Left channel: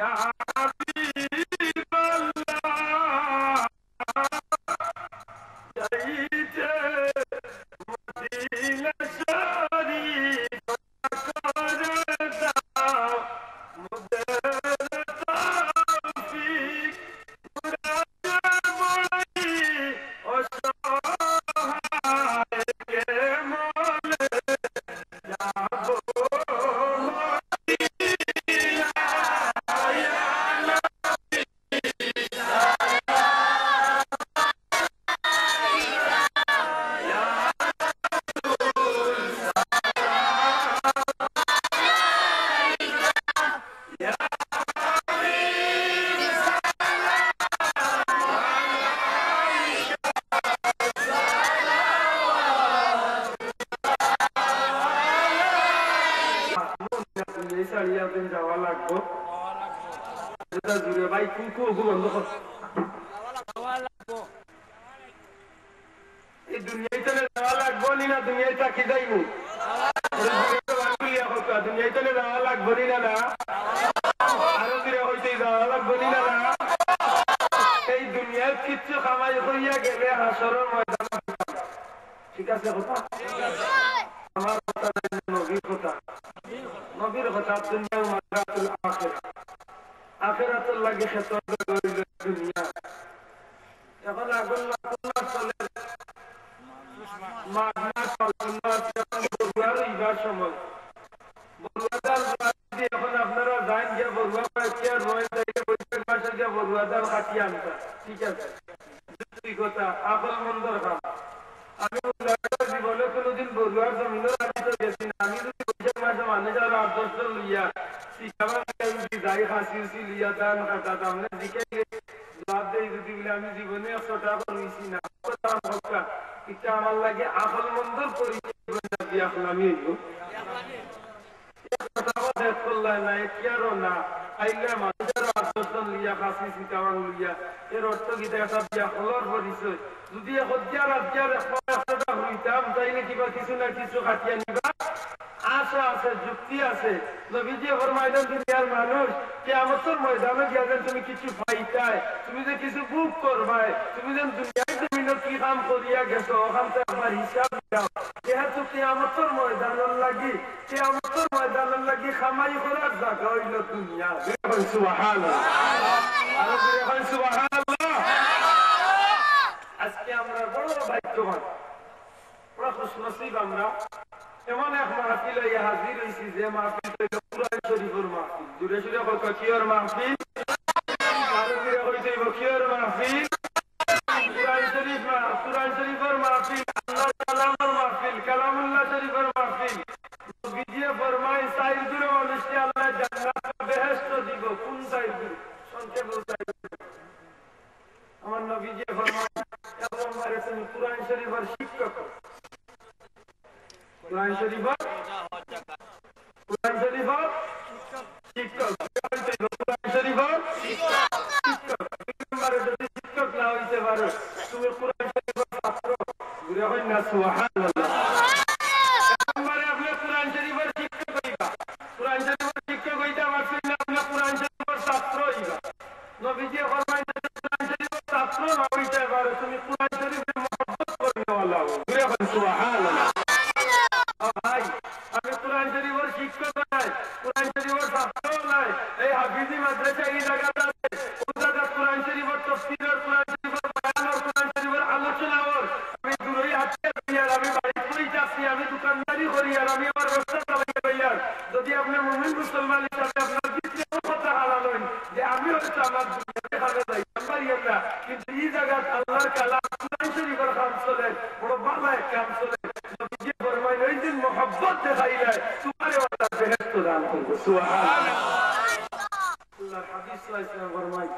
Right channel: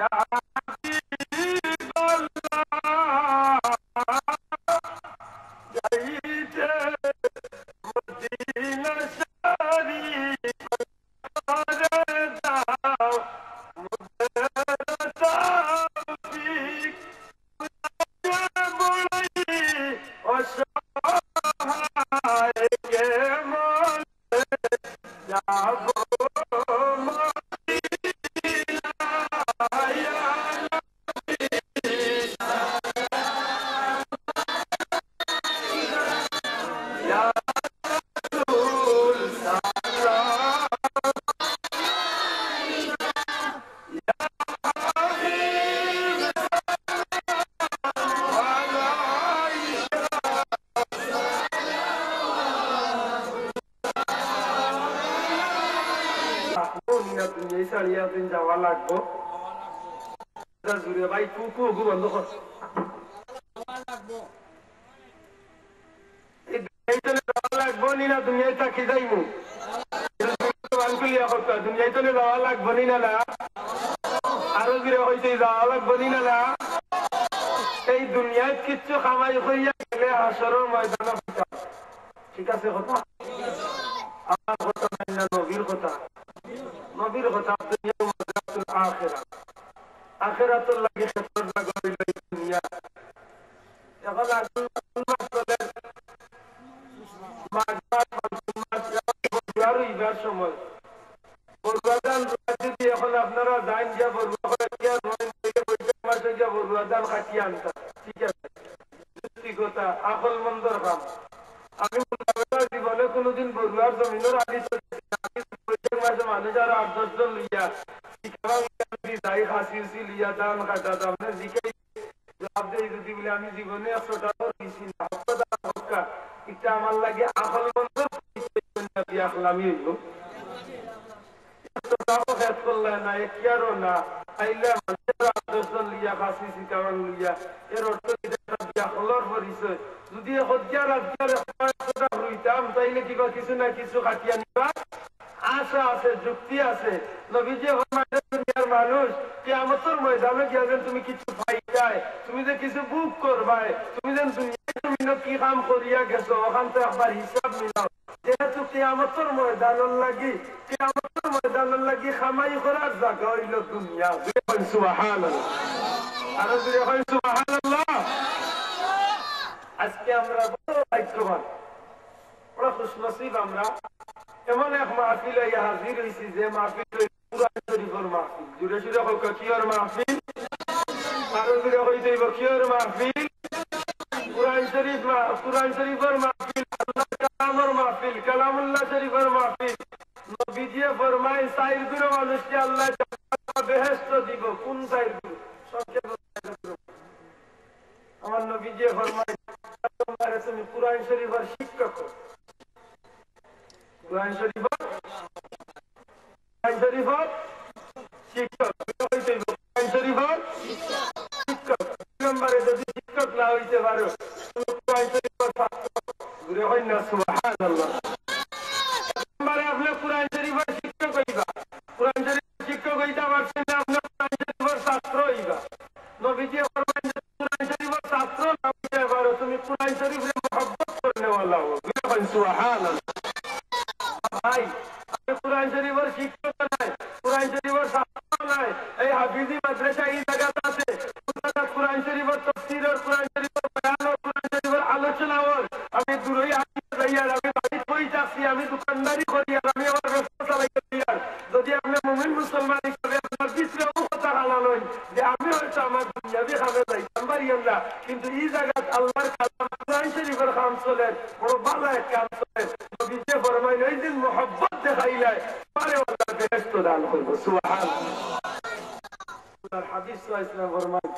ইয়া হাবিবাল্লাহ যাইতে মদিনা শরীফ করে দাও মুদের তৌফিক পুরাতে বড়ি অসহায় কে মলে যাব যাওয়া লাগবো জুড়ে ভাই কুকু বন্ধ কর এই দুনিয়ায় চলে যাওয়া লাগবো নি না দুনিয়ায় থাকি যাইবো দুনিয়ায় চলে যাওয়া লাগবো নি না না আরো জুড়ে হইতে যাওয়া লাগবো নি না না এই দুনিয়ায় কিচ্ছু কামাই হইয়া গেলে হাসরের ময়দানে হইতাম ঠিক আছে কথা আমার কথা নাই না নবীর কথা নবীর কথা দুনিয়া মাদ্রাতুল আখিরা আখিরাতুল লাগে ক্ষেত্র লাগই দুনিয়া এখন আগুন মাস চলে মাঘ মাস ফাল্গুন মাস যখন বড়ুয়ার ইবার সময় বড়ুয়া ডাল যদি এখন আপনারা যান গিয়া বড়ুয়া করে কি আর নয় তারিখে বৈশাখ মাসে গিয়া বড়ুয়া ডাল কাটিয়ে আনতা ঠিক আছে যুক্তি কথা আকল মন্দর কাম আমি জীবনে কোনোদিন বড়ুয়ার জমিনের আগে তো গেছি না আমি যদি বৈশাখ মাসে মানুষ আর 8-10 জন লইয়া শিখাবার যাই খাসি লিয়া দাম কাটা দাম না শিখাই জবাব দেয় যদি বলে আমি জীবনে 100 টাকা রইছি না হক্কা দাম হক্কা এটা আমার লাগে আকল মন্দর পরিচয় না বিয়াখলামি হইব 100 টাকা খেত করলে না একিয়ারও না আইলে মানুষের 8-10 জন লিয়া খাসি শিখাবার লইয়া এর অর্থ কিটা একটা বিয়াখলার পরিচয় যদি হজ্জার 100 টাকা হইতাম তাইলে কিবা কিছু না কিছু কাটিয়ে নিবা আশা আছে যুক্তি আছে নবীজি ফরমাইলেন দুনিয়ার মানুষ কিয়ামতের ময়দানে গিয়া তুমি কিছু পাইতাই তুমি যে কিছু বুক করবাই তুমি যেন দুনিয়ায় তুমি কি কাম করিয়া গেছো ওখান থেকে আমার হিসাব মিলাও যেহেতু কিয়ামতের ময়দানের লাগি খামাই করার জায়গা হইল দুনিয়া সুবহানাল্লাহ আর সুবহানাল্লাহ আজকে আমরা বড় ভাগ্যবান বড় খুশনসিব আমরা এমন এক মাহফিল হইয়া হাজির হইছি যে মাহফিল হইল কুরআন শরীফের মাহফিল জুড়ে জুড়ে হোক কিয়র মাহফিল আরো জুড়ে হইতে কিয়র মাহফিল কুরআন শরীফের মাহফিল আল্লাহর কালামের মাহফিল কালামুল্লাহ শরীফের মাহফিল নবীজি ফরমায় সাইর গুলো মানুষকে আল্লাহ জান্নাত বা বেহেশত দিব কোন সাইর গুলো সবচেয়ে বড় সাইর গুলো আমার নবীজি ফরমায় এক নম্বরে তুমি কুরআন শরীফের শিক্ষক কুরআন শরীফের শিক্ষক কুরআন শরীফের শিক্ষক দুই নম্বরে যদি শিক্ষক না হইতে পারো তুমি কুরআন শরীফের ছাত্র ঘুরে হয় না সুবহানাল্লাহ এক নম্বরে আপনি কুরআন শরীফের শিক্ষক হইবা কুরআন শরীফের শিক্ষক হইতে পারছেন না আপনি কুরআন শরীফের ছাত্র হইবা নবীজি ফরমায় যদি কুরআন শরীফের ছাত্র না হইতে পারো তুমি কুরআন শরীফকে মহব্বত করনে वाला हो ঘুরে হয় সুবহানাল্লাহ ভাই আমি কুরআন শরীফের শিক্ষক নাই কুরআন শরীফের ছাত্র নাই এই হাফিজি মাদ্রাসা এই জায়গাতে আছে ওই জায়গা কুরআন শরীফের তাফসীর আর কুরআন শরীফের বয়ান আর কুরআন শরীফের আলোচনা আর আমি দূরই আটকে যাই আর আমি বাড়ি কই যাচ্ছি আমি দোকানদারি করি আর আমি আমার রাস্তা চালাই যাই আর যদি আপনি মুমিন মুসলমান হিসাবে আপনার কিছু কথা হালাল হই যে আমি হয়তো আমার দুনিয়াবি খাবে যাইতাম পারিয়াম না কিন্তু এই জায়গাত আল্লাহর কালাম কুরআন শরীফের কাম চলে বড় ভালো এক কাম চলে নবীজি ফরমায় ওই দিন মহব্বত দেখাইলে তোমারে আল্লাহ বেহেশত দান করবে সুবহানাল্লাহ আল্লাহর হাবিব সাল্লাল্লাহু আলাইহি ওয়াসাল্লাম ফরমায়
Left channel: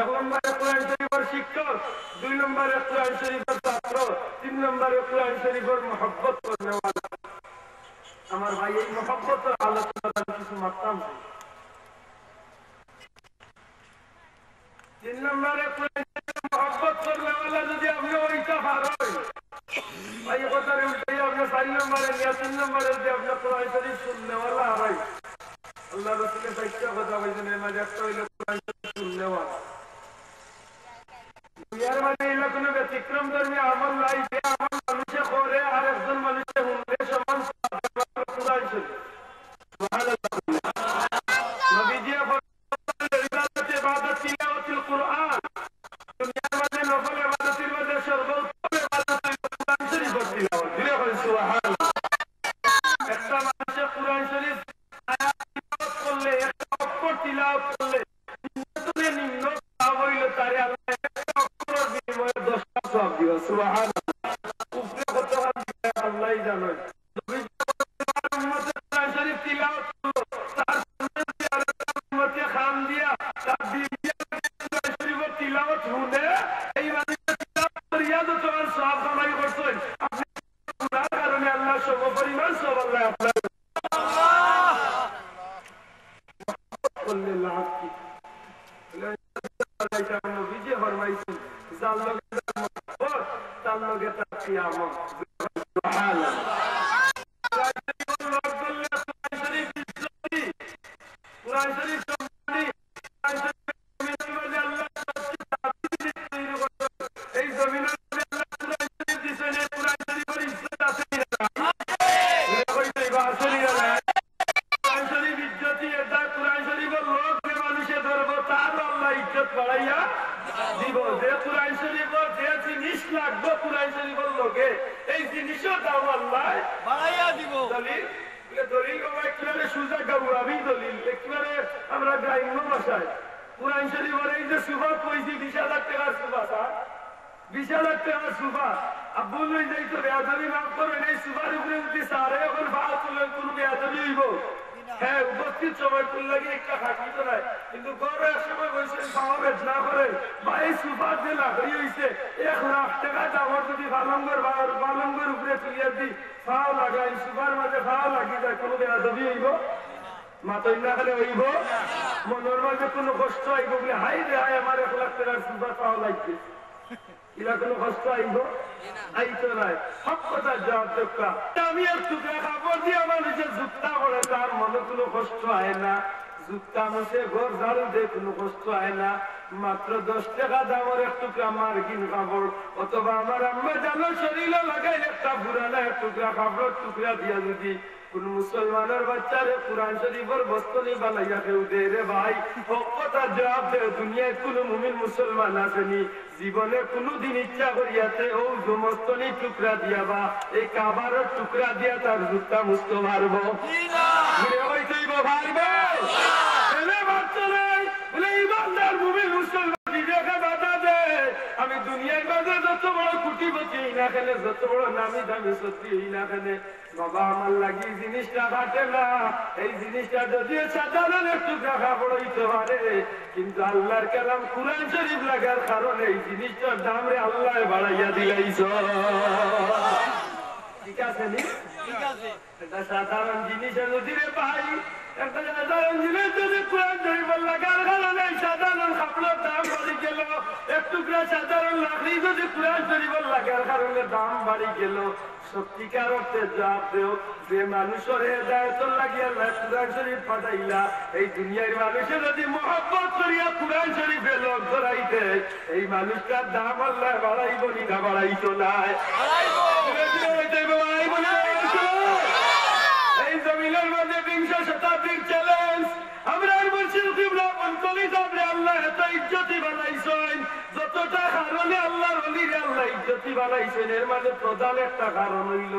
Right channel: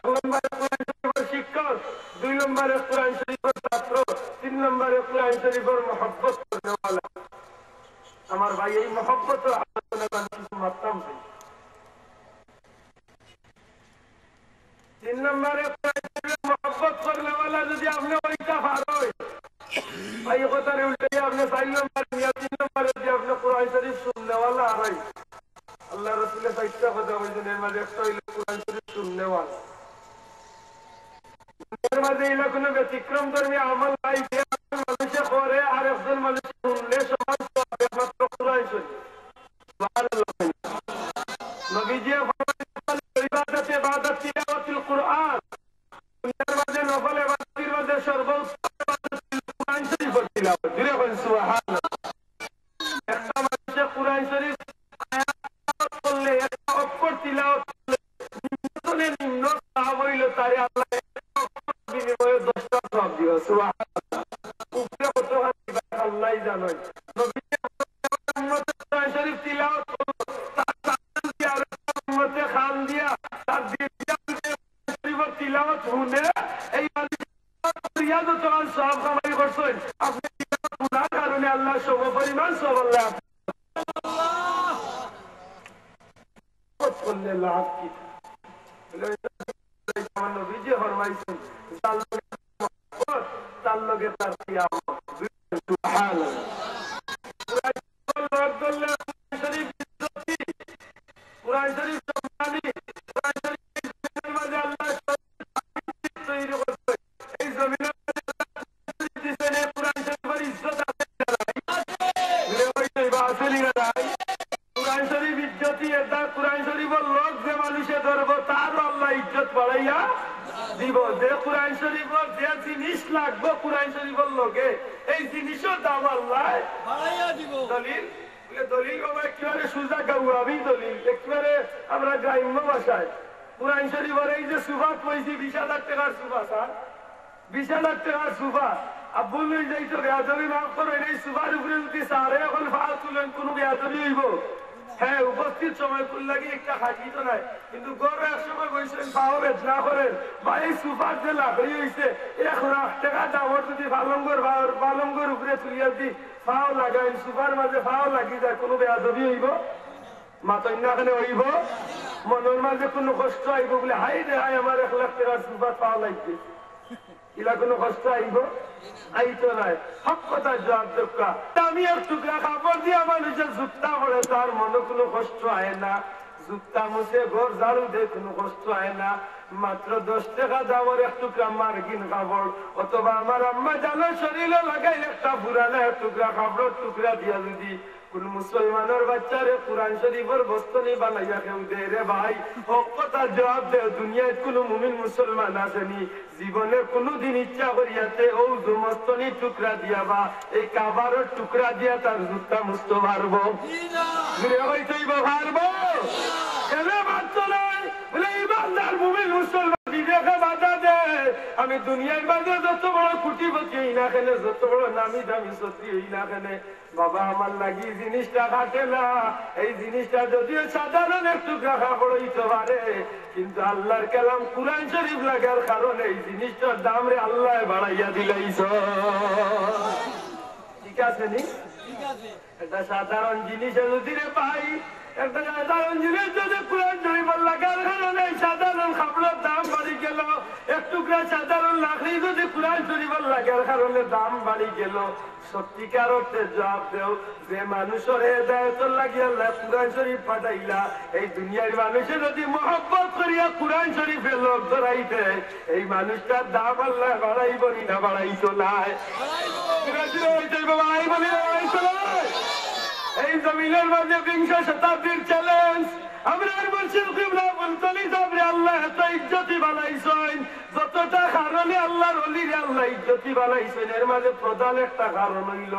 এক নম্বরে কুরআন শরীফের শিক্ষক দুই নম্বরে কুরআন শরীফের ছাত্র তিন নম্বরে কুরআন শরীফের মহব্বত করনে वाला আমার ভাই এই মহব্বত আলোচনা আমি কিছু মাত্রাম চাই তিন নম্বরে কুরআন শরীফের মহব্বত করনে वाला যদি আপনি ওইটা পারেন ভাই কথার উল্টে আপনি 4 নম্বরে নিয়া 3 নম্বরে যদি আপনি কুরআন শরীফ শুননে वाला হয় আল্লাহ রাসূলের বাইকটা কথা বলছেন এর মাঝে একটা হইল কোরআন শরীফ শুনলেওয়া দুনিয়ার মাঝে এগুলো কোনো ব্যতিক্রম ধর্মী আমল নাই যে আমল মানুষে করে আর একজন মানুষে শুনলে সমান একমাত্র কোরআন শরীফ সুবহানাল্লাহ নবীজি ফরমালেন ইবাদতে ইবাদত তিলাওয়াতুল কুরআন দুনিয়ার মাঝে নফল ইবাদতের মাঝে সর্বোত্তম ইবাদত হলো কোরআন শরীফের তিলাওয়াত দিলে বলেন সুবহানাল্লাহ একটা মানুষে কোরআন শরীফ আয়াত তিলাওয়াত করলে একটা অক্ষর তিলাওয়াত করলে নিম্ন সওয়াব হইল তারে আল্লাহ একটা অক্ষরের বিনিময়ে 10টা সওয়াব দিবে সুবহানাল্লাহ উপরে কত দিবে আল্লাহই জানেন নবীজি আমার উম্মতে কোরআন শরীফ তিলাওয়াত করলো তার সামনে দিয়ে আরেকটা উম্মতে খান দিয়া তার বিয়ান দিয়ে কোরআন শরীফের তিলাওয়াত শুনে এই মানুষের তিলাওয়াত করিয়া যত সওয়াব কামাই করছেন আপনি তিলাওয়াত করার কারণে আল্লাহ সম পরিমাণ সওয়াব আল্লাহ আপনার মহব্বত করলে লাভ কি আমার নবীজি ফরমাইছেন যার লগে তার মহব্বত তার লগে তার কিয়ামত সুবহানাল্লাহ কোরআন শরীফের লোক বললে কোরআন শরীফ ইজ্জতি কোরআন শরীফ সম্মানী কোরআন শরীফ এই জমিনের মাঝে আল্লাহ সবচেয়ে দামি জিনিস তৈরি করতে এই জমিনের মাঝে আল্লাহ কোরআন শরীফ দিয়েছেন এই কোরআন শরীফের ইজ্জত আছে না নাই কইতে বা আসলে না নাই কোরআন শরীফ ইজ্জতি এটা কোরআন শরীফের লোক যে মানুষে ধরবো তার আল্লাহ ইজ্জত বাড়াইয়া দিব যে কোরআন শরীফের যে জিনিস লাগবে কোরআন শরীফের লোকে এই জিনিসও দাম আল্লাহ বাড়াইয়া দিব দলিল দলিল একেবারে সুজা গাউরাবি দলিল একেবারে আমরা গ্রাম্য ভাষায় কোরআন শরীফের এই যে সুফা কইছি 20,000 টাকার সুফা স্যার 20,000 টাকার সুফা আব্বুল যাই তো বেয়াদবি মাফ করবেন এই সুফার উপরে যদি সারে এখন ভাড়া তুলেন কোনো বেয়াদবি হইব হ্যাঁ উপস্থিত সময় ফুল লাগে একটা খাটি তো নাই কিন্তু গরমের সময় বলছেন পাও বেদনা করেন বা এই সুপার যে লাকড়ি হয়েছে 1,00,000 টাকা দামর যদি পালঙ্গর উপরে তুলিয়া দি ফাও লাগাই সুপার মাঝে ফাও লাগি যায় কোনো বেয়াদবি হইব মাতই না খেলে হইব মনের মাঝে কোনো কষ্ট আইব বলে হাই রে হাই আমার 1,00,000 টাকার সুপার পাও লাগছে ইলা কোনো কষ্ট আইব আইতো নাই হক কথা জবাব দক্কা আমি এক টুকরা কাপড় দিয়ে মানুষের জুতা পড়ে তার মনে কোনো কষ্ট হয় না জুতা মুছে ঘর ঝাড়ু দিয়ে কোনো কষ্ট হয় না মাত্র 10 টাকা দামের এক টুকরা মার্কিন কাপড় অথবা আমার আম্মা জানো শরীরে লাগাইলে একটা পুরানা এক টুকরা কাপড়ের টুকরা দিয়া যদি কোন মুসলমানের বাচ্চারে কোরআন শরীফের বস্তনি বানাইয়া কেউ দে রে ভাই হক কথা জবাব দে দুনিয়ায় কোন মুমিন মুসলমান আসেনি জীবনে কোনদিন ইচ্ছা করিয়াতে ও জমস্তনি টুকরা দিয়া বা এই কাবারের টুকরা দিয়া তার জুতা মুছতে পারবো ঘুরে হইতেইব পারবো এনে বাচ্চা নাই বলে ইমানদার মুমিন মুসলমান বিবেকে বাধা দে আমি দুনিয়ার মাঝে যত বড় কুটিপতি না খেলে যত বড় নামি দামি সত্যি না খেলে বাবা আমার লাগি জিনিসটা ঘাটে না এই জিনিসটা যদিও সাধারণ একটু দেখা পড়াইতে পারে কিন্তু আল্লাহর কালাম কুরআন শরীফ লাগার কারণে এই জিনিসটার দাম রে আল্লাহ বাড়াইয়া দিলাইছ ঠিক আছে নি ঠিক আছে এটা সাধারণ জিনিস যদি রে পাই একটা সাধারণ জিনিস যদি কুরআন শরীফ লাগার কারণে সাধারণ কাপড়ের দাম বাড়ি গেল এক টুকরা সাধারণ লাকড়ি যদি কুরআন শরীফ লাগার কারণে দাম বাড়ি গেল সত্যিকার অর্থে জবাব দেও যে মানুষের হেদায়েতের লাগিয়া আল্লাহ কুরআন শরীফ পাঠাইলা এই দুনিয়ার মানুষে যদি মহব্বত করিয়া কুরআন শরীফের লোক ধরাইতে এই মানুষটার দাম আল্লাহ বাড়াইব না বাড়াইতো নাই এই জমিনের মাঝে 20 শতাব্দীর চ্যালেঞ্জ আমরা মুর্শিদ কিবলা বলতলি আপনি আল্লাহ এত ইজ্জতি বানাইছেন যতটা কারণে আল্লাহর ওলিরে আল্লাহ ইজ্জতি বানাইছেন এর মাঝে প্রধান একটা কারণ হইল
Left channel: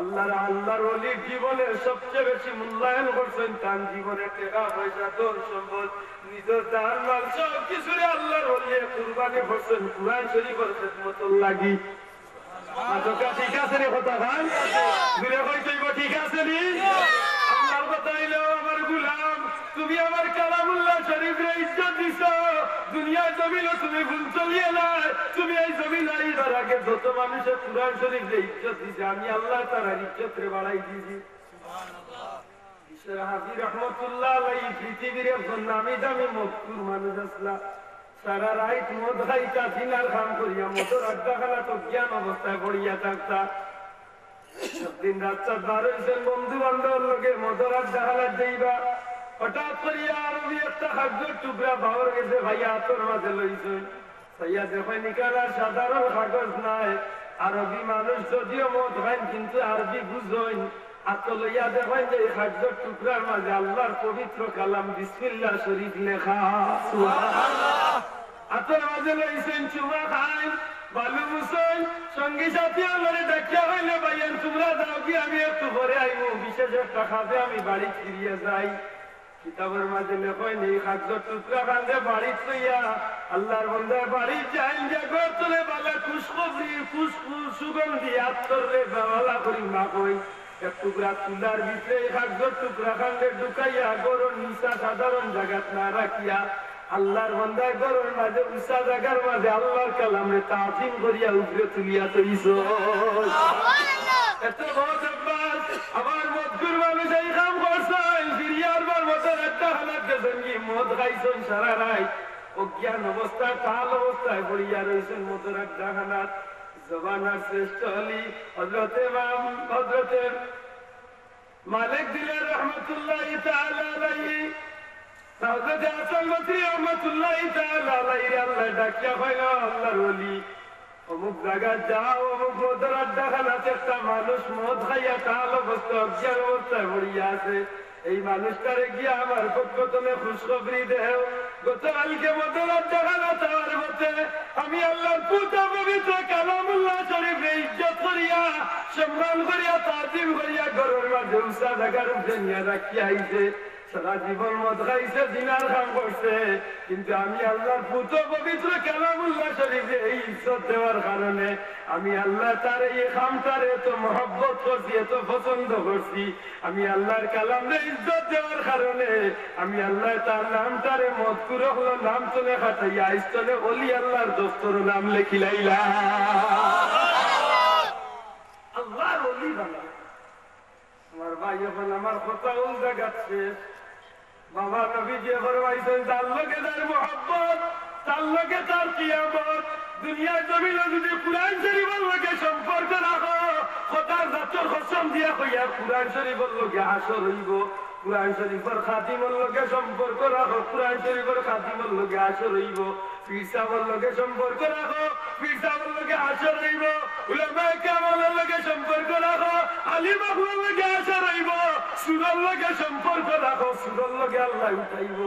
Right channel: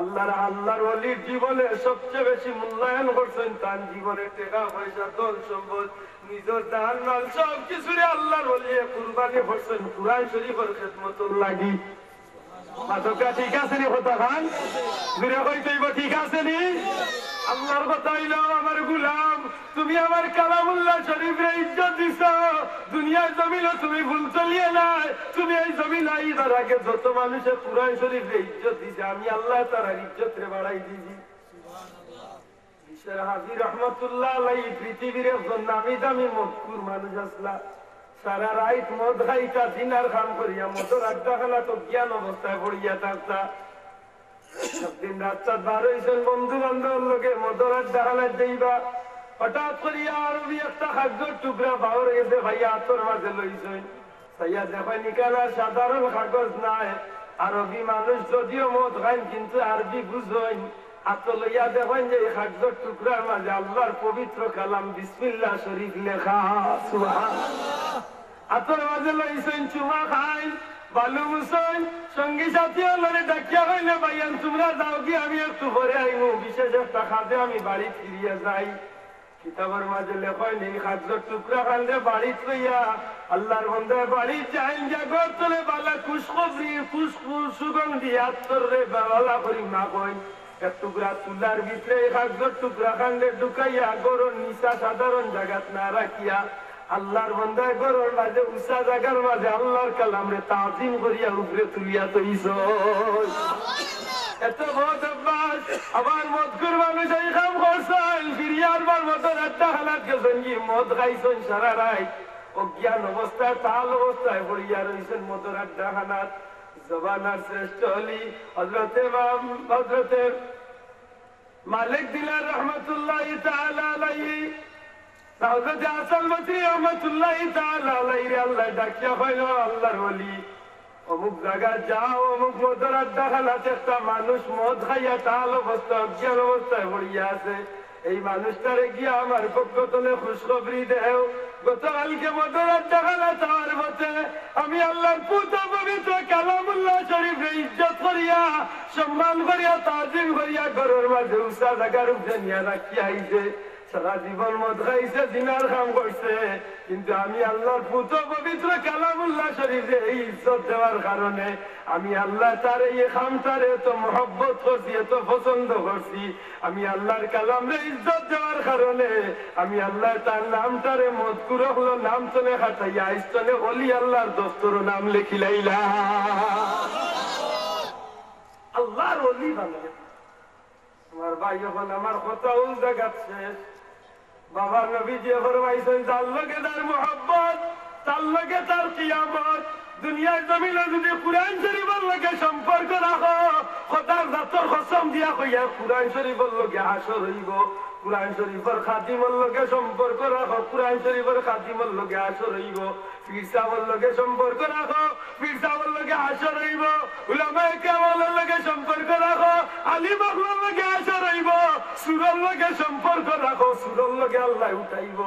আল্লাহর ওলির জীবনে সবচেয়ে বেশি মূল্যায়ন করছেন তার জীবনে টাকা পয়সা ধন সম্পদ নিজের জান মাল সব কিছুরে আল্লাহর ওলি কুরবানি করছেন কুরআন শরীফের খেদমতের লাগি মাতকা ঠিক আছে নি কথা খান ঘুরে কইতেইব ঠিক আছে নি আল্লাহর কথা হইলো আমার গোলাম তুমি আমার কালামুল্লাহ শরীফে ইজ্জত দিছো দুনিয়ার জমিনে তুমি ভুল চলিয়ে নাই তুমি এই জমিন আইদার আগে যত মানুষের কুরআন শরীফে ইজ্জত দিছে আমি আল্লাহ তার ইজ্জত রে বাড়াই দিছি সুবহানাল্লাহ ঈশ্বর হাবিব রহমাতুল্লাহ আলাইহি পৃথিবীর একজন নামি দামি মজকুর মানুষ আসলা সারা রাত মদ খাইতা দিনার কাম করিয়া মদর আড্ডা খেলা তো জ্ঞান অবস্থায় পড়িয়া থাকতা দিন রাত বার হয়েছেন বন্ধু বান্ধব লোকে মদর আড্ডা খেলা যাইবা হঠাৎ করিয়া আরবি একটা খাদ্যর টুকরা বাবর গেছে ভাইয়া তোর মাঝে লইছই সাইয়া দেখেন এখানে সাধারণ কাগজ নাই আরবি মানুষ যদিও মদ খাইন কিন্তু আরবি বুঝইন হাত লইয়া দেখেন যে এই খাদ্যর টুকরার মাঝে আল্লাহর পবিত্র কালাম বিসমিল্লাহ শরীফ লেখা সুবহানাল্লাহ হাতের মাঝে লইছেন চুমা খাইন বালু মুসইন সঙ্গী সাথী লড়ে ডাকিয়া হইলে ভাইয়ান তোমরা যাও কি আমি একটু পরে আইব বিশেষ একটা খাদে আমি বাড়ি ফিরিয়া যাই কিতাবের মাঝে লেখেন এই খাদ্যর টুকরা খান্দে বাড়ি থইয়া আল্লাহর বন্দার বাড়ি যাইন যে ঘর তুলে বালা খুশখবরি খুশখুশ সুগন্ধি আত্মর রে বালা করি না কই এক টুকরা তুলার ভিতরে এই খাদ্যর টুকরা খান্দে ঢুকাইয়া গরুর নিশা সাধারণ জায়গাত না রাখিয়া আল্লাহর বন্দায় গরুর মাঝে উষা জায়গার মাঝে আল্লাহর কালামে তাজিম করিয়া উপরে তুলিয়া তৈছ এত বহুত অভ্যাস আবার মদকুর মানুষ এই কাম করছেন ফিরিয়ার বার মতন একটা হালাত গেছেন কি মদ খাইছেন সারা রাত অজ্ঞান অবস্থায় তাল অবস্থায় পড়িয়া রয়েছেন মতন একটা হালাত জবানার শ্রেষ্ঠ হলি হজরতের মালিক দিলের রহমতুল্লাহ তাআলা আলাইহি হযরত হাসান বসরি রহমাতুল্লাহি তাআলা আলাইহি আল্লাহ ডাকিয়া হইল আল্লাহর ওলি অমুক জায়গা যাও অমুক মদের আড্ডাখানাতে একটা মানুষ মদ খাইয়া তাল অবস্থা অজ্ঞান অবস্থায় পড়িয়া আছে এই মানুষটারে গিয়া আমার পক্ষ তলে খুশখবরি দেও গতকালকে মদের আড্ডাখানা তার মতে আমি আল্লাহর পুত্র পবিত্র কালামুল্লাহ শরীফে ইজ্জত করিয়া সম্মান করিয়া তাজিম করিয়া ঘরের মাঝে উষা জায়গার উপরে নিয়ে রাখিয়া আইছে সারা জীবন মদ খাইছে দিনার কাম করছে কিন্তু আমি আল্লাহর পুত্র পবিত্র কালামুল্লাহ শরীফে এই ইজ্জত দেওয়ার কারণে আমি আল্লাহ তার এই খামটারে এত মহব্বত করছি এত পছন্দ করছি আমি আল্লাহর কালামরে ইজ্জত দেওয়ার কারণে আমি আল্লাহ তার নামটারে মজকুর হলো নাম চলে খাটাইয়া আইস্তলে ওলি আল্লাহর দফতর নাম লেখিলাইলা আল্লাহর ওলি বানাবে আমার ভাই এখন আমার কথা উল্টা গাচ্ছে বাবার নবী যে ফরমাইছেন তার লগে তার মহব্বত তার লগে তার কিয়ামত দুনিয়ার জমিনে যদি কুরআন শরীফের লগে সম্পর্ক রাখো খোদার জাতর কসম দিয়া কইয়া কুরআন শরীফের লগে হাসর হইব কুরআন শরীফের খাতিমের লগে সম্পর্ক রাখো কুরআন শরীফের খাতিমের লগে হাসর হইব পীর সাহেবের লগে সম্পর্ক রাখো পীর সাহেবের লগে হাসর হইব উলামায়ে কেরামের লগে সম্পর্ক রাখো আলিম আখলার লগে হাসর হইব সূরার লগে সম্পর্ক রাখো সূরার লগে আল্লাহ উঠাইব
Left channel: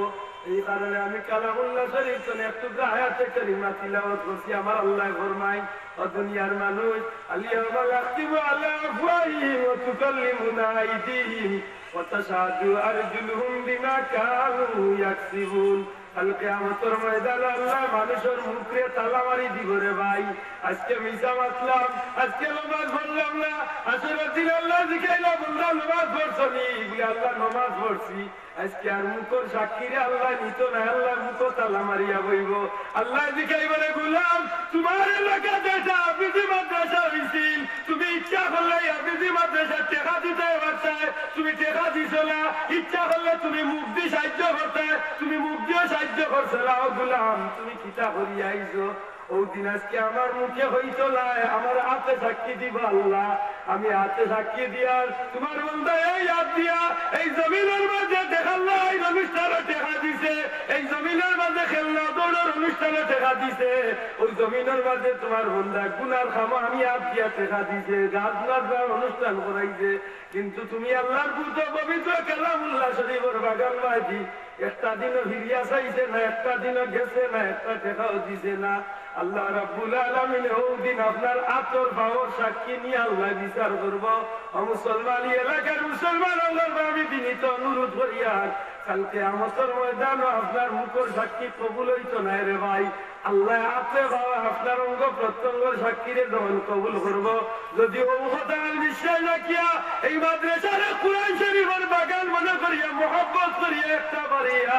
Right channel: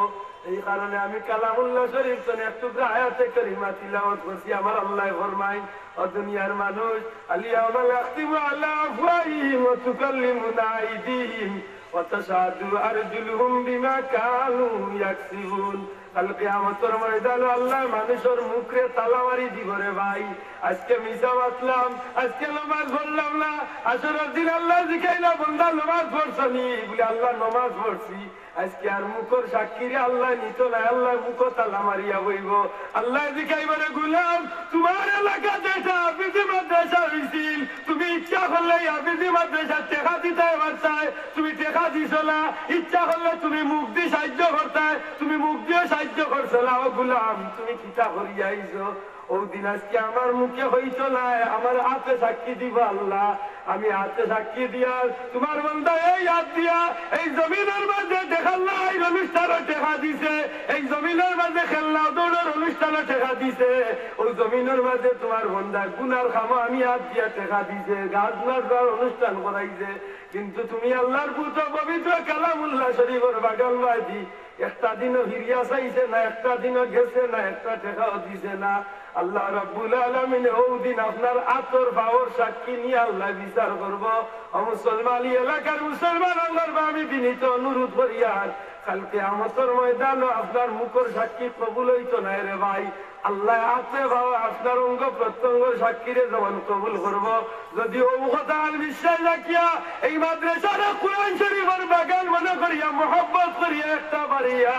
এই কারণে আমি কালামুল্লাহ শরীফ তো একটু আয়াতে কারিমা তিলাওয়াত করছি আমার আল্লাহ ফরমায় ও দুনিয়ার মানুষ আলিয়াউমা ইয়াখতিমু আলা আফওয়াহিহিম ওয়া তুকাল্লিমুনা আইদিহিম ওয়া তাশহাদু আরজুলুহুম বিমা কানু ইয়াকসিবুন কাল কিয়ামতের ময়দানে আল্লাহ মানুষের মুখে তালা মারি দিব রে ভাই আজকে মিশা বাতলাম আজকে নামাজ পড়লাম না আসরের দিন আল্লাহ জিকাইলা বন্দা নামাজ পড়ছনি বলে আল্লাহ নামাজ পড়ছি আজকে আর মুখর সাক্ষীরে আল্লাহ নিত না আল্লাহ মুখ তালা মারিয়া বইব আল্লাহ জিকাইব রে গোলাম তোমার এলাকা যেটা হাফিজি মাদ্রাসা হইছিল তুমি ইচ্ছা করলে হাফিজি মাদ্রাসা টেকা দিতে পারতাই তুমি টেকা দিছ না ইচ্ছা করলে তুমি মুখ দিয়ে সাহায্য করতাই তুমি মুখ দিয়ে সাহায্য করছো না ও গোলাম তুমি কিতা করিয়া আইছো ওই দিন আজকে আমার মুখে হইতো না আমার হাতে সাক্ষী দিব আল্লাহ আমি হাতে সাক্ষী দিয়া তোমার বন্ধা এই হাত দিয়া এই জমিনের মাঝে দেখাল্লা এই অনুষ্ঠানে টেকা দিছে এই জমিনের মাঝে খেলনা দৌড়ের অনুষ্ঠানে টেকা দিছে ওই জমিনের মাঝে তোমার বন্ধা গুনার খামো আমি হাত দিয়া টেকা দিছে গাছ নাচবার অনুষ্ঠান করাইছে কিন্তু তুমি আল্লাহর পুত্র পবিত্র কালামুল্লাহ শরীফের বাগান বাজি একটা দিনও ফিরিয়া চাইছে না একটা দিনও গেছে না একটা টেকাও দিছে না আল্লাহ রাব্বুল আলামিন ওই দিন আপনার আতর ভাবর সাক্ষী নিয়ে আল্লাহ বিচার করব ও মুসলমান এলাকার মুসলমান আল্লাহর ভাবি বিনীত অনুরোধ করিয়া কালকে আমাদের ময়দান আপনার মুখর সাক্ষী কবুল হইতো না রে ভাই আল্লাহ আতে ভাবে আপনার অঙ্গ প্রত্যঙ্গের সাক্ষীরে যেমন কবুল করব যদি ও কথা বিশ্বাস রাখিয়া এই মাদ্রাসার কুরআন শরীফের বাগান মনে করিয়া মহব্বত করিয়া একটা বাড়িয়া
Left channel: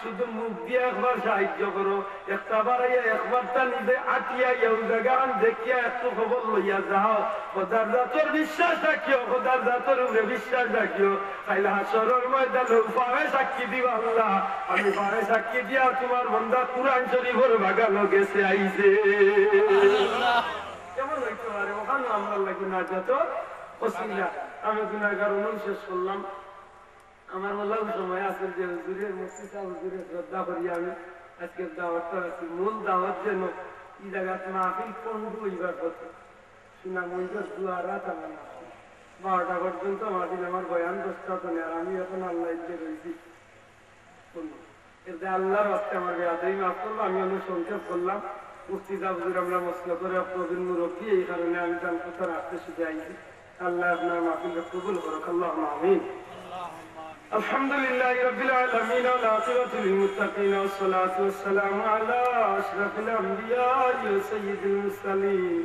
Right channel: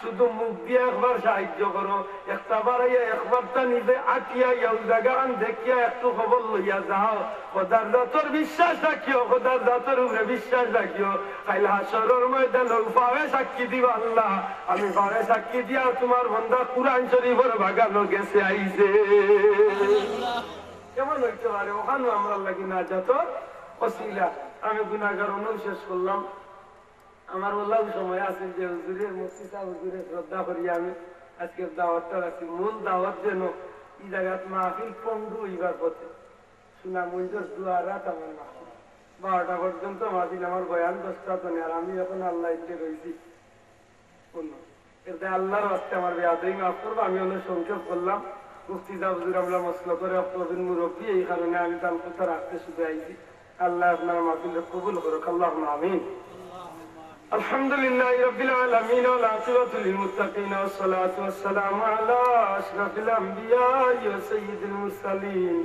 শুধু মুখ দিয়ে একবার সাহায্য করো একটা বাড়াইয়া একবারটা নিজে আটিয়া ওই জায়গান দেখিয়া একটু খবর লইয়া যাও খোদার জাতর বিশ্বাস রাখিও খোদার জাতর উপরে বিশ্বাস রাখিও খাইলে হাসরের ময়দানে পাবে সাক্ষী দিবা আল্লাহ আমি পাবে সাক্ষী দিয়া তোমার বন্ধা কুরআন শরীফের বাগানও গেছে আইছে কেমন হইতে পারে ওখানে আমরা লাগি না যত অসিলা আমি গুনাহগার অনু শেষ করলাম আমার বললাম সময় আছে যে হুজুরের মুফতি সাহেব হুজুরের শ্রদ্ধা করি আমি আজকের দাওয়াতটা রাখছি মূল দাওয়াত যেন এই জায়গাত মাহফিল পন্ডু হইবার পথে সুনামগঞ্জের দুয়ারাত আমার মাহফিল 12টা পর্যন্ত মাহফিল আমার বয়ান 10টা তো নেই আর আমি এখন আল্লাহ ইচ্ছে রয়েছি এতে আল্লাহর রাস্তে আমার বেয়াদই মাফ করবো আমি অনেক সংক্ষেপ করলাম মুফতি সাহেব হুজুর আমরা মসলা করে প্রবীণ মুরব্বী এই কারণে আমি তার কথা রাখতে শুধু আইছি আল্লাহ আপনার মাহফিলকে কবুল করুক আল্লাহুম্মা আমিন الحمد لله رب العالمين والعاقبة للمتقين والصلاة والسلام على أشرف الأنبياء وسيد المرسلين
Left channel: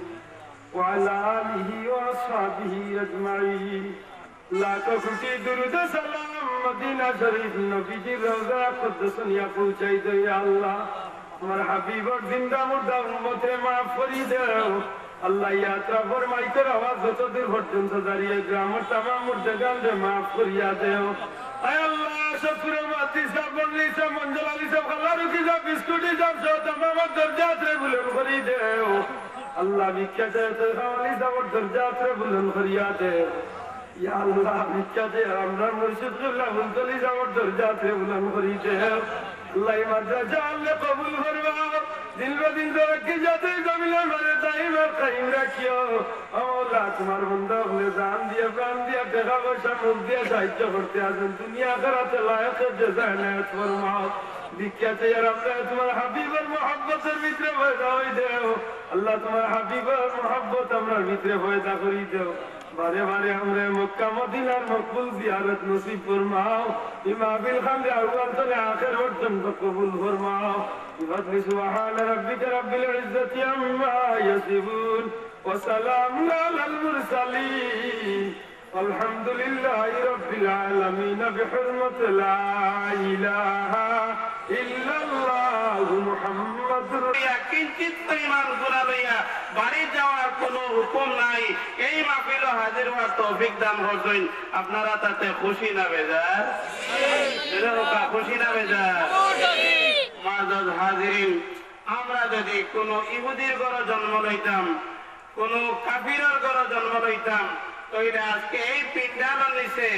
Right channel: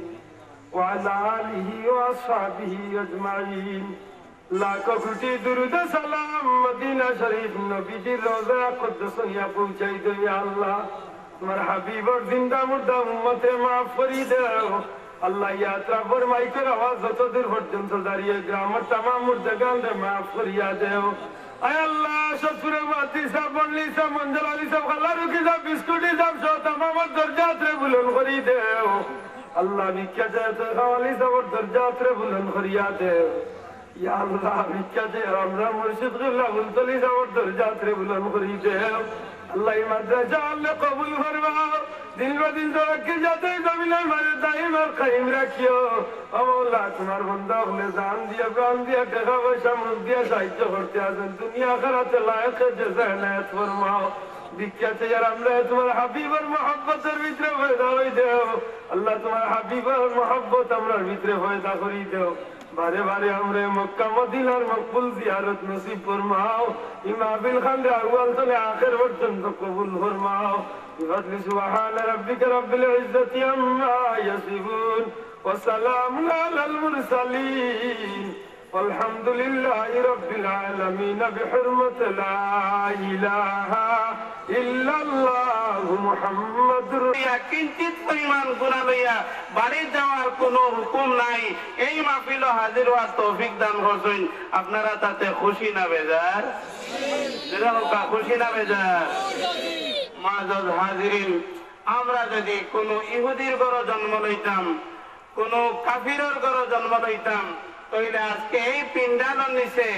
وعلى آله وأصحابه أجمعين लाखों कोटि दुरूद सलाम मदीना शरीफ नबी जी रोज़ा कुद्दस या पहुंचाई दो या अल्लाह तुम्हारे हबीब और जिंदा मुर्दा उम्मते माफ फरी दो अल्लाह यात्रा फरमाई कर आवाज तो दूर पर्यंत दाঁড়িয়ে গ্রামের तमाम मुर्दगान ने माफ फरिया दो आय अल्लाह शफीर माती सा बल्ली सा मंजलाली सा खलारू की सा बिस्कुटी सा तमाम दर्जात रे बुलंद करी दो अल्लाह भिक्षा चाहे तो खवाली सा दर्जात रे बुलंद करिया दो या अल्लाह भिक्षा दे रमजान मुर्शिद गिल्ला मुंतली जावर दर्जात रे बुलंद करी दे अल्लाह मदरजा अल्लाह कबूल फरमाओ दिन ब दिन तरक्की जाते जमीन हमारे दाइम और कायम रखियो मौला तुम्हारे बंदा ने जान दिया प्राण दिया टाका पैसा मुल्क दिया साहित्य करते आছেন दुनिया आखिरत लायक जज़ा इनायत फरमाओ भिक्षा चाहिए रमजान तुम्हारे हबीब और मोहब्बत এর ভিতরে পয়দা হই দাও আল্লাহ তোমার হাবিব और मोहब्बत আমরার ভিতরে পয়দা করি দাও बारे बारे हमरे मक्का मदीना मकबूल जियारत नसीब फरमाओ इमाबिल खंड अव्वल से आखिर पर्यंत कबूल फरमाओ बिफضل सुब्हान रब्बिक रब्बिल इज्जति अम्मा यसिफून व सलामुन अलल मुरसलीन والحمد لله رب العالمين بحرمة لا إله إلا الله محمد কিঞ্চিত পরিমাণ গুনাহ লইয়া বাড়ি যাওয়ার কোনো হুকুম নাই এই মাহফিলে হাজির হওয়ার তৌফিক দান করছেন আপনারা তাতে খুশি না বেজার যেরকম খুশি না বেজার মুআজ্জাজ হাজিরিন আমরা যদি কোনো ইহুদির ঘরে জন্ম লইতাম কোনো কাফিরের ঘরে জন্ম লইতাম তাইলে আজকে এই পিন্ডালের নিচে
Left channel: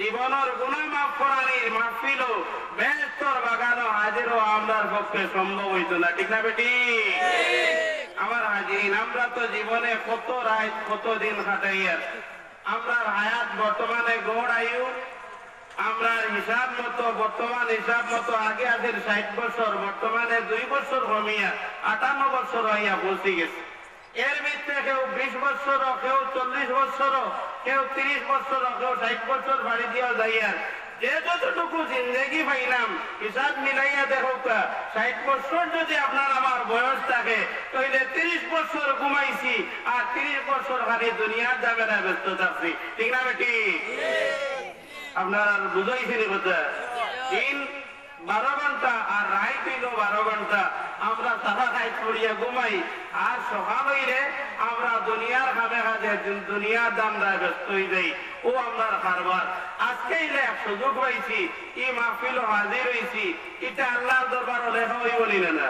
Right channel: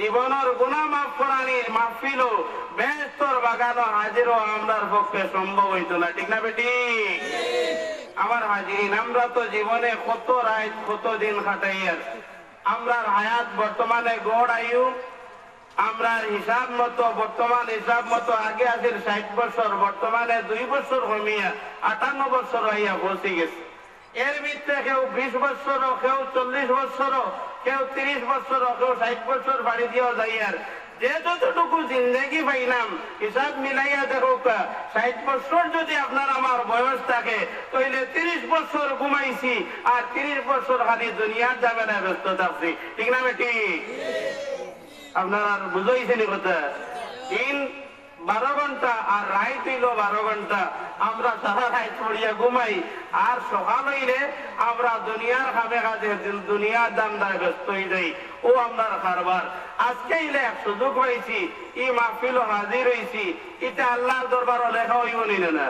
জীবনের গুনাহ মাফ করানির মাহফিল বেহেশতের বাগানে হাজির হওয়া আমরার পক্ষে সম্ভব হইতো না ঠিক না বেটি আমার হাজিরিন আমরা তো জীবনে কত রাত কত দিন কাটাইয়ার আমরার হায়াত বর্তমানে গড় আয়ু আমরার হিসাব মতো বর্তমান হিসাব মতো আগে আছে 60 বছর বর্তমানে 2 বছর কমিয়া 58 বছর হইয়া পৌঁছে গেছে এর ভিতরে কেউ 20 বছর কেউ 40 বছর কেউ 30 বছর কেউ 60 বছর বাড়ি দিয়া যাইয়ার যে যতটুকু জিন্দেগি পাইলাম হিসাব মিলাইয়া দেখো 60 বছর যদি আপনার আমার বয়স থাকে তাহলে 30 বছর ঘুমাইছি আর 30 বছর খালি দুনিয়ার যাবেনা ব্যস্ত থাকছি ঠিক না বেটি আপনার বুঝাইছেন কথা দিন 12 ঘন্টা আর রাত হইল 12 ঘন্টা আমরা সারা রাত পড়িয়া ঘুমাই আর সকাল হইলে আমরা দুনিয়ার খাবে কাজে দুনিয়ার দামদায় ব্যস্ত হয়ে যাই ও আপনার কারবার আজকে ইলে সুযোগ পাইছি ই মাহফিল হাজির হইছি এটা আল্লাহর দরবারে লেখা হইব না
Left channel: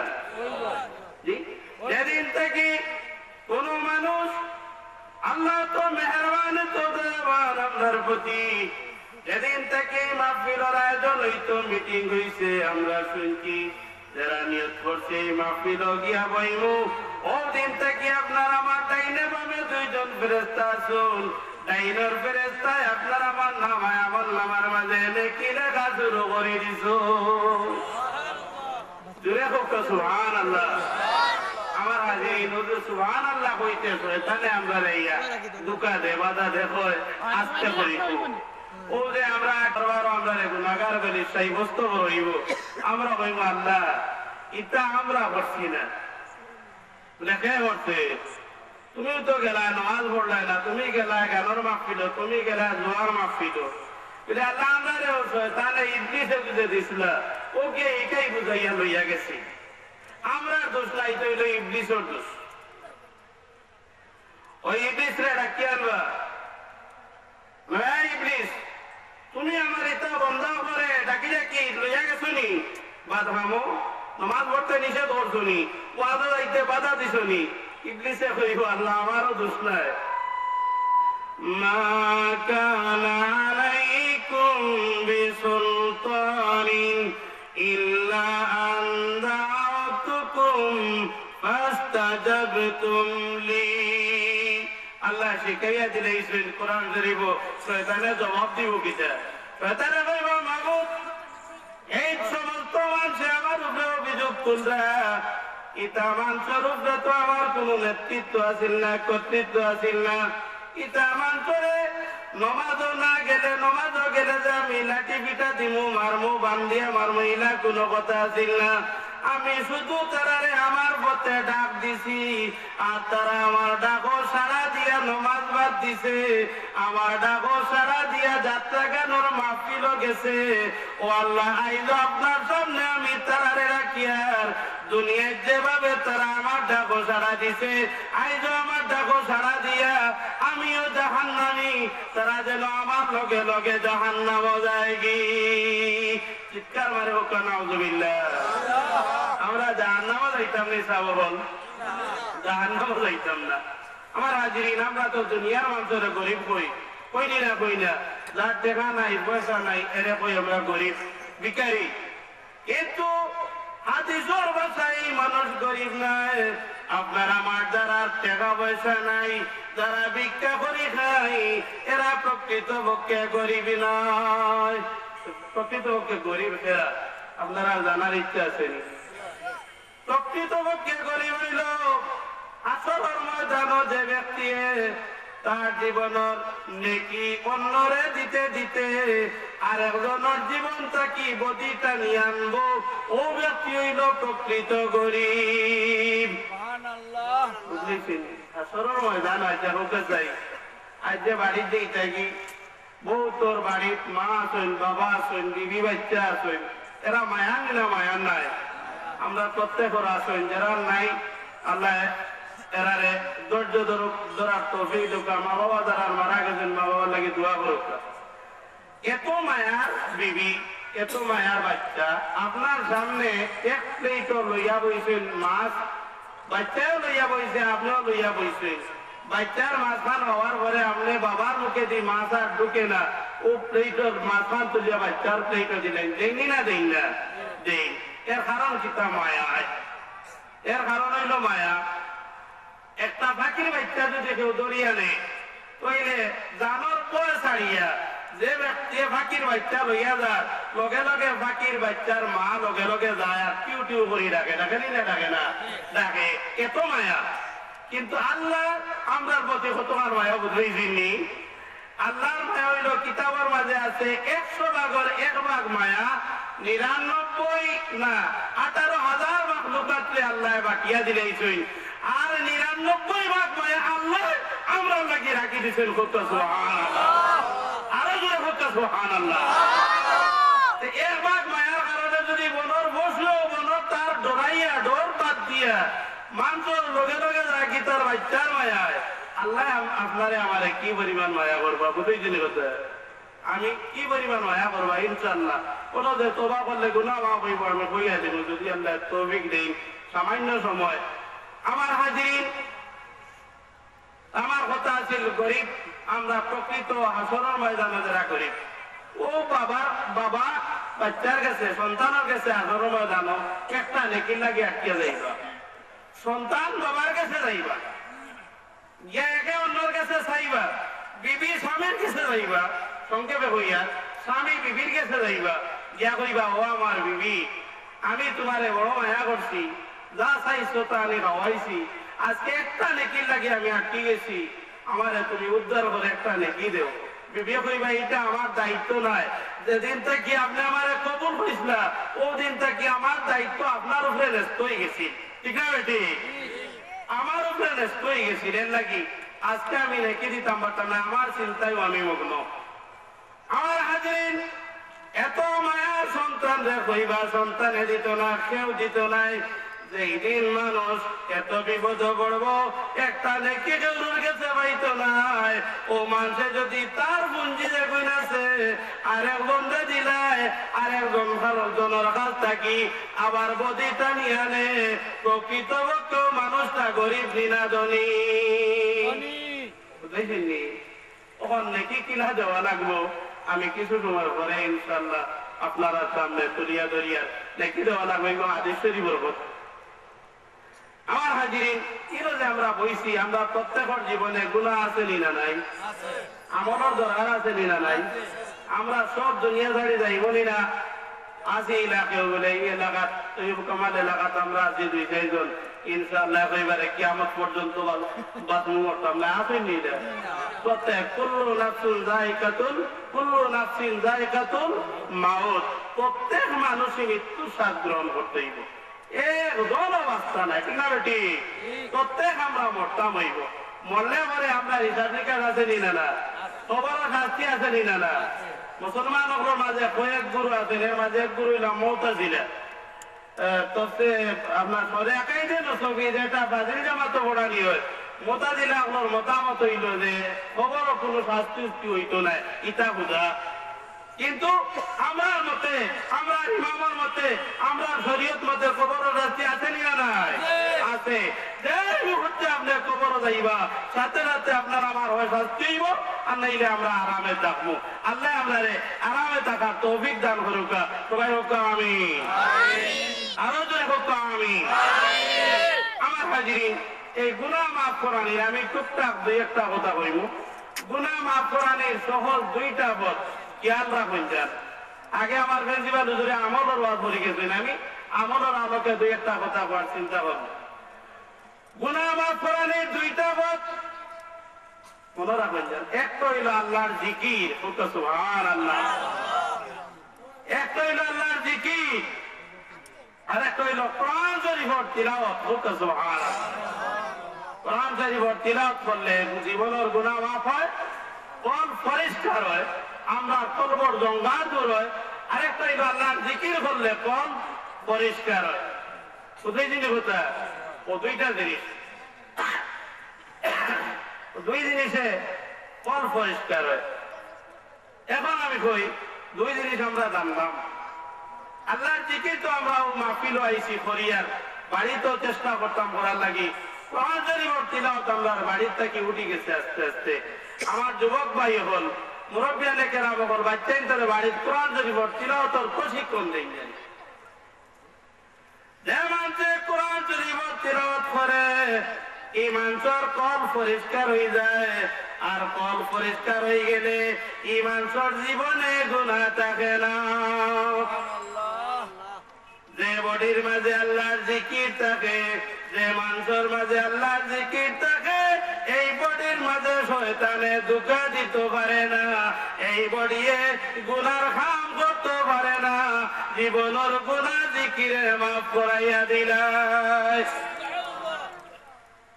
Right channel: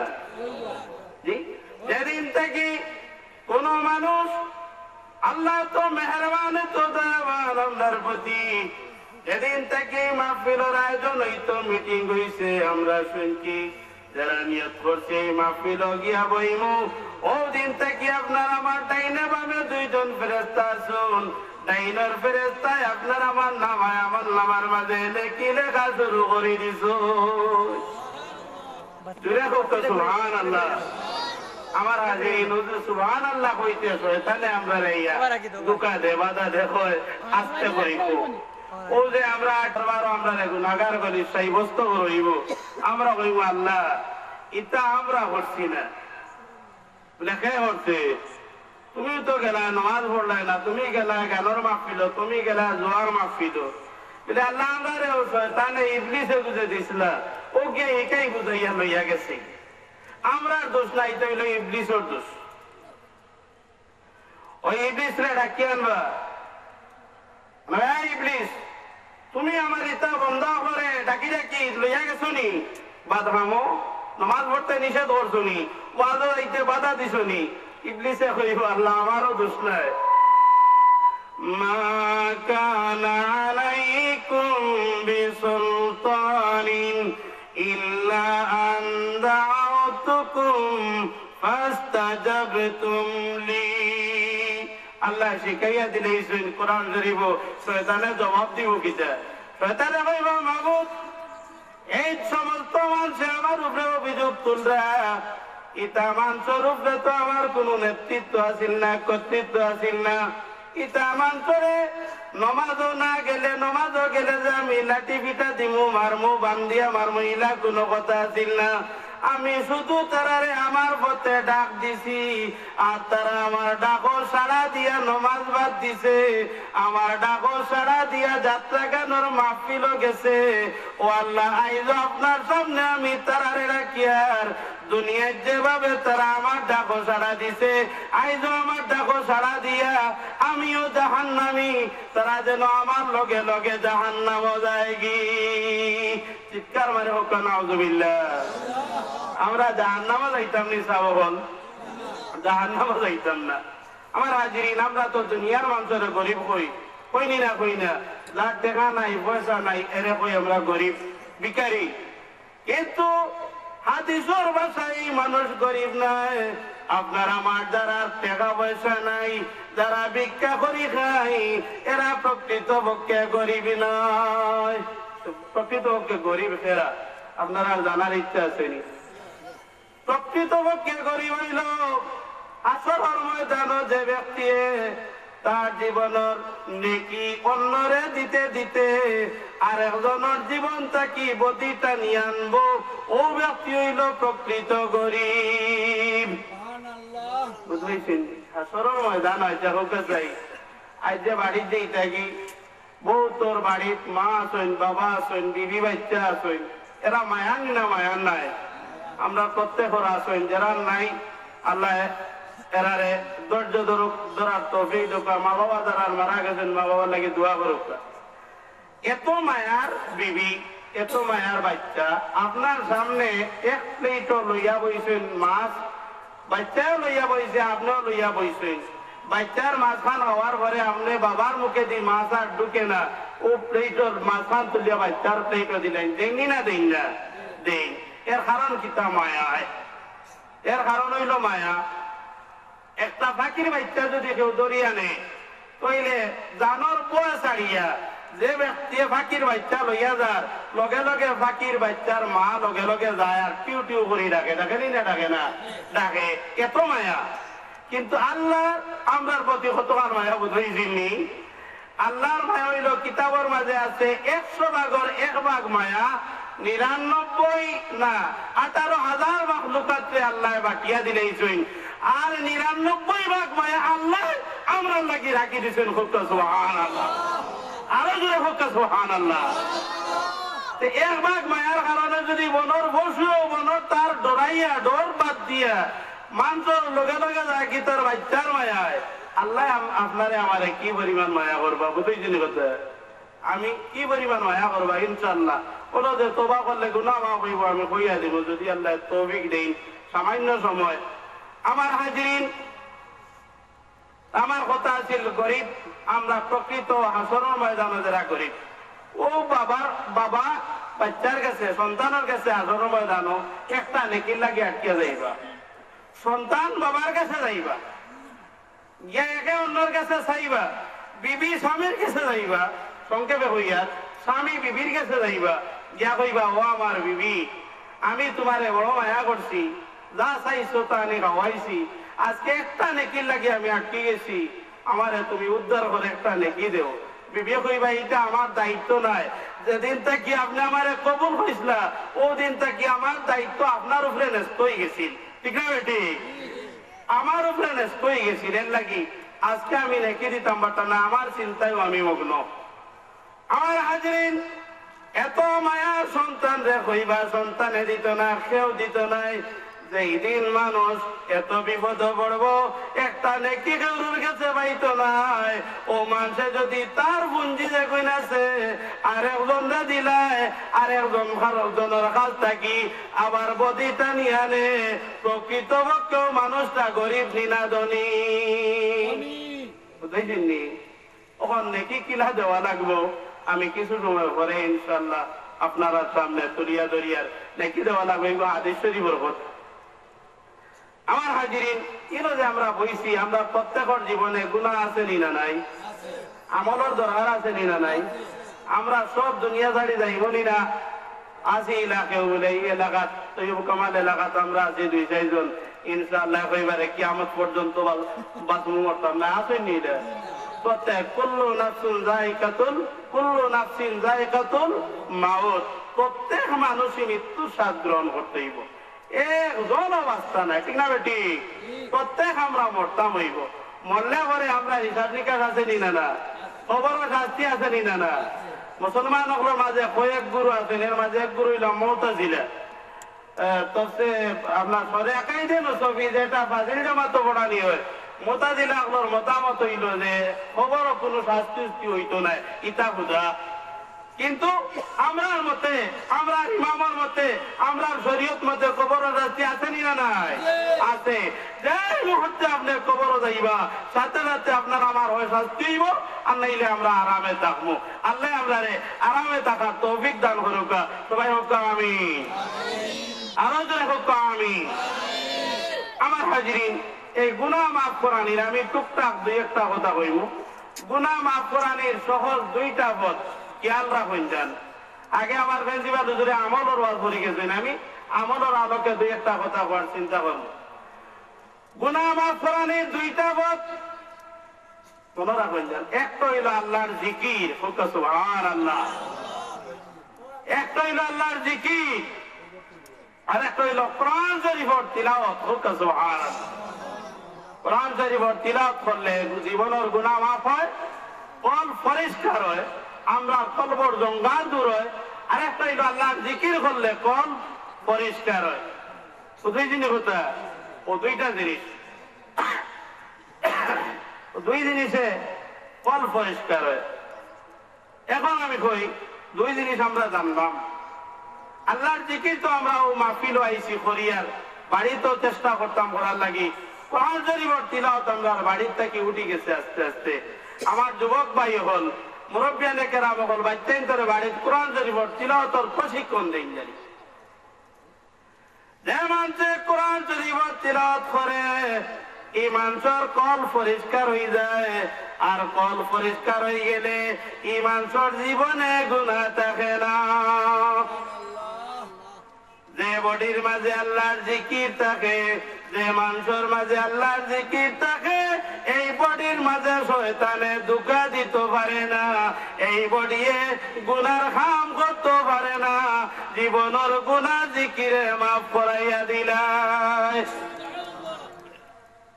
জি যেদিন থেকে কোন মানুষ আল্লাহ তো মেহেরবান তো দয়াবান আপনার প্রতি যেদিন থেকে মাহফিলের আয়োজন হইতো মিটিং হইছে আমরা শুনছি যারা নিয়ত করছে মাহফিল গিয়া বইমু ও দিন থেকে আপনার আমার ডাইনে বামে 2 জন ফেরেশতা আছেন ডাইনের ফেরেশতায় আপনার আমার নামায় আমল নামার মাঝে নেকি লেখা শুরু করে দিছো জুড়ে হোক সুবহানাল্লাহ আমার হাজিরিন সুবহানাল্লাহ কইতে শয়তানে আমরা রাইয়া দুকা দে বাধা দেখো আস্তে করিকো ও যে আমরা দরবার আমরা গুনাহগার বলি সাব্যস্ত হইব আমরা কইব আল্লাহ এটা আমরা করছি না লেখে হচ্ছে তুমি তো গেলা নামাজ পড়লে না তুমি গেলা গানের মাহফিল তুমি গেলা জোয়ার মাহফিল বলে আল্লাহ আমারে ও শয়তানে ইবলিসে বুঝে দিছিল ওকে একাই বুঝাইয়া লইয়া গেছে আমরা দোষ নাই তো হইল ইবলিসের দোষ ওই ইবলিস রে ডাকি আনবা ইবলিস তুমি আমার এটা বন্ধ করে ডাকি ডাকি লইয়া গেছো নি বাধামো নামাজ পড়তে নিষেধ করছো নি ওয়াদা দিতে বাধা দিছো নি ইবলিসে কইব আল্লাহ আমারও দোষ নাই মা কানা আলাইকুম বিসুন শিখাইয়া দিলেইছেন কোরআন শরীফ শয়তানে জবাব দিব কিতা শয়তানে কইব মাবুদ এই সমস্ত মানুষে আমার উপরে অভিযোগ তুলরা ইটা মানুষের উপরে তো আমার কোন নেতৃত্ব আসিল না কর্তৃত্ব আসিল না ইটা মানুষরে নমাজও না গেলে নমাজও গেলে যে আমি লাঠি পিঠা দিমু মারমু বান্ধিয়া মারমু ইলা কোনো কথা আসিল না আমি শুধু তারারে আমার পথে ডাক দিছি আর তারা আমার ডাকো সাড়া দিয়া নমাজ বাদ দিছে আমার ডাকো সাড়া দিয়া যাত্রা গানোর মাহফিল গেছে ও আল্লাহ আইজ আপনার সামনে আমি তারারে রাখিয়ার দুনিয়ায় যেভাবে তারা আমার ডাকো সাড়া দিছে আইজ আমার ডাকো সাড়া দিয়া আমিও জাহান্নামী তারা যেন আমার লগে লগে জাহান্নাম যায় গি চিৎকার মারে হোক নাউজুবিল্লাহ আমরা জাহান্নামে যাইতাম নি সাবল জাহান্নামে যাইতাম না আমার হাজিরিন আমরা তো দুনিয়ার মানুষের গরিব কইনি না কই না যার টাকা নাই পয়সা নাই এরে কই আমরা গরিব ভিখারি কিন্তু হাদিসের ভাষায় মানুষ গরিব নাই আপনার আমার যারা টাকা পয়সা নাই যারা ভিক্ষা করি খাই এরা প্রকৃতপক্ষে গরিব নয় প্রকৃতপক্ষে গরিব এরা আপনারা জানার ইচ্ছা আছে নি প্রকৃতপক্ষে গরিব হইল আসরের ময়দানে যে ব্যক্তি তার জীবনের নেকি অন্যরে দিতে দিতে আর একজনের জীবন তাকি বদিটা নিয়ে আনবো ও ব্যক্তি হইল প্রকৃত গরিব বুঝলেছেন আসরের ময়দান আজ হোক যাই আজ যে বাড়িতে থাকি বউ তোর বাড়িত মা আছেন বাবা আছেন বিবি বাচ্চা আছেন এরা মায়ান না মায়ান নাই আমরা প্রত্যেক আছেন যারা নাই আল্লাহ এরারে ধৈর্য ধরার তৌফিক দেখ মা বাবা যারা মারা গেছেন মা বাবার লাগে দোয়া করুক এত মায়ার বিবি এত মায়ার বাচ্চা আপনার সামনে এক প্লেটও লইয়া বইছেন মাছ বাচ্চাও লইয়া বইছে আপনিও লইয়া বইছেন বাচ্চার মাঝখান হওয়ার পরে আপনি বাবার মুখে দিয়ে মাছ আর ঢুকে না ও প্লেটর মাঝখান তুলিয়া বাচ্চার প্লেটও দিলেন দেননি না দেন না দেন এর কারণ কিতা মায়া এর কারণ হইল মায়া একটা ফাঁকির বাচ্চা যদি কেউ দরিয়া নেই তইলে জানোর বয়ে ছাড়িয়া যে ব্যক্তি ফাঁকির বাচ্চা লইয়া যার লগে লগে ফাঁকির বাচ্চার মা লগে লগে যায় আর টিউ টিউ করি ডাকে ডাকেনি না ডাকে না ডাকে এত মায়া কিন্তু আল্লাহ আমরার প্রতি কতবার মায়া বুঝাইছিনি আল্লাহর মায়া হইল কিতাবের মাঝে আছে 100 ভাগের 1 ভাগ মায়া 99 না 18,000 ভাগ লোকাতে আল্লাহ বাকিয়া দিলেইছেন আর 99 ভাগ মায়া আল্লাহ আমরা লাগি রাখি দিয়েছেন খুব সুবহানাল্লাহ আরো জোরে খুব সুবহানাল্লাহ তো 1 ভাগ মায়ার কারণে যদি বনর বসলো বনর তার ডরাইয়া ডর বাদ দিয়া মানুষের লগে লগে রাখি তার বাচ্চার মায়ায় আল্লাহ আপনারে আমারে কি পরিমাণ মায়া করবা বুঝেছেন কথা আমি কি পরিমাণ মায়া করবা ইনশাআল্লাহ কোন যে তওবা করলে গুনাহ মাফ হইব আমি কইয়া দেব যদি আল্লাহ তৌফিক দেন সামান্য সময় আমার হাজিরিন আমার কথা আছে গরিব আমরা প্রকৃত হাসরের ময়দানে যারা গরিব ও বাবা বাচ্চার কাছে সন্তানের কাছে হাসরের ময়দানে একটা নেকি লাগে আটকে যাইবা সন্তান বাবার কাছে যাইবা গিয়া একে অন্যর কাছে চাইবা বিবি স্বামীর কাছে যাইবা সংক্ষেপে হইয়া স্বামী বিবির কাছে যাইবা গিয়া কইবা ও আমার বিবি আমি তোমারে বড় মায়া করছি যা চাইছো তা আমি খাওয়াইছি আজকে একটা নেকির লাগে আমি আটকে গেছি আমারে তুমি উদ্ধার করে একটা নেকি দেও বিবি কইবা এটা আমার দায়িত্ব নাই যেদিন থেকে আপনি আমারে কবুল হইছিলা ও দিন থেকে আমার দায়িত্ব আপনার উপরে ন্যস্ত হয়ে গেছি ঠিক না বেটি আমার উপরে ন্যস্ত হয়ে গেছি এর লাগি আজকে আমি নেকি দিতাম পারতাম না আমার চিন্তায় আমি মগ্ন আমার হাজিরিন এত মায়া সন্তান রে কইবা সন্তানে দিত না কেউ দিত নাই যেই দিন মানুষ এত বিপদ পড়বো একটা নেকি কেউর কাছে পাইতো নাই ও মানুষে যদি তার পুঞ্জি যে কইন আছে আর একজন দিলায় আর একজন খারকজনের কাছ থাকি আবার বদিটা নিয়ে আনে প্রকৃতপক্ষ মানুষটা গরিব নিনা ধনী বুঝেছেন নি ওখান নেকি কিনা দেওয়া লাগবো আমি কিছু সময় পরে ইনশাল্লাহ আপনারা সামনে তুলিয়া দরিয়ার নেকি দেওয়া লাগবে হাদিস শরীফের কথা আমার হাজিরিন, এলো যে আমরা বইছি, আমরা প্রত্যেকের জীবনে গুনাহ আছে নি না নাই? আমলের দরকার আছে নি না নাই? আমরা সব দুনিয়া ছাড়ি যাইব নি না? আজি এলাকায় বলে এই এলাকাত তৈব কামাল এলাকাত আমরা আছি 2-4 জন, ইনশাআল্লাহ এবারে কিয়ামত পর্যন্ত বাঁচমু মরতাম না, আসেন নি? প্রত্যেক কুল্লু নাফসিন যায়কাতুল মাউত, প্রত্যেক মানুষই মৃত্যু স্বাদ গ্রহণ করতেই একজন অবস্থা নাই, ঠিক না বেটি? প্রত্যেক আমরা মরতাম হইব, মরলে পরে আমরা হিসাব নিকাশ আছে নি না? খবরের শাস্তি আছে নি না? মুসলমান মাঝে কয়েক গুরু আছেন, এর মাঝে এক গুরু হইলাম মুতাজিলা। তবে আপনার সরে একাই দেন ছবি যেটা বাজিল জামাত পড়ানি হয়, মুতাজিলা আপনার মতামত হইল যে খবর কোনো শাস্তি হইতো না, ইটা বুঝা। কিন্তু আমরার মতে, আমরা ইমামের মতে, আমরা শরীয়ত মতে কবরের শাস্তি আছে নি না নাই? আছে। যে মুহূর্তে আপনি কবর যাইবা, সাথে সাথে আপনার আমার হয় শাস্তি হইব, আর নাইলে আমরা আরামে থাকবো। আল্লাহ আমারে আরামে থাকার তৌফিক দান করুক। সবাই হোক আমিন, আরো জনে হোক আমিন। আমার হাজিরিন, এই গুনাহ মাফ করানির আমি টুকটাক 2-1টা কথা কইব। গুনাহ মাফ করানির সহজ 2টা পথ খেয়াল রাখুন যান। আগে আমার প্রিন্সিপাল হুজুরে আমলের ওয়াজ করে গেছেন, আমি আমলের আলোকে 2-1টা কথা বলার চিন্তা করব। গুনাহ মাফ করানির 2টা পথ মনে রাখবেন যান। একটা হইল আল্লাহর জিকির, সুবহানাল্লাহ। একটা হইল আল্লাহর জিকির, আর একটা হইল কোরআন শরীফের তিলাওয়াত, সুবহানাল্লাহ। কোরআন শরীফের তিলাওয়াত করলে জীবনের গুনাহ মাফ হয়, কল পরিষ্কার হয়, আমরা কলবর জঙ্গাল দূর হয়। আর একটা হইল আল্লাহর জিকির করলে কল পরিষ্কার হয়। শুধুই জিনিস হতে ও 2টা জিনিস, 2 জিনিসে কল পরিষ্কার হয়। এখন আমি কই 2 জিনিস আমরা জানলাম। আল্লাহর জিকির তো আমরা মাহফিল আইছি করিয়ার, বাড়িতেও চেষ্টা করতাম করার লাগি। কোরআন শরীফের তিলাওয়াত আমরা বাড়ির থেকে উঠে গেছে আস্তে আস্তে। আমার যুবক ভাই হল, মুরব্বিয়ানে কেরাম হল, বাচ্চাইন ধরে বাড়ির কোরআন শরীফের তিলাওয়াতের প্রশিক্ষণ দেন জানি। যে মানুষে কোরআন শরীফের তিলাওয়াত করে, এই মানুষের কল পরিষ্কার হয়ে যায়। আর কল পরিষ্কার হয়ে গেলে এই মানুষের জীবনে গুনাহ থাকে না। যে বডির মাঝে আল্লাহর জিকির থাকে, যে মানুষের মাঝে আল্লাহর জিকির থাকে, এই বডির মাঝে শয়তানে ধোঁকা দিতে পারে না, এই বডিয়ে গুনার কাম করতে পারে না। জীবনের গুনাহ জিকিরে মাফ করাইয়া দিলাই।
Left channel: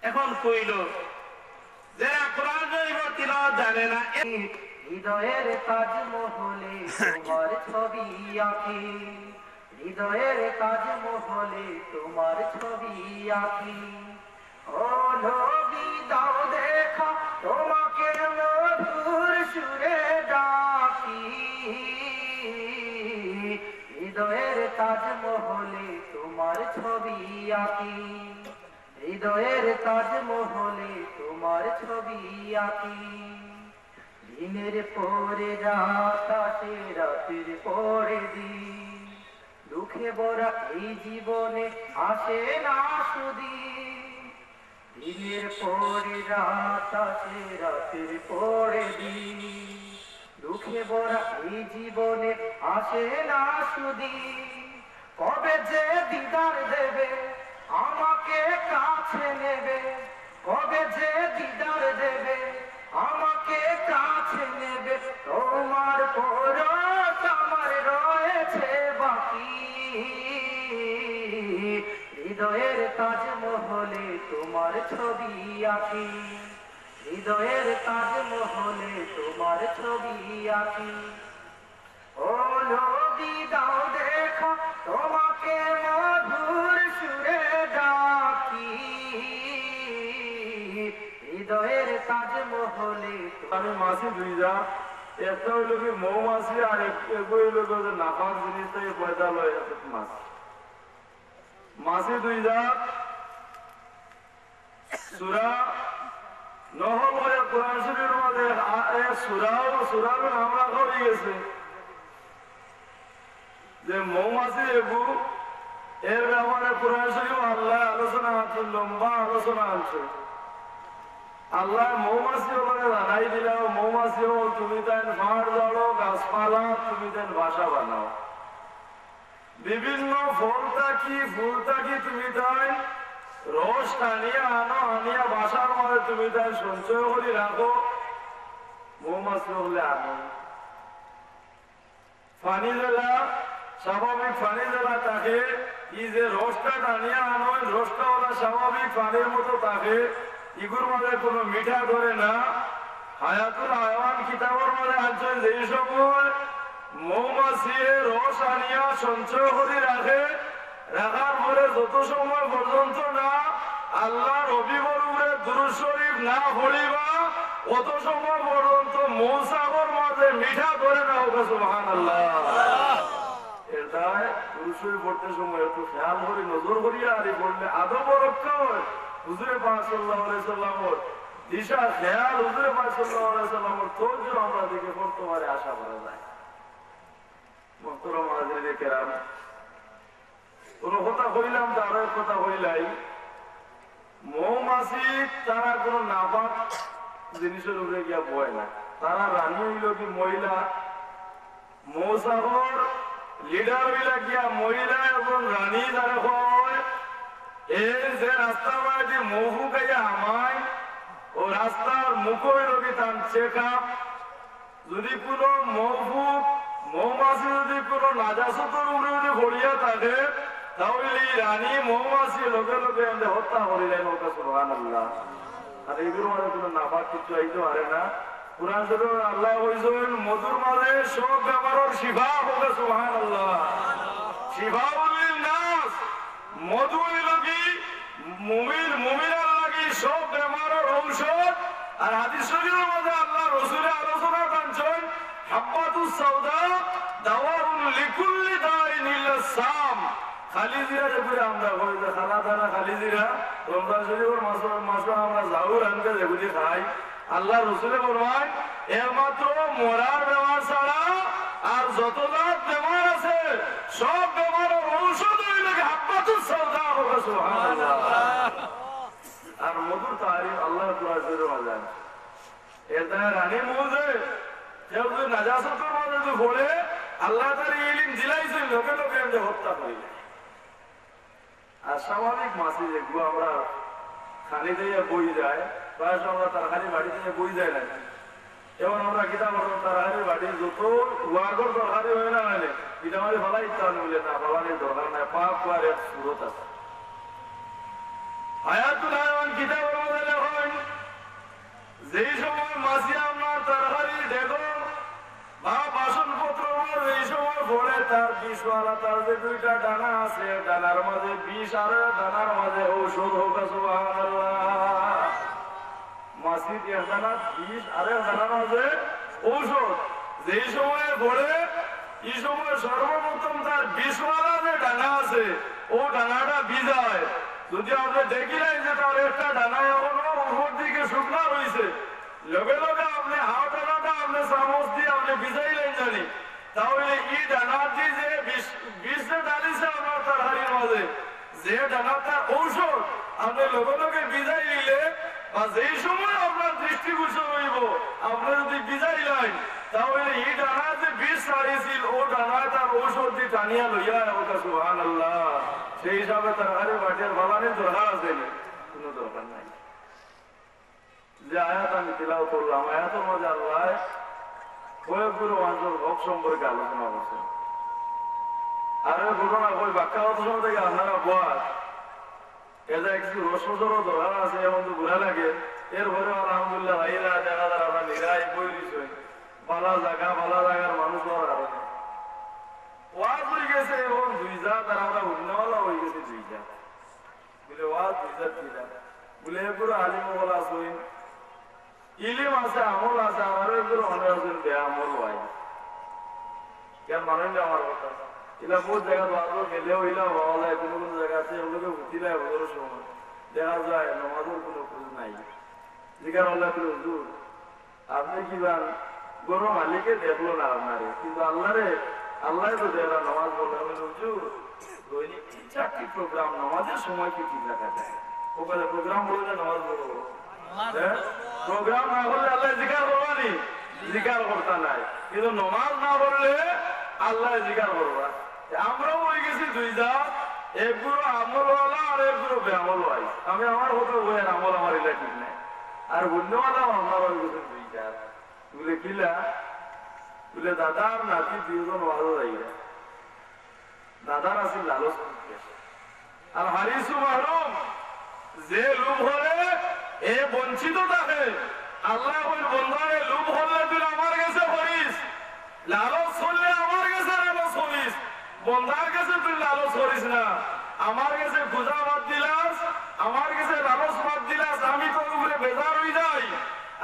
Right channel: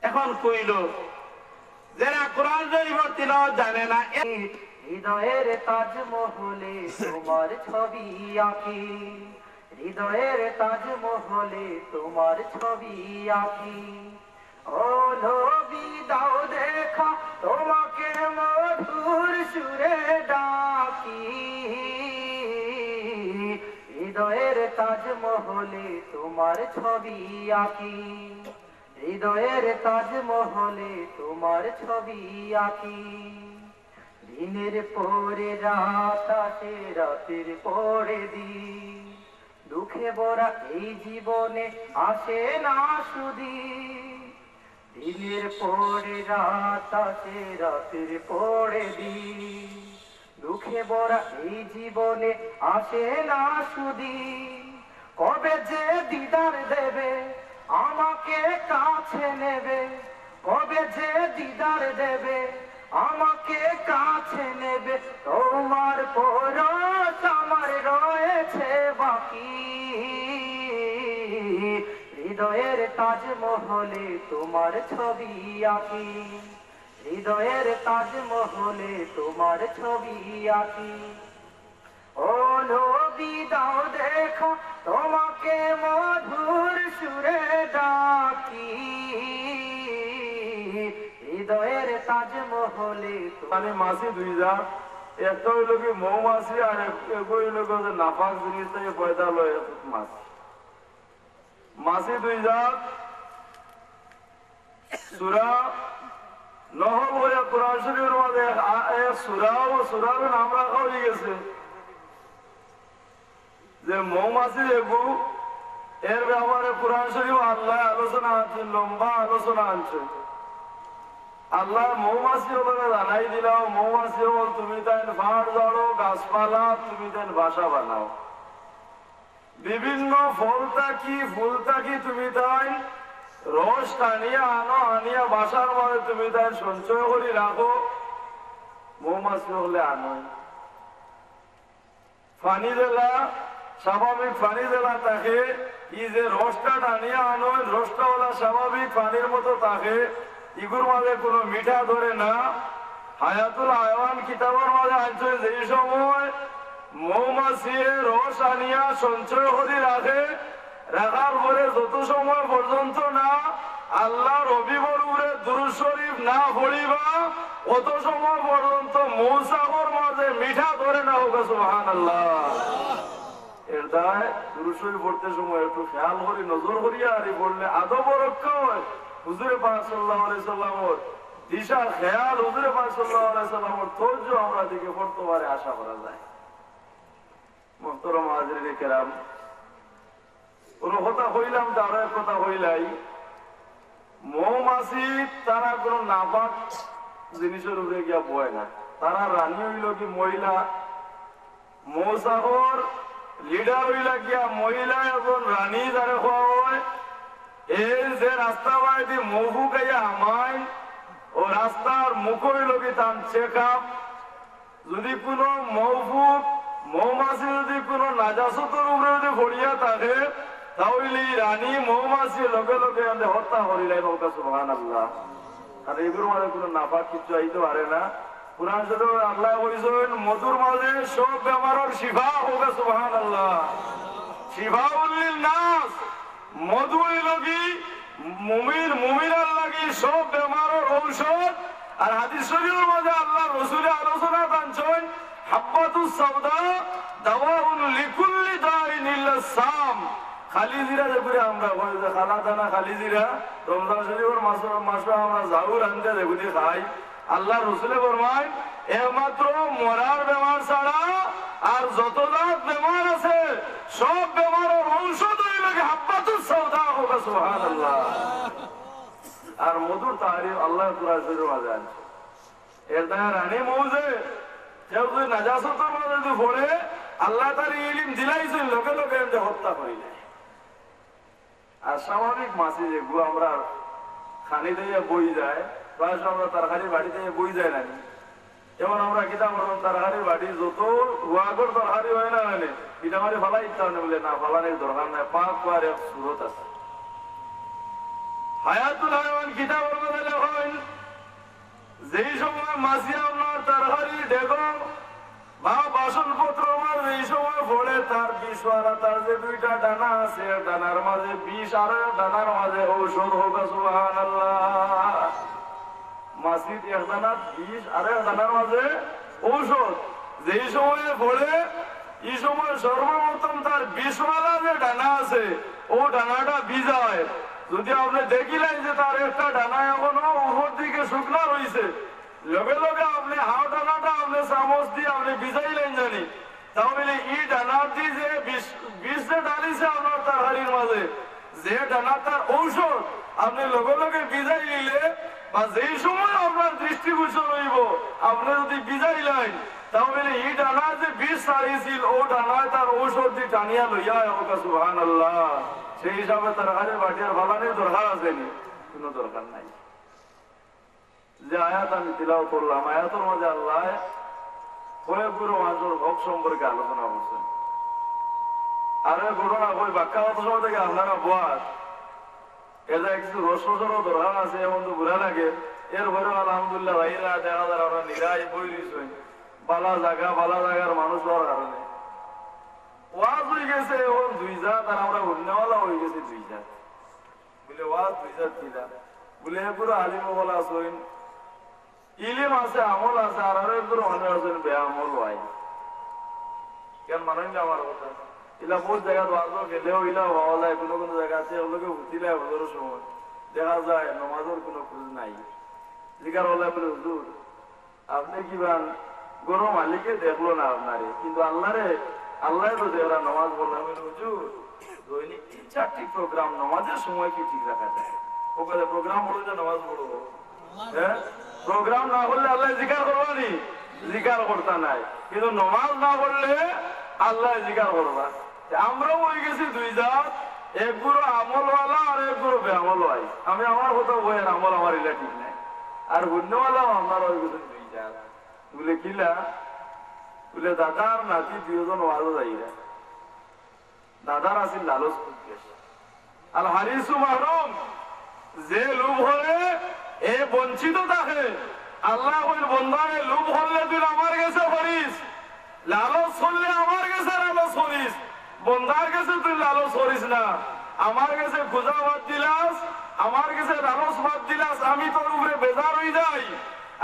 এখন কইল যারা কোরআন শরীফের তিলাওয়াত জানে না, হৃদয়ের তাজমহলে তোমার ছবি আঁকি, হৃদয়ের তাজমহলে তোমার ছবি আঁকি। ও নবী দাও দেখা তোমাকে মধুর সুরে ডাকি, হৃদয়ের তাজমহলে তোমার ছবি আঁকি, হৃদয়ের তাজমহলে তোমার ছবি আঁকি। দিনের পরে রাত আসে, রাতের পরে দিন, দুঃখে ভরা এই জীবনে আসে না সুদিন। দিনের পরে রাত আসে, রাতের পরে দিন, দুঃখে ভরা এই জীবনে আসে না সুদিন। কবে যে দিদার দেবে আমাকে কাছে নেবে, কবে যে দিদার দেবে আমাকে কাছে নেবে, তোমার পরশ আমার রয়েছে বাকি। হৃদয়ের তাজমহলে তোমার ছবি আঁকি, হৃদয়ের তাজমহলে তোমার ছবি আঁকি। ও নবী দাও দেখা তোমাকে মধুর সুরে ডাকি, হৃদয়ের তাজমহলে। আমি মাছি 2 যা, একটা হইল কি মৌমাছি, আর এক হইল নাফাক জিনিস থেকে পয়দা লয় মাছ। মাছি 2 জাত। সূরা নহল হয়ে কোরআন শরীফের মধ্যে সূরার নাম রাখা হয়ে গেছে যে মৌমাছি এগু এর ব্যাপারে কোরআন শরীফ আল্লাহ আলোচনা আছে, লম্বা আলোচনা আনছে। আল্লাহ মৌমাছি ওখানে জানাই দিলাম, মৌমাছি হল তুমি তাই ভাড় জড়ো, গাছপালা তুমি তাই বাসা বানাও, বিভিন্ন ফলতাকি ফুলতাকি তুমি তাই রস টানিয়া আনো, আনিয়া বাসার মধ্যে তুমি তাই সঞ্চয় করে রাখো। মৌমাছি হলে আনো পানি জেলা, স্বাভাবিক পানি জেলা থাকে, ই যে রসটা টানিয়া আনো রসটা হলো স্বাভাবিক পানির মতো থাকে, ইগুর মাঝে কোনো মিঠা ধরে না। হায়াতুল হায়াওয়ান কিতাবের মাঝে আছে যেই সময় মৌমাছি রস আনিয়া সঞ্চয় করে রাখে, রাখার পরে যত সময় পর্যন্ত না আল্লাহ রবিবার উপরে দুরূদ শরীফ না পড়িবা অত সময় পর্যন্ত মৌসাগর মাঝে মিঠা ধরে না হোক। সুবহানাল্লাহ। এর দায় দুরূদ শরীফ পড়তে সময় একটু খেয়াল করি, নজর করিয়া আর পড়লে আদব রক্ষা হয়। হুজুরে পাক সাল্লাল্লাহু আলাইহি সাল্লামের দিশা খেয়াল, হুজুরে পাক সাল্লাল্লাহু আলাইহি সাল্লামের তওজ্জু আমরা দিকে পড়তে পারে আশা করা যায়। মুহতারাম হাজিরিনে কেরাম, কোন কথা কইলাম তার এক কথা কইলাই, মৌমাছি তারা কোন নাপাক জিনিসের উপরে গিয়া বয় না। তারা রানী হইল কি মহিলা, মৌসাগর লিডার হইলা গিয়া মহিলা এবং রানী যারা হওয়া হয়। এর যে রাস্তা বাড়ি মহু গাইয়া আমায় ও রাস্তার মুখ হইল কি তার চেক আপ। যদি কোনো মৌফুক মৌমাছি যদি কোনো নাজাসতের উপরে যদি ভরিয়া থাকে তাহলে রানী মৌমাছি লগে লগে আমাদের হত্যা করিলেন। সুবহানাল্লাহ। আর এগুলোর মাঝে কোনো নাপাক কিছু আইতে পারে না। কুরআন শরীফে আল্লাহ কইছেন মধুর মাঝে সব বেমারের শিফা হোক। সুবহানাল্লাহ। শিফাউল লিন-নাস, মধু লাগি মুমিনের লাগি সব বেমারের ঔষধ। আর হাদিস শরীফের মধ্যে আল্লাহ রাসূল আলোচনা করেছেন হাব্বাতুস সাওদা দাওয়াউন লিকুল্লি দাইন ইল্লা সাম। খালি জিরা যেগুলো আমরা বলি যে খালা দানা খালি জিরা, রমজান শরীফের মাসে আমরা জাহুর আনতে যেগুলি খাই, আল্লাহ রসুলে ফরমায় একমাত্র মরার বেমার ছাড়া আর যত জাত বেমার আছে সব বেমারের ঔষধ হইল হাব্বাতুস সাওদা। সুবহানাল্লাহ। আর মধুর তারিফ আল্লাহ কুরআন শরীফের মাঝে আছে। এর দ্বারা রানী মৌজে কেউ যদি নাজাসতের মাঝে যদি পড়ে আল্লাহ তার ইলম দিলাইছেন লোকে লোকে এমনি হত্যা করিলে। আর স্বাভাবিক মাছি যেগুলো আমরা খানি দিয়ে বই যায়, প্রায় আমরা তরকারি বাড়ি থেকে বই যায় না। যেমন আমরা কিতাব তরকারি বাড়ি যত রুয়াগর তরকারি হয় না মানে পিঠামারি ফেলাই ইচ্ছা বলে না, ফেলানির দরকার নাই, পাক করার এক সুরত আছে। হায়াতুল হায়াওয়ান কিতাবের মধ্যে লেখেন যেই সময় মাছি আপনার তরকারি দেখো বা বাসনপত্র এই সময় পড়ে তার বিষওয়ালা তার যে দুইটা ডানা আছে, ডানার মাঝে বিষ আর ডানার মাঝে ঔষধ হোক। সুবহানাল্লাহ। মাছির এক ডানার বিষ আর এক ডানার মাঝে ঔষধ যেই সময়ে পড়ে এই সময় সর্বপ্রথম তার বিষওয়ালা যে ডানা আছে ও ডানাটা ভিজায়। যদি আপনি দেখিলেন যে তার একটা ডানা এখনো উপর দিকে শুকনা রয়েছে, লগে লগে আপনি হাও ডানাটা আপনি চামচ দিয়ে আপনি ভিজাইলেন জানি, তাহলে এই ডানাটি যে বিষ যে ডালিছে আপনার তরকারির মাঝে যে ডানা তার ঔষধ আপনি লগে লগে ভিজাই নিলে বা যেই সময় আপনার দৃষ্টিগোচর হইব আপনি যদি ভিজাইলেন তাহলে এই ডানার যে বিষ ছাড়িয়েছিল ও ডানায় তার ঔষধ দিয়ে টানিয়া লইয়া ওটা। সুবহানাল্লাহ। সেই হিসাবে তরকারি বাটিয়ার ভালানির দরকার আছে কোনো দরকার নাই। যে আয়াত আমি তিলাওয়াত করলাম আয়াতের মধ্যে আল্লাহ কয়েকগুলো মানুষের হক সম্পর্কে আলোচনা করছেন। আর ওই ঘটনা ওই বাক্যাগত সময় থেকে আপনারা বয়াত এটা কিছু রসরও দরকার আছে, এমন তো বুড়া লাগে। এরপরে আলহামদুলিল্লাহ ভাইরা দেখা যায় আমরা নিরাই বই দিচ্ছি বালা জায়গার মানুষ হওয়ার কারণে ওয়াজ হয়ে গেছে এখন 2 জাত আর আমরা ঘুমনেওয়ালা হয়ে গেছে 2 জাত। বলে ওয়াজ 2 জাত কিনা বলে পুরো আলিম বলা আছে, ইলিম আছে, আমল আছে, আর একগুলো মনে আছেন বে আমল হয় কেন মানেন আমার কথা। ইলা বহুত জায়গা ওয়াজ গেলেও ইলা হওয়া যায়, কোনো কোনো জায়গা আছে ওগুলোকে উঠিলে হজরের সময় দেখা যায় নামাজের কোনো খোঁজ নাই। জিজ্ঞাসা হলে বলে হুজুর আপনি কি বান গরু মালিকে দেখলো না আপনারে, কিন্তু আল্লাহ তো দেখলাম নামাজ বললাম। হুজুর দৈনিক 3-4টি প্রোগ্রাম নামাজের সময় কি ঠিক রাখা যায়? ওখানে প্রোগ্রাম হলো যে নামাজ পড়বো, হ্যাঁ প্রোগ্রাম না হলে আল্লাহ জিকার করবানি, জিকার করতে নাই, কিন্তু নামাজ না পড়লে আল্লাহ জিকার করবা। আমরাও হয়ে গেছি দুই জাত, এক গুরু আমলওয়ালা আর এক গুরু বেআমল হয়। আমি আমার কথা বলেন আমল আমার ইলা ঠিক নাই, আর অন্যওয়ালা আমার হয়ে গেছে দুই জাত। বলে কিলা বলে দাদার নাতি দুজন ওয়াজও যাইরা, দাদার আছে লালচ করতে আর হারিসু মাহরুম, যে লোভ হলে এ বঞ্চিত থাকে। আল্লাহ ওই বন্ধারে লোভ হলে তুই আমার কাছে করিস, লালচ করলে আমার কাছে লালচ করিস, বন্ধার কাছে তুই লালচ করিস না। আমার কাছে খোঁজা বাদ দিলাস, আমার কাছে লালচ বাদ দিলাস, আমি তোর উপরে বেজার হয়ে যাই।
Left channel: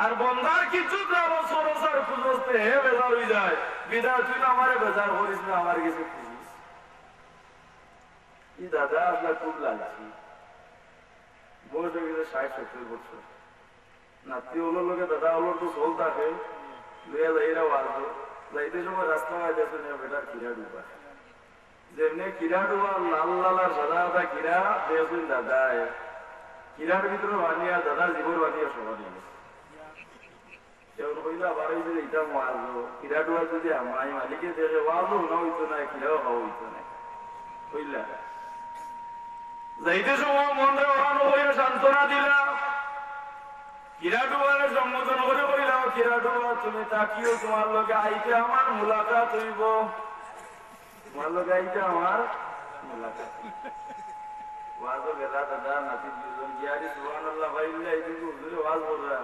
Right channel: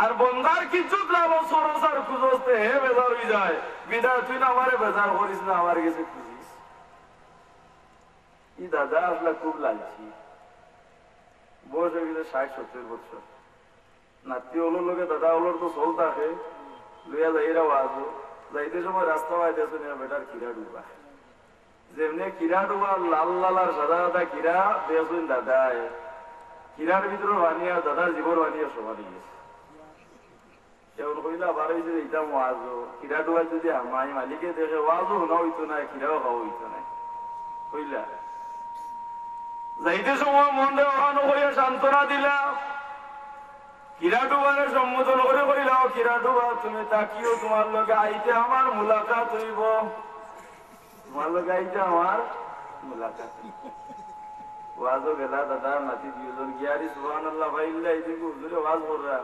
আর বন্ধার কিছু লালচ খরচ আর খুঁজতে হে বেজার হয়ে যায়। বিদায় তুই না আমারে বেজার করিস না, আমার কাছে খুঁজিস। ই দাদা আসলে খুব লালছি, বয়স হয়ে গেছে 60-70 বছর। নাতি হলোর লোকে দাদা হলোর তো চল থাকে, লইয়া যাইরা আসবো, যাইতে সময় রাস্তা পাইতে শুনে বেটার কিরা ডুবা, যেমনি কিরা ডুবা লাল লাল আর সাদা সাদা কিরা দেখুন দাদায়, কিরার ভিতরে বানিয়ে দাদার জীবন বানিয়ে সভা দিয়ে কইলা আবার হয়েছে এইটা মারলো কিরা ডুবা যদি আমার মালিকে দেখে ওয়াজও না হইতো না, কিরাও খাওয়া হইতো না। কইলা যাইতে সময় মন দেওয়ানো করে সান্ত্বনা দিলা, কিরা ডুবারে সম্বোধন করে কইলা কিরা ডুবা তুমি তাকিও, তোমার লোকে আইতে আমার মুলাকাত হইব, তোমার লোকে আইতে আমার মুলাকাত। ওয়াজও গেলা দাদা নাতি দুজন গিয়ারি সুবহানাল্লাহ ভাইল্লা এইদিন হুজুরে ওয়াজ কররা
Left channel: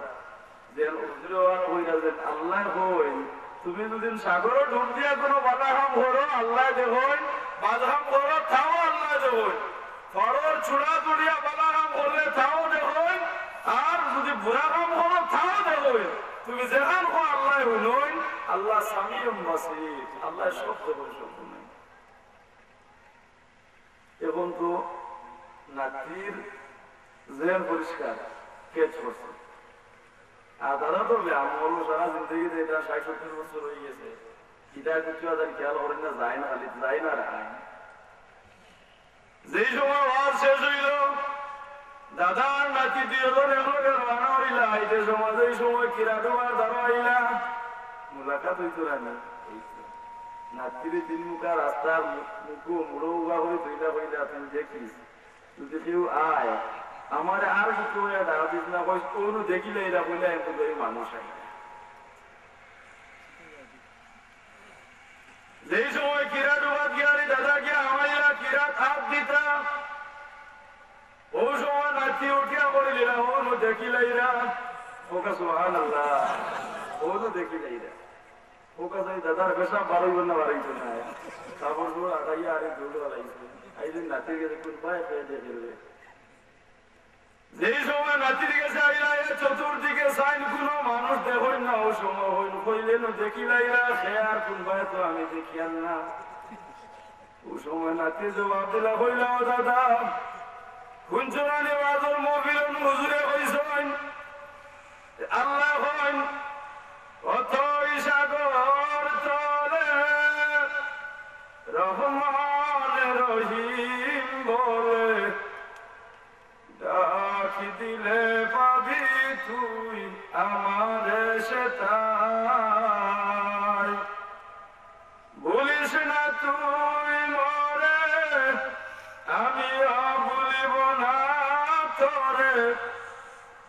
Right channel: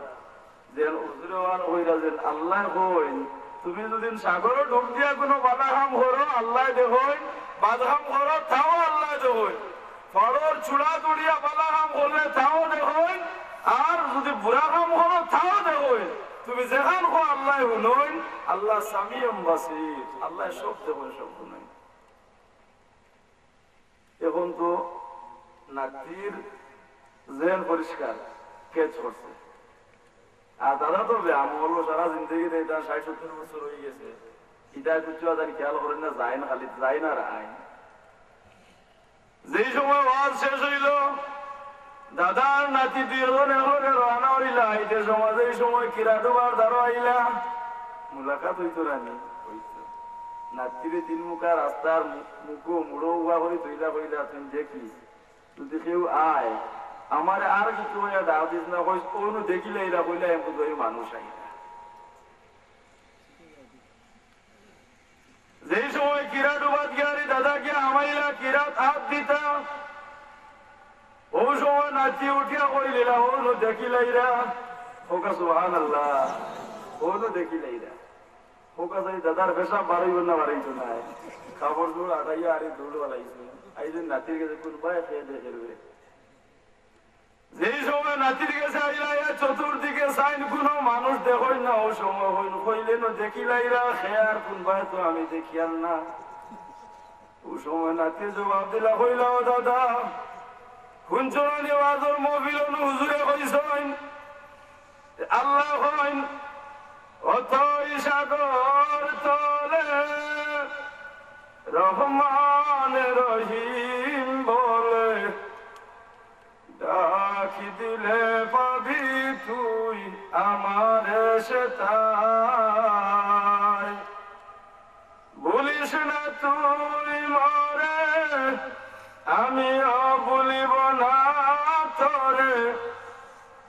যেন হুজুরে ওয়াজ কইরা যেন আল্লাহ কই তুমি যদি সাগরে ডুব দিয়া কোনো বাধা কাম করো আল্লাহ দেখুন, বাধা কাম করো তাও আল্লাহ দেখুন, ফড়র চূড়া তুড়িয়া বাধা কাম করলে তাও দেখুন, আর যদি বুড়া কাম করো তাও দেখুন। তুমি যেখান কো আল্লাহ শুনুন, আল্লাহ সামিউম বাসীর, আল্লাহ সব দেখুন, সব শুনুন। এখন তো নাতির জেন পরিষ্কার কেচ করছে, আর দাদা তো আমল সারা জিন্দগি এটা 60-70 বছর হয়ে গেছে, এটা কিছু আর খেয়াল করেন না, যায় না, খালি যায় না রায়। যেই সময় ওয়াজ শেষ হইল দাদার নাতি দুজন এগুলোকে রওনা হইলা, আইতে সময় এই সময় কিরা ডুবার দ্বারা আইলা মুলাকাত হইতো রানি হইতো। নাতিরে 3 মুখা রাস্তার মুখো মুড়ো উয়া করে ধইলা কইলা তুমি দেখিস যদি কেউ আয় আমার আর কিছু হইয়া দাও দিস না, কই কোনো দেখিলে এরা কইলা এমন করে মানুষ আইলা। যেই সময় কিরা ডুবাত গিয়ারি দাদাকে আমাইলা কিরাত হাত দিতা, ও সময় নাতি উঠিয়া করে দিলা ওনো দেখিলাইরা, ওকা সুবহানাল্লাহ ওনো দেখিলাইরা, ওকা যাই দাদার পেশা বাড়াইব না বাড়াইত না, কাপড় জোড় আটাইয়া আরে দৌড় বাড়াইছে, আইজন নাতির কাছে কোন পায়ে খেয়ে দেখে। যেই সময় নাতির কাছে আইলা চতুর্দিকে সাইন কোনো মানুষ দেখই না, ও সময় হইল কইলেন দেখিলাইরা খেয়ার কোন পায়ে তো আমি দেখিয়ান না। ও সময় নাতি জবাব দিলা কইলা ও দাদা হুঞ্চরানি ওয়াজর মহফিল হুজুরে কইছেন আল্লাহ কইন অথই সাগর তলে রহমান রহিম বলে ডাকি দিলে পাবি তুই আমার সেতাই, বলিস না তুই মরে আমিও বলিব না তোরে,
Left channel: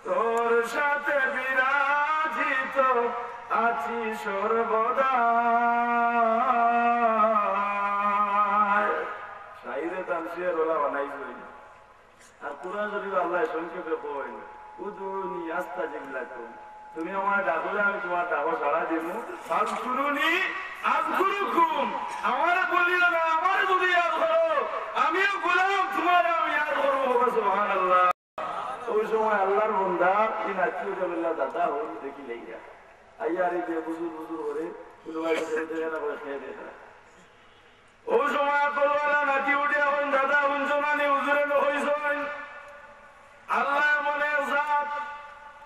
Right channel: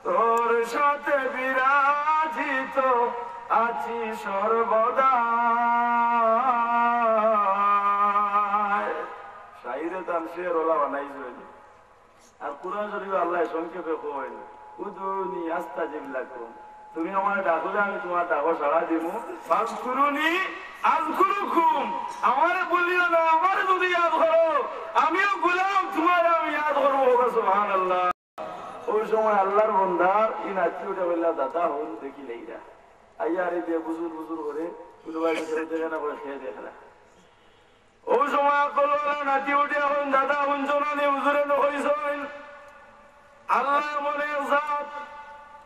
তোর সাথে বিরাজিত আছি সর্বদা। শাহিদে তানসির ওলা বানাইছে, আর কুরআন শরীফ আল্লাহ সংক্ষেপে কই উদুনি আস্তাজিব লাকুম, তুমি আমার ডাকলে আমি তোমার ডাকো সাড়া দিব, ফাজকুরুনি আযকুরুকুম, আমারে বলিও না আমারে যদি ইয়াদ করো আমিও গোলাম তোমার আমি ইয়াদ করব। সুবহানাল্লাহ। ওই সময় আল্লাহর বান্দার ইন আত্মীয়টা বললা দাদা হল দেখি লাইয়া আইয়া রে যে বুজুর বুজুর করে কুলবাই দেখে না করে খেয়ে দেখে না। ওই সময় কলওয়ালা নাতি উঠে হন দাদা হুঞ্জনানি হুজুরে নকইছেন আল্লাহ মনের জাত,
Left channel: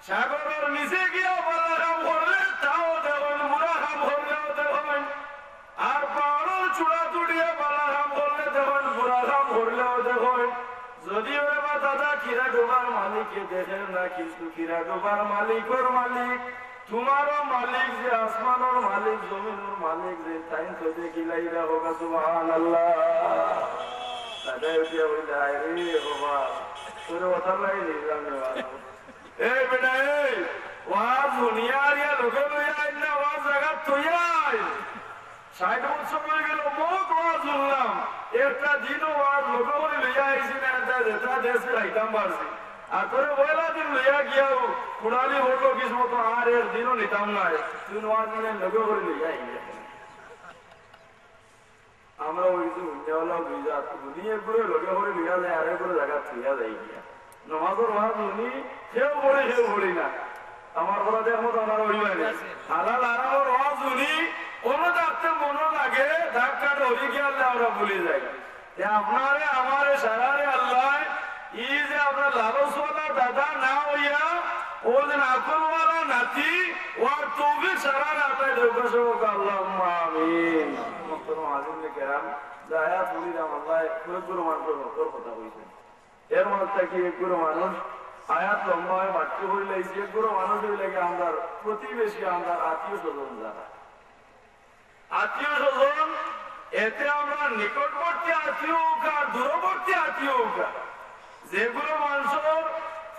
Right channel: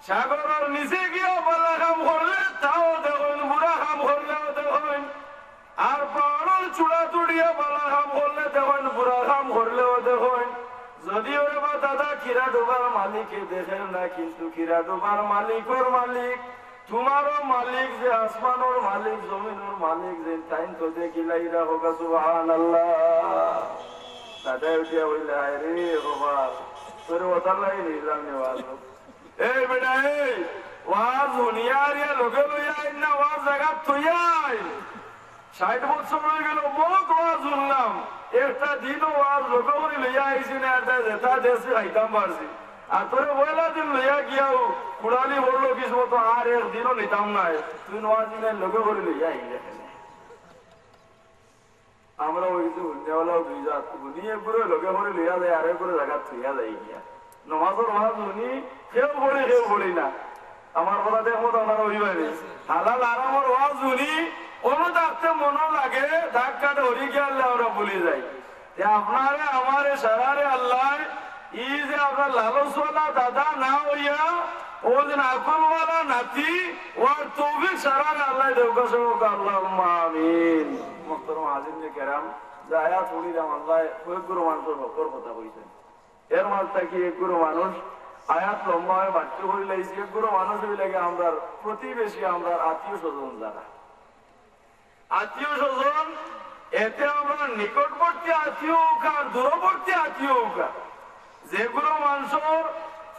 সাগরের নিচে গিয়ে বলা কাম করলে তাও দেখুন, বুড়া কাম করলেও দেখুন, আর পাহাড়ের চূড়া তুড়িয়ে বলা কাম করলে দেখুন, বুড়া কাম মালিককে দেখেন না, কিন্তু কিরা ডোবার মালিকর মালিক, তোমারও মালিক যে আসমানোর মালিক, জমিনের মালিক যে, তাই তো দেখিলাই হোক সুবহানাল্লাহ। দাদাই উঠিয়া বললে আয় রে বাবা, তোর কথা লাগে নিলাম নেওয়াজ। এই বেটা এই ওয়াজ দুনিয়ার ইয়া লোকে লইয়া আইন না, ওয়াজ জায়গা তুইয়া আইন। 60 বছর হয়ে গেল বহুত ওয়াজ শুনলাম, একটা দিনও ওয়াজ লোকে বলে লইয়া আইসি না, যেটা দেশে খাইতাম পারছি। আর তোরে পয়লা দিন লইয়া গিয়াও কুড়ালি বললো কিছু মতো, আর একদিনও নিতাম নাই, তুই ওয়াজ দিনে লোকে বলে লইয়া আইয়া। আমরা ওই যে উন্নয়নও দুই জাত উনিয়ে করে লোকে করে লইয়া যায়, আরে করে জায়গা থইয়া যায় গিয়া। নমাজের ওয়াজ উনি কেউ পড়ে কেউ পড়ি না, আমার কথা দেখবো তো আমার হইবানি। হালাল আরামর ওয়াজ উনি কোনো ডাকতে মনে লাগে, ডাক কাটে হরি গিয়ে আল্লাহ আমরা ভুলে যাই। আপনারে আমারে সারারে আল্লাহ ই যে আপনার লালসওয়ালা দাদা না হইয়া ও যে আকলওয়ালা নাতি, ওর তৌফিক সারারে আল্লাহ দেউকা সবক আল্লাহুম্মা আমিন। মুহতারাম হাজিরিনে কেরাম, যে আয়াত বলিলাম আল্লাহ কয়েকগুলো মানুষের ভক্তর কথা কইছেন, এর মধ্যে কি একগুলো মানুষ আয়াত লম্বা হয়ে বাট্য করে লাইছি, একগুলো মানুষ হইলে আমরা প্রতিবেশী, আমরা আত্মীয় স্বজন, যারা আত্মীয় স্বজন, এতে আমরা নিকটবর্তী আত্মীয় হোক আর দূরবর্তী আত্মীয় হোক, যেগুলো মানুষের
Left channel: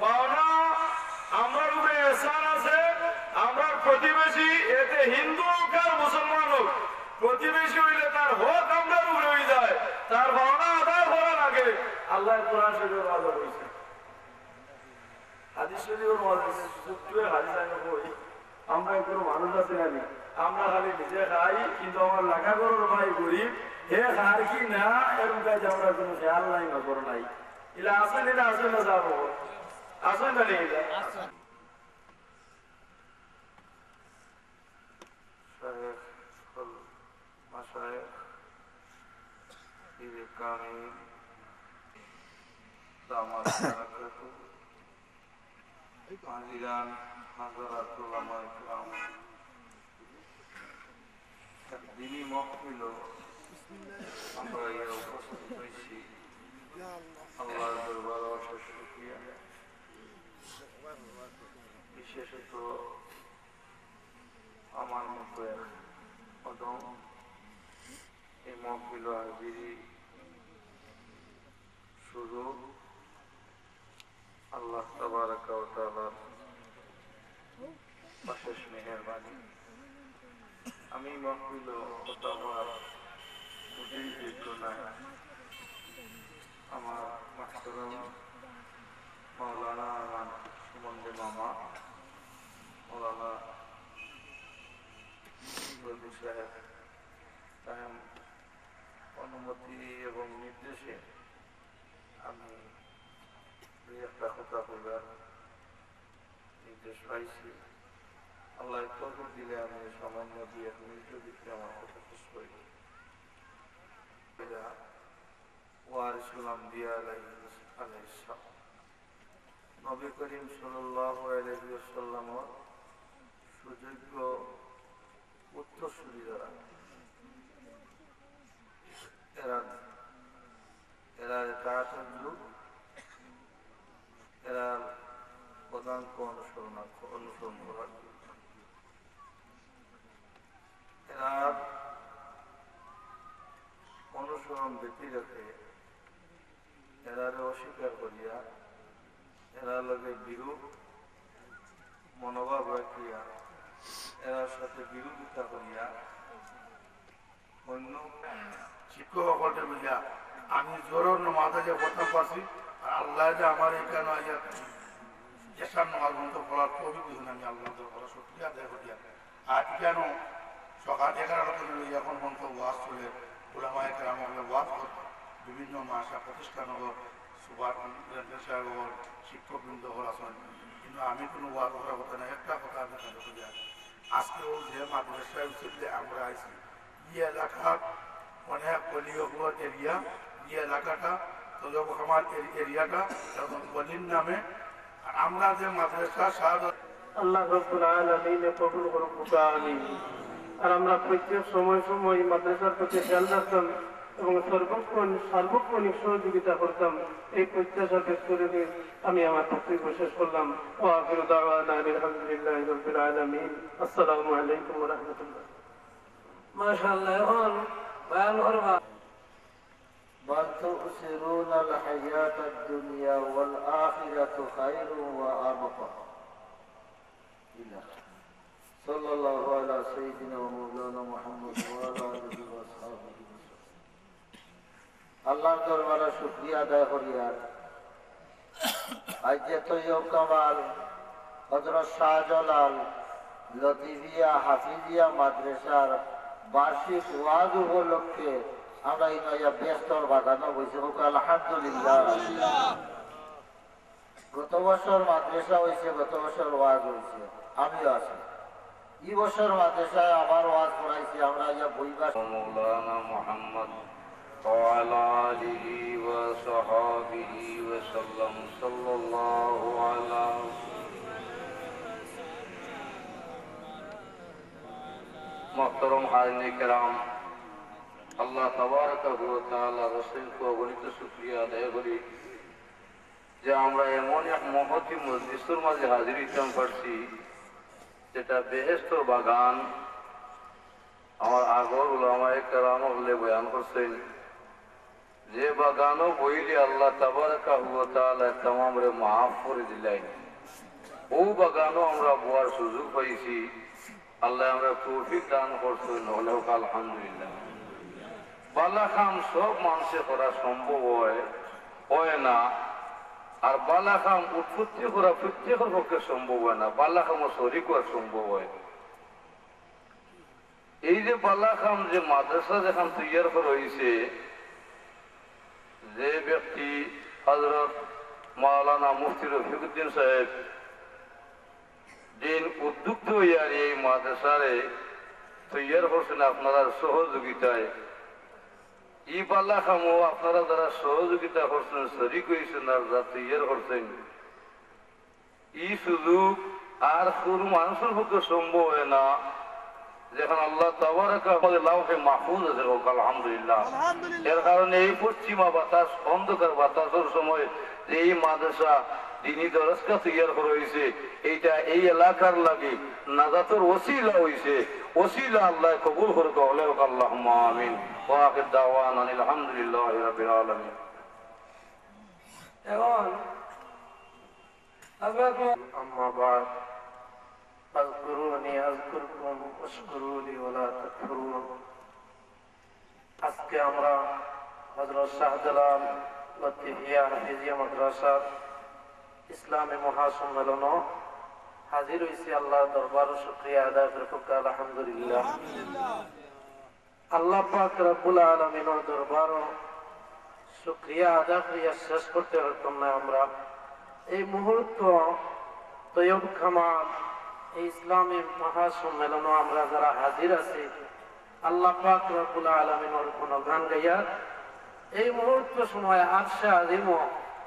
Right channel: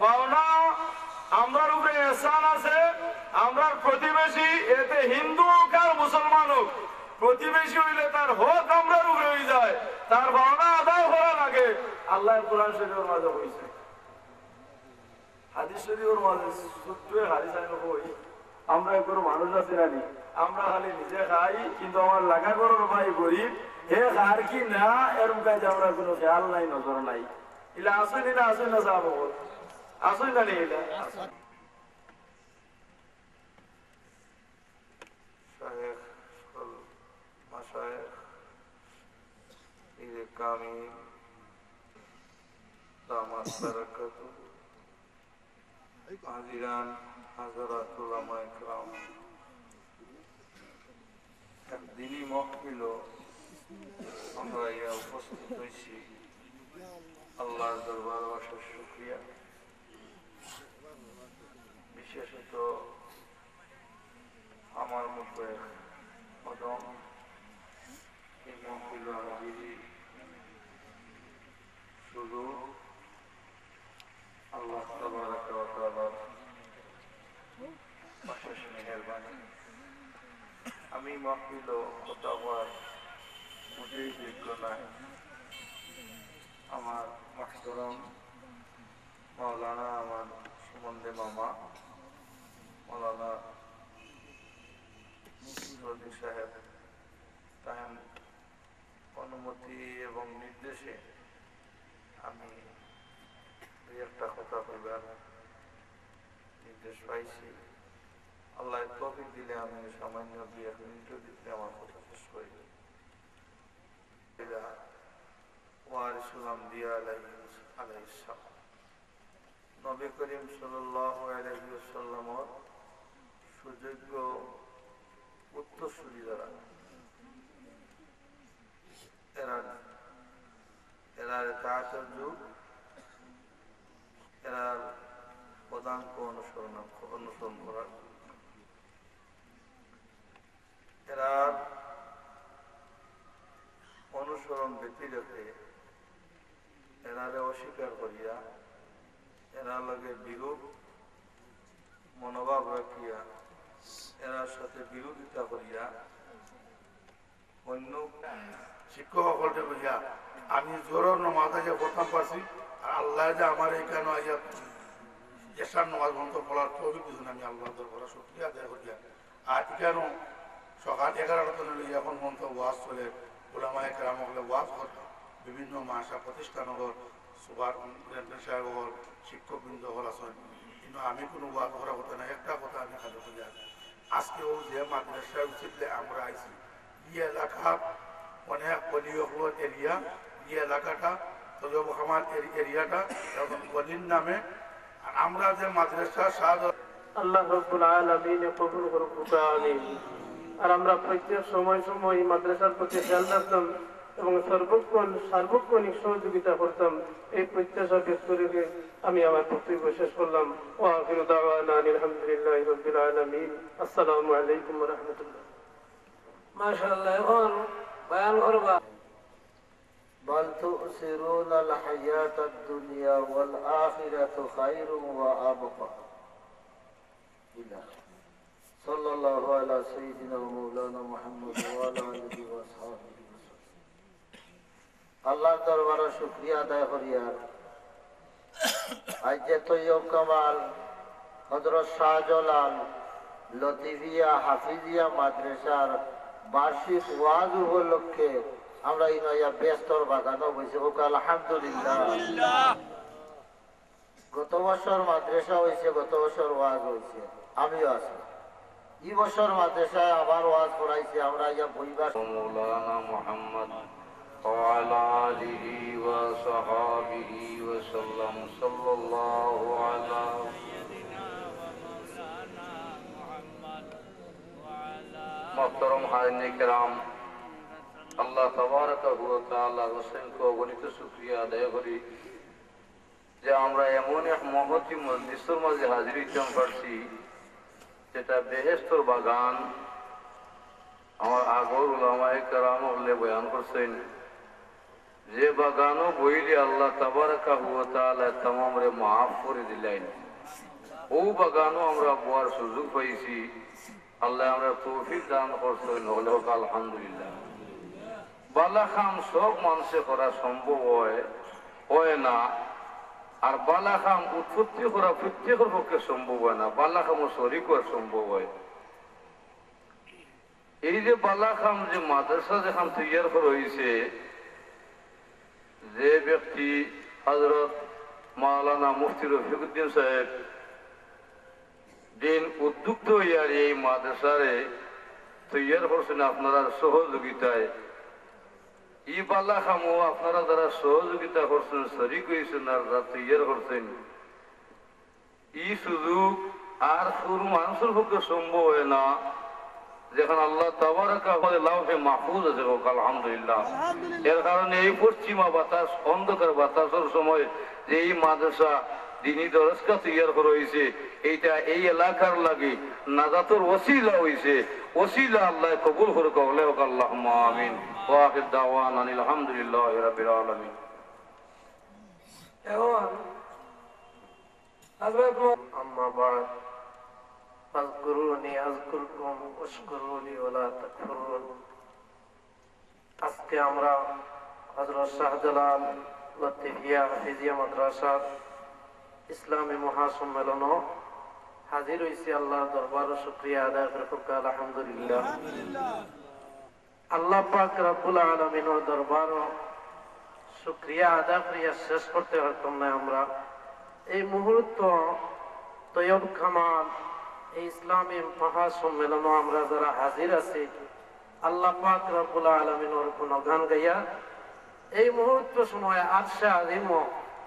পাওনা আমার উপরে এহসান আছে, আমরা প্রতিবেশী, এতে হিন্দু হোক আর মুসলমান হোক, প্রতিবেশী হইলে তার হক আমরা উপরে হয়ে যায়, তার পাওনা আদায় করা লাগে। আল্লাহ কোরআন শরীফের মাঝে বলছে, হাদিস শরীফের মাঝে সত্যি হাদিস আইন হই, আমরা কোনো মানুষ আছি না, আমরা খালি নিজে খাই, কিন্তু আমার লাগা করার ভাই গরিব, হে খার কি না এরকম কাজে আমরা কোনো খেয়াল নাই, নজর নাই। এলা আসেন, এটা আসেন না যাব আসেন না নেই দিনই মহফিল আমরা ইয়া উপস্থিত হয়েছি, আল্লাহর দরবারে অশেষ শুকরিয়া। বিশেষত আমার মুখের কদম এই মহফিল হাজিরি শুধু আল্লাহ তাবারাক ওয়া তাআলার অশেষ মেহেরবানি। আমি মহফিল কথা হওয়ার মোটেই যোগ্য নয়। আমার মাহতারাম মাওলানা, আমার সুমন্দে মামা মাওলানা রদি সাহেব, তার অনুমতি এবং নির্দেশে আমি দুই একটা কথা বলবার নির্দেশ পাইছি। আল্লাহ তৌফিক দিলে আমি সামান্য 2-1 মিনিটের ভিতরে আমার কথা শেষ করি। নবী করিম সাল্লাল্লাহু আলাইহি ওয়াসাল্লামের সুযোগ্য উত্তরসূরি যারা, এরা তাআতের যুগ, এরা প্রধানকে অনুসরণ করার, এরা অনুসরণ ব্যক্তি রেখে এরারে অস্বীকার করিয়া, এরা লগে বিরূপ মনোভাব রাখিয়া, এরার সাথে বিরোধিতা করিয়া অন্য শিক্ষক সকলকে বুঝিয়া আমি জোরের নামাজে যে প্রথম পাচ্ছি, আল্লাহ যে আমার এখানে এসার নামাজ বন্ধ করার তবে বুঝুন, আমি আল্লাহ করা শুক্রিয়া আদায় করিয়া। আর কেন সকাল 11টা লইয়া এখন পর্যন্ত ওয়াজ চলে, ওলামায়ে কেরাম ওয়াজ করত, বিভিন্ন মাসা প্রতিষ্ঠান হল, সুপার সাহেব হল, শিক্ষকবৃন্দ হল আসেন, কিন্তু আমি কোনো ওয়াজ করার কথা না। একটা কথা আমি কাজে করিয়া, আজকেও যে মাদ্রাসা উচিতলে আমরা আইছি, এই এলাকার অনেক গলিগুলোর এরিয়া, এই এলাকাটা তজব খামার এরিয়াটা গলির নামে, আর আমরা যে মাদ্রাসা শাহাদাত আল্লাহ রাব্বুল আলামিন কবুল করুন, আমিন। আর আমরা প্রত্যেক সময় সময় মাদ্রাসার প্রতি খেয়াল রাখতাম, এবং সার্বক্ষণিক সহযোগিতা করতাম, এই প্রত্যাশা ব্যক্ত রেখে আমি আমার বক্তব্য শেষ করলাম। ওয়া আখিরু দাওয়ানা আলহামদুলিল্লাহি রাব্বিল আলামিন। আসসালামু আলাইকুম ওয়া রাহমাতুল্লাহ। মাশাআল্লাহ। এখন বয়ান করবা بل تؤثرون الحياة الدنيا والآخرة خير وأبقى. صلى الله على سيدنا ومولانا محمد وعلى آله وصحبه وسلم. আল্লাহর দরবারে শুকরিয়া আদায় করিয়া আজ যে তৈয়ব কামাল হযরত শাহজালাল লতিফিয়া হাফিজিয়া মাদ্রাসার বার্ষিক ওয়াজ উপলক্ষে আমরা ইনাইয়া ব্যস্তর বাগানো হয়েছে। আলহামদুলিল্লাহ। গত বছর মাদ্রাসা হয়েছে, গত বছর ওয়াজ হয়েছে, আমিও আছি। এই বছর মাদ্রাসায় আবার ওয়াজ পড়াইছে। আমরা ইয়া বইবা মৌলানা মুহাম্মদ ওয়ালা আলিহি ওয়া সাহাবিহি ওয়া সাল্লাম সাল্লাল্লাহু আলা মুহতারাম হাজিরিন কিরাম, আল্লাহ তাবারাকাহু ওয়া তাআলার অসংখ্য অগণিত শুকরিয়া আদায় করি যে আমরা এমন এক মহতি মজলিসের মাঝে হাজির হইতে পারছি যেটা বেহেশতের বাগান। আমার আগর উলামায়ে কেরাম বয়ান করছেন যে বাগানও বইলে আল্লাহ তাবারাকাহু ওয়া তাআলা তামামরে মাফ করে দিলেন। ও বাগানও আমরা বোয়ার সুযোগ পাইছি। আল্লাহ আমরা তৌফিক দান করছেন। হলে হোক আলহামদুলিল্লাহ। বালা খাম সব মানুষে করা সম্ভব হয় না, আর বালা খাম উৎপত্তি করা প্রত্যেকের পক্ষে সম্ভব হয় না। বালা খামও শরীর করা সম্ভব হয়। এই যে বালা খাম যে মাদ্রাসা যখন তৈয়ার করা হয়েছে, যে ব্যক্তি হযরত মাওলানা মুফতি রফিকুদ্দিন সাহেব দিন উদ্যুক্ত হইয়ার এই মাদ্রাসারে তৈয়ার করছেন আপনারা সহযোগিতায়। ই বালা খামো আপনারা যারা সহযোগিতা করছেন, শরীক হয়েছেন আর যারা তৈয়ার করছেন, ই সুযোগ আর শুরু মানুষের পক্ষে সম্ভব হয় না। যেখানে আল্লাহ তাবারাকাহু লাউহে মাহফুজ আছে, আলহামদুলিল্লাহ। এর কারণে এই পশ্চিমা বাতাস, অন্ধকার বাতাসের সময় যে এই মাদ্রাসা দিনী দরজা তৈয়ার করা হয়েছে, এইটা এই এলাকার লাগে নাজাতের ওসিলা হয়েছে। ওসিলা আল্লাহ কবুল করুক। আল্লাহুম্মা আমিন। ওয়া আখির দাওয়ানা আলহামদুলিল্লাহি রাব্বিল আলামিন। এখন হযরত আম্মা বা'দ ফাযকুরুনি আযকুরকুম ওয়াশকুরুলি ওয়া লা তাকফুরুন। আজকে আমরা হযরত শাহজালাল লতিফিয়া হাফিজিয়া মাদ্রাসার ইসলামী মহাসম্মেলন হাজির হয়েছি। আল্লাহ দরবার শুকরিয়া আদায় করুক। আলহামদুলিল্লাহ। আল্লাহ পাক রব্বুল আলামিনের দরবার শুকরিয়া আদায় করিয়া শেষ করতে পারতাম না। আমরা এই মুহূর্ত তৈয়ব কামাল এই ইসলামী মহাসম্মেলন আমরা যারা হাজির আছি, আল্লাহ পাক রব্বুল আলামিনের গুণগান গাইয়া এই মুহূর্ত সময় আরশে আজিম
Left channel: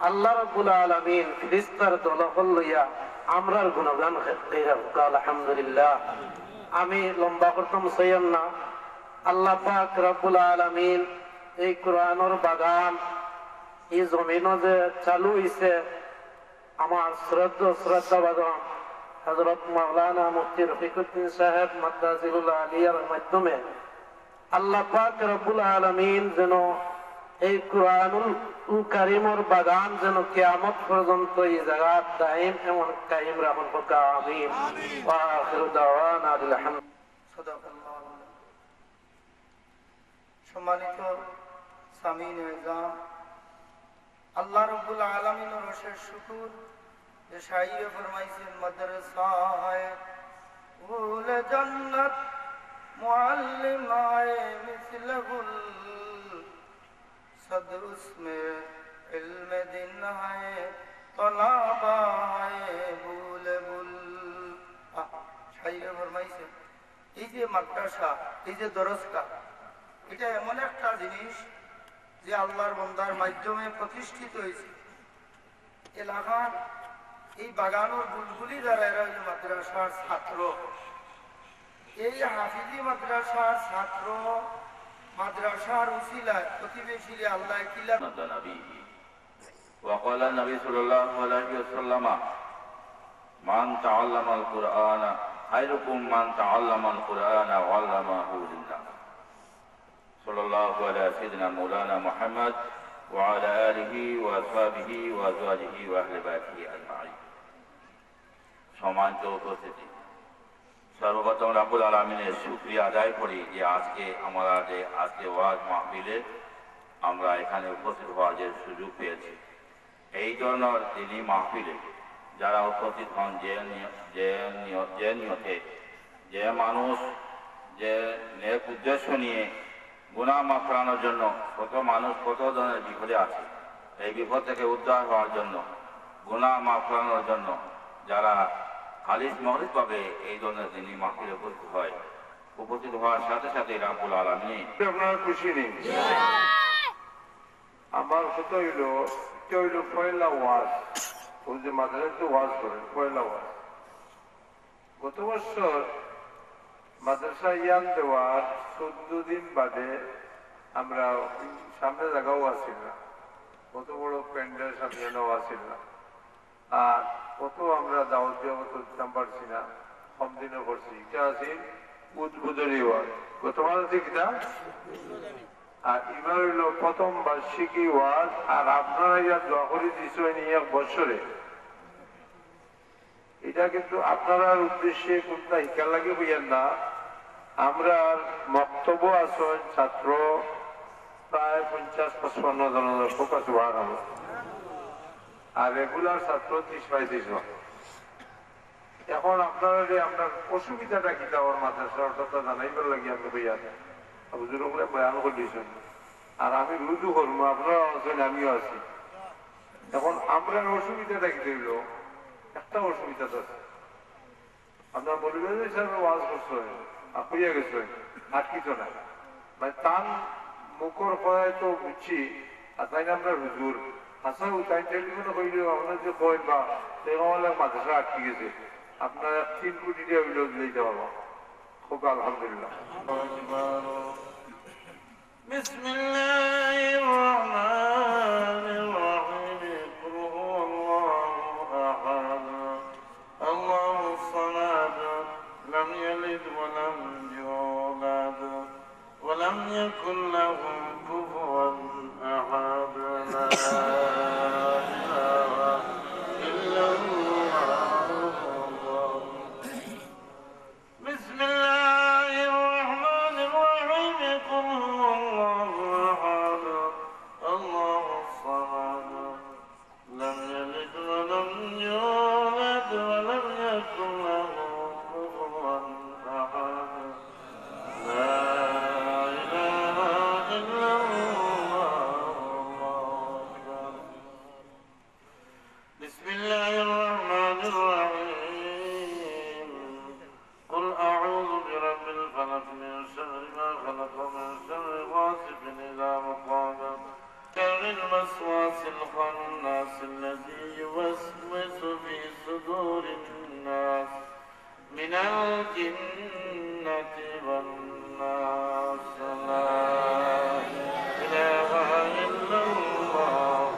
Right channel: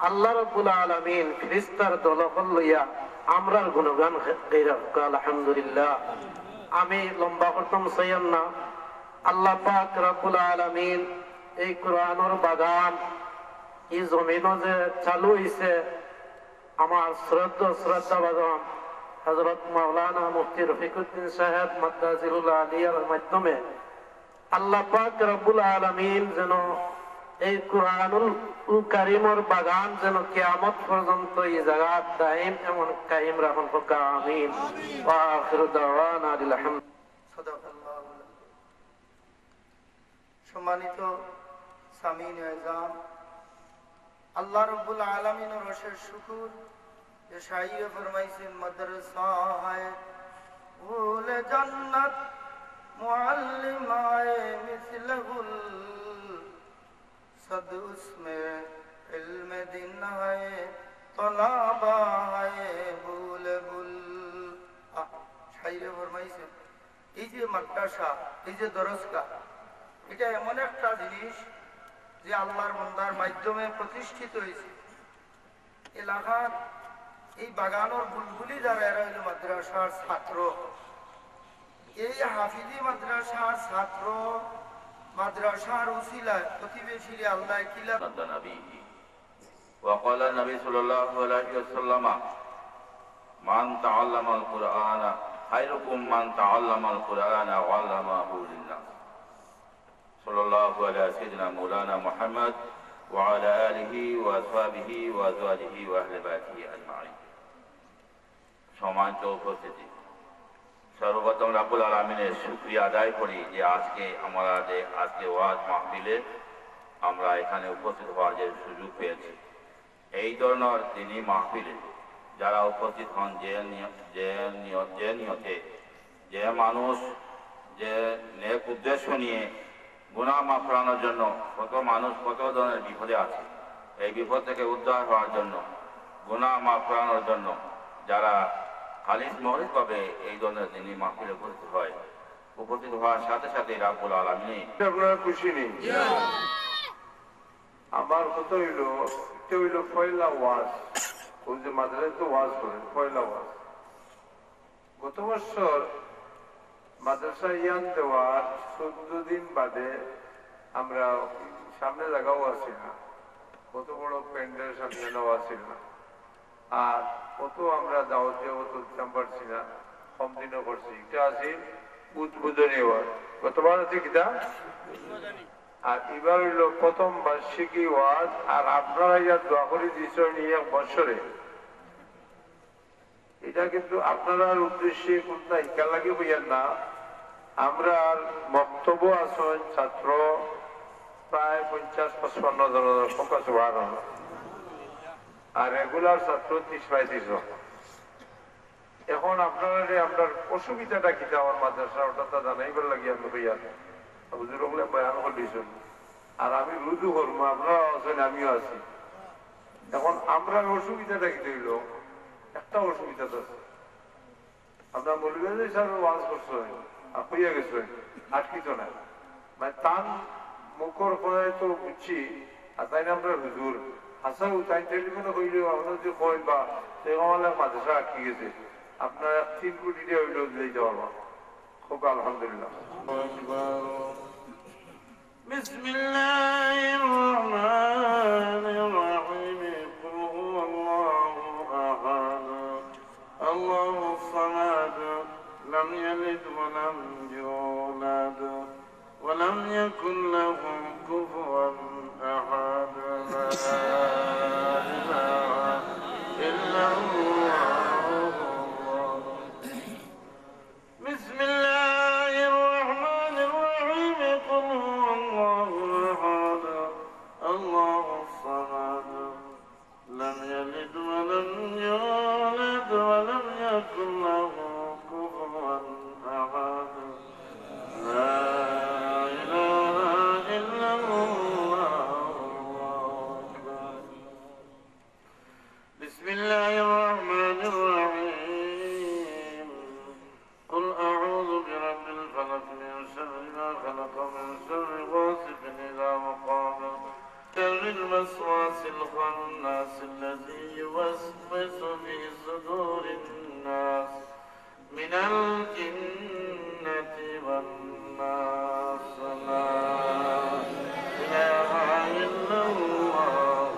আল্লাহ রাব্বুল আলামিন ফেরেশতার দলবল লইয়া আমরার গুণগান গাইরা। আলহামদুলিল্লাহ। আমি লম্বা করতাম চাইম না। আল্লাহ পাক রব্বুল আলামিন এই কোরআনের বাগান এই জমিনও যে চালু হইছে, আমার শ্রদ্ধা বাগান হযরত মাওলানা মুফতি রফিকুদ্দিন সাহেব মাদ্রাজিলুল্লাহ আলিয়ার মাধ্যমে আল্লাহ পাক রব্বুল আলামিন যেন এই কোরআনুল কারীমের বাগান যেন কিয়ামত পর্যন্ত এই জায়গা দায়েম এমন কায়েম রাখুন। আমিন। ওয়া আখিরু দাওয়ানা আলহামদুলিল্লাহ। সম্মানিত সামিন আযম, আল্লাহ রাব্বুল আলামিনের অশেষ শুকর যে শাইয়ে ফরমাইছেন মাদ্রাসায়ে উল জান্নাত মুআল্লিমায়ে মিসলহুল सद उसमें इल्म दिन है तलाबा है बुल बुल। শাইরে ফরমাইছে এই যে মাদ্রাসা, এই যে দরজগা, এটা এমন একটা জিনিস যে আল্লাহর বান্দার মাধ্যমে প্রতিষ্ঠিত হয়েছে। এলাকার এই বাগানের বুলবুলি যারা এরা হলো মাদ্রাসার ছাত্র। এই হাফিজি মাদ্রাসার ছাত্র মাদ্রাসার উসিলায় প্রতিবেশীরে আল্লাহ কিলা نبيه وقال النبي صلى الله عليه وسلم من تعلم القرآن خيركم من تعلم القرآن وعلمه للناس صلى الله على سيدنا مولانا محمد وعلى آله وأصحابه وأزواجه وأهل بيته أجمعين সম্মানিত উপস্থিতি সর্বপ্রথম রাব্বুল আলামিনের শুকরিয়া আদায় করি যে আজকে ওয়াজ মাহফিলে আমরা এখানে উপস্থিত হওয়ার যে সুযোগ পেয়েছি। এই ধরনের দিনী মাহফিলে যারা উপস্থিত হন যে নিয়তে যে মানুষ যে নেক উদ্দেশ্য নিয়ে গুনাহ মাফ করানোর জন্য কত মানুষ কত ধরনের বিপদে আছে, এই বিপদ থেকে উদ্ধার হওয়ার জন্য গুনাহ মাফ করানোর জন্য যারা খালিস মহরিকভাবে এই ধরনের দিনী মাহফিলে উপস্থিত হওয়ার সাথে সাথে রাব্বুল আলামিন আপনারা খুশি নেই? আমার কথা হইল পয়লা ওয়াজ, ওই যে মাদ্রাসায় তো ওয়াজ করেন পয়লা ওয়াজ। গত বছর মাদ্রাসা ইয়ান দেওয়ার 14 দিন বাদে আমরা সামনে জায়গাও আসিল না, কত বড় প্যান্ডেল সামনেও আসিল না, আর কত আমরা দাওয়াতেও দিতাম পারছি না, কম দিনও করছি। এটা আছে উদ্বোধনী ওয়াজ, কতবার আছে কিনা, আর এবার হইল প্রথম বার্ষিকী ওয়াজ। আর আপনারা ইয়ার দোয়া করে দিচ্ছেন এক বছরে, এটা কিন্তু আপনার উদ্দেশ্যে কোনটা হিকা লাগে বইয়ের না। আমরা বক্তব্য আছেন ছাত্র প্রায় 50-55 জনের ফোকাস হওয়ার, আর রেগুলার ছাত্র 30-35 জন। এখন আপনার অসুবিধাটা কি আমার মাদ্রাসা ওটা জানাইবার লাগে আমি বইয়া বুজুর্গগুলো বয়ান করে দিয়েছেন, আর আমি রুজু করবো, আপনারা আছেন আমিও আছি। এখন আমরা অসুবিধাটা কি হইল, একটা অসুবিধা তো আপনার বলবেন যে স্যার ওয়াজ করছেন আর হইয়া গেছেন আর কিছু না, মানে তান মুখর করায় তো বুঝছি। আর তাই না আমরা হুজুর আসা তাই টেলিফোনে কইলে আপনার যে কয় বা সেরকম মাদ্রাসা আটকে গেছে, আপনার 3 কোটি টাকা হইলেও দিলেই যাওয়া খুব আলহামদুলিল্লাহ। بسم الله الرحمن الرحيم قل هو الله أحد الله الصمد لم يلد ولم يولد ولم يكن له كفوا أحد لا إله إلا الله بسم الله الرحمن الرحيم قل هو الله أحد الله الصمد لم يلد ولم يولد ولم يكن له كفوا أحد لا إله إلا الله أكبر بسم الله الرحمن الرحيم قل أعوذ برب الفلق من شر ما خلق من شر غاسق إذا وقب شر الوسواس الخناس الذي يوسوس في صدور الناس من الجنة والناس لا إله إلا الله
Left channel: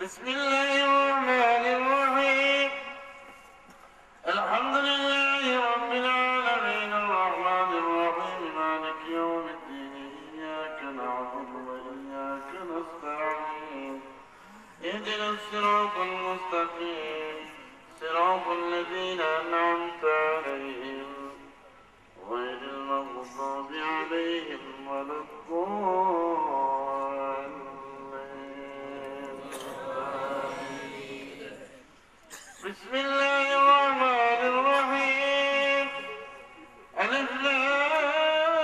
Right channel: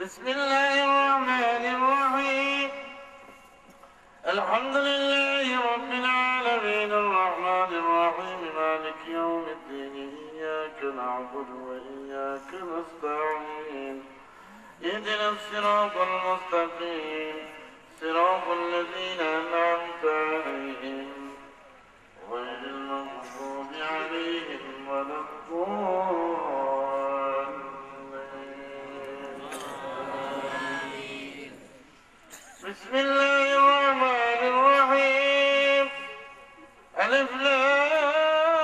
بسم الله الرحمن الرحيم الحمد لله رب العالمين الرحمن الرحيم مالك يوم الدين إياك نعبد وإياك نستعين اهدنا الصراط المستقيم صراط الذين أنعمت عليهم غير المغضوب عليهم ولا الضالين بسم الله الرحمن الرحيم ألف لام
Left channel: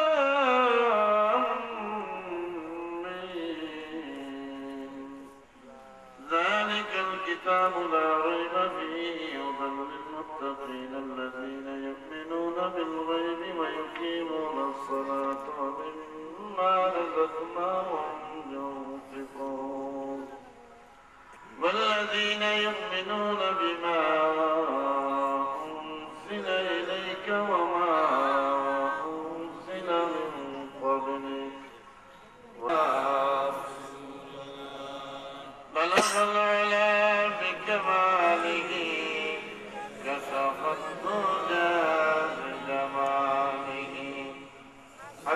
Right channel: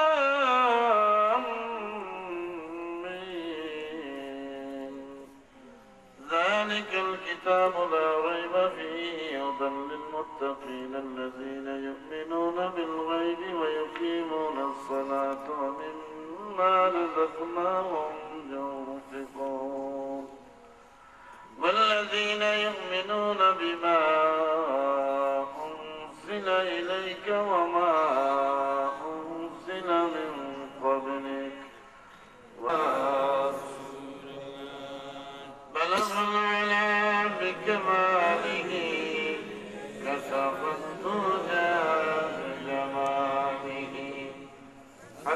ميم ذلك الكتاب لا ريب فيه هدى للمتقين الذين يؤمنون بالغيب ويقيمون الصلاة ومما رزقناهم ينفقون والذين يؤمنون بما أنزل إليك وما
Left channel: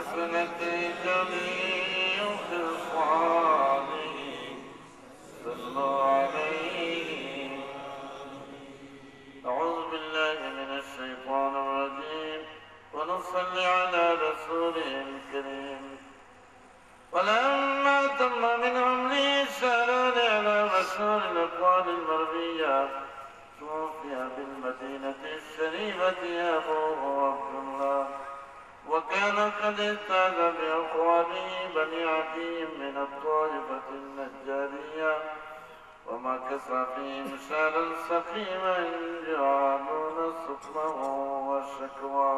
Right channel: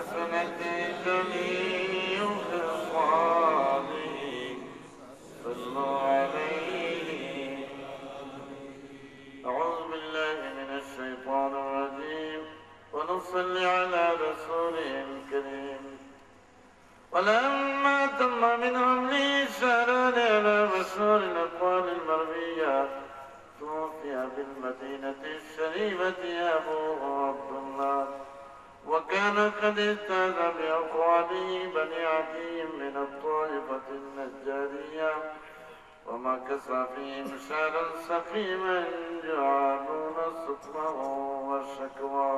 حسنت جميع خصاله صلوا عليه. أعوذ بالله من الشيطان الرجيم ونصلي على رسوله الكريم. ولما تم من عمره سألنا إلى رسول الأقوال المروية توفي بالمدينة الشريفة أبوه عبد الله، وكان قد استاذ بأقواله بني عدي من الطائفة النجارية، ومكث فيهم شهرا سقيما يعانون سقمه والشكوى.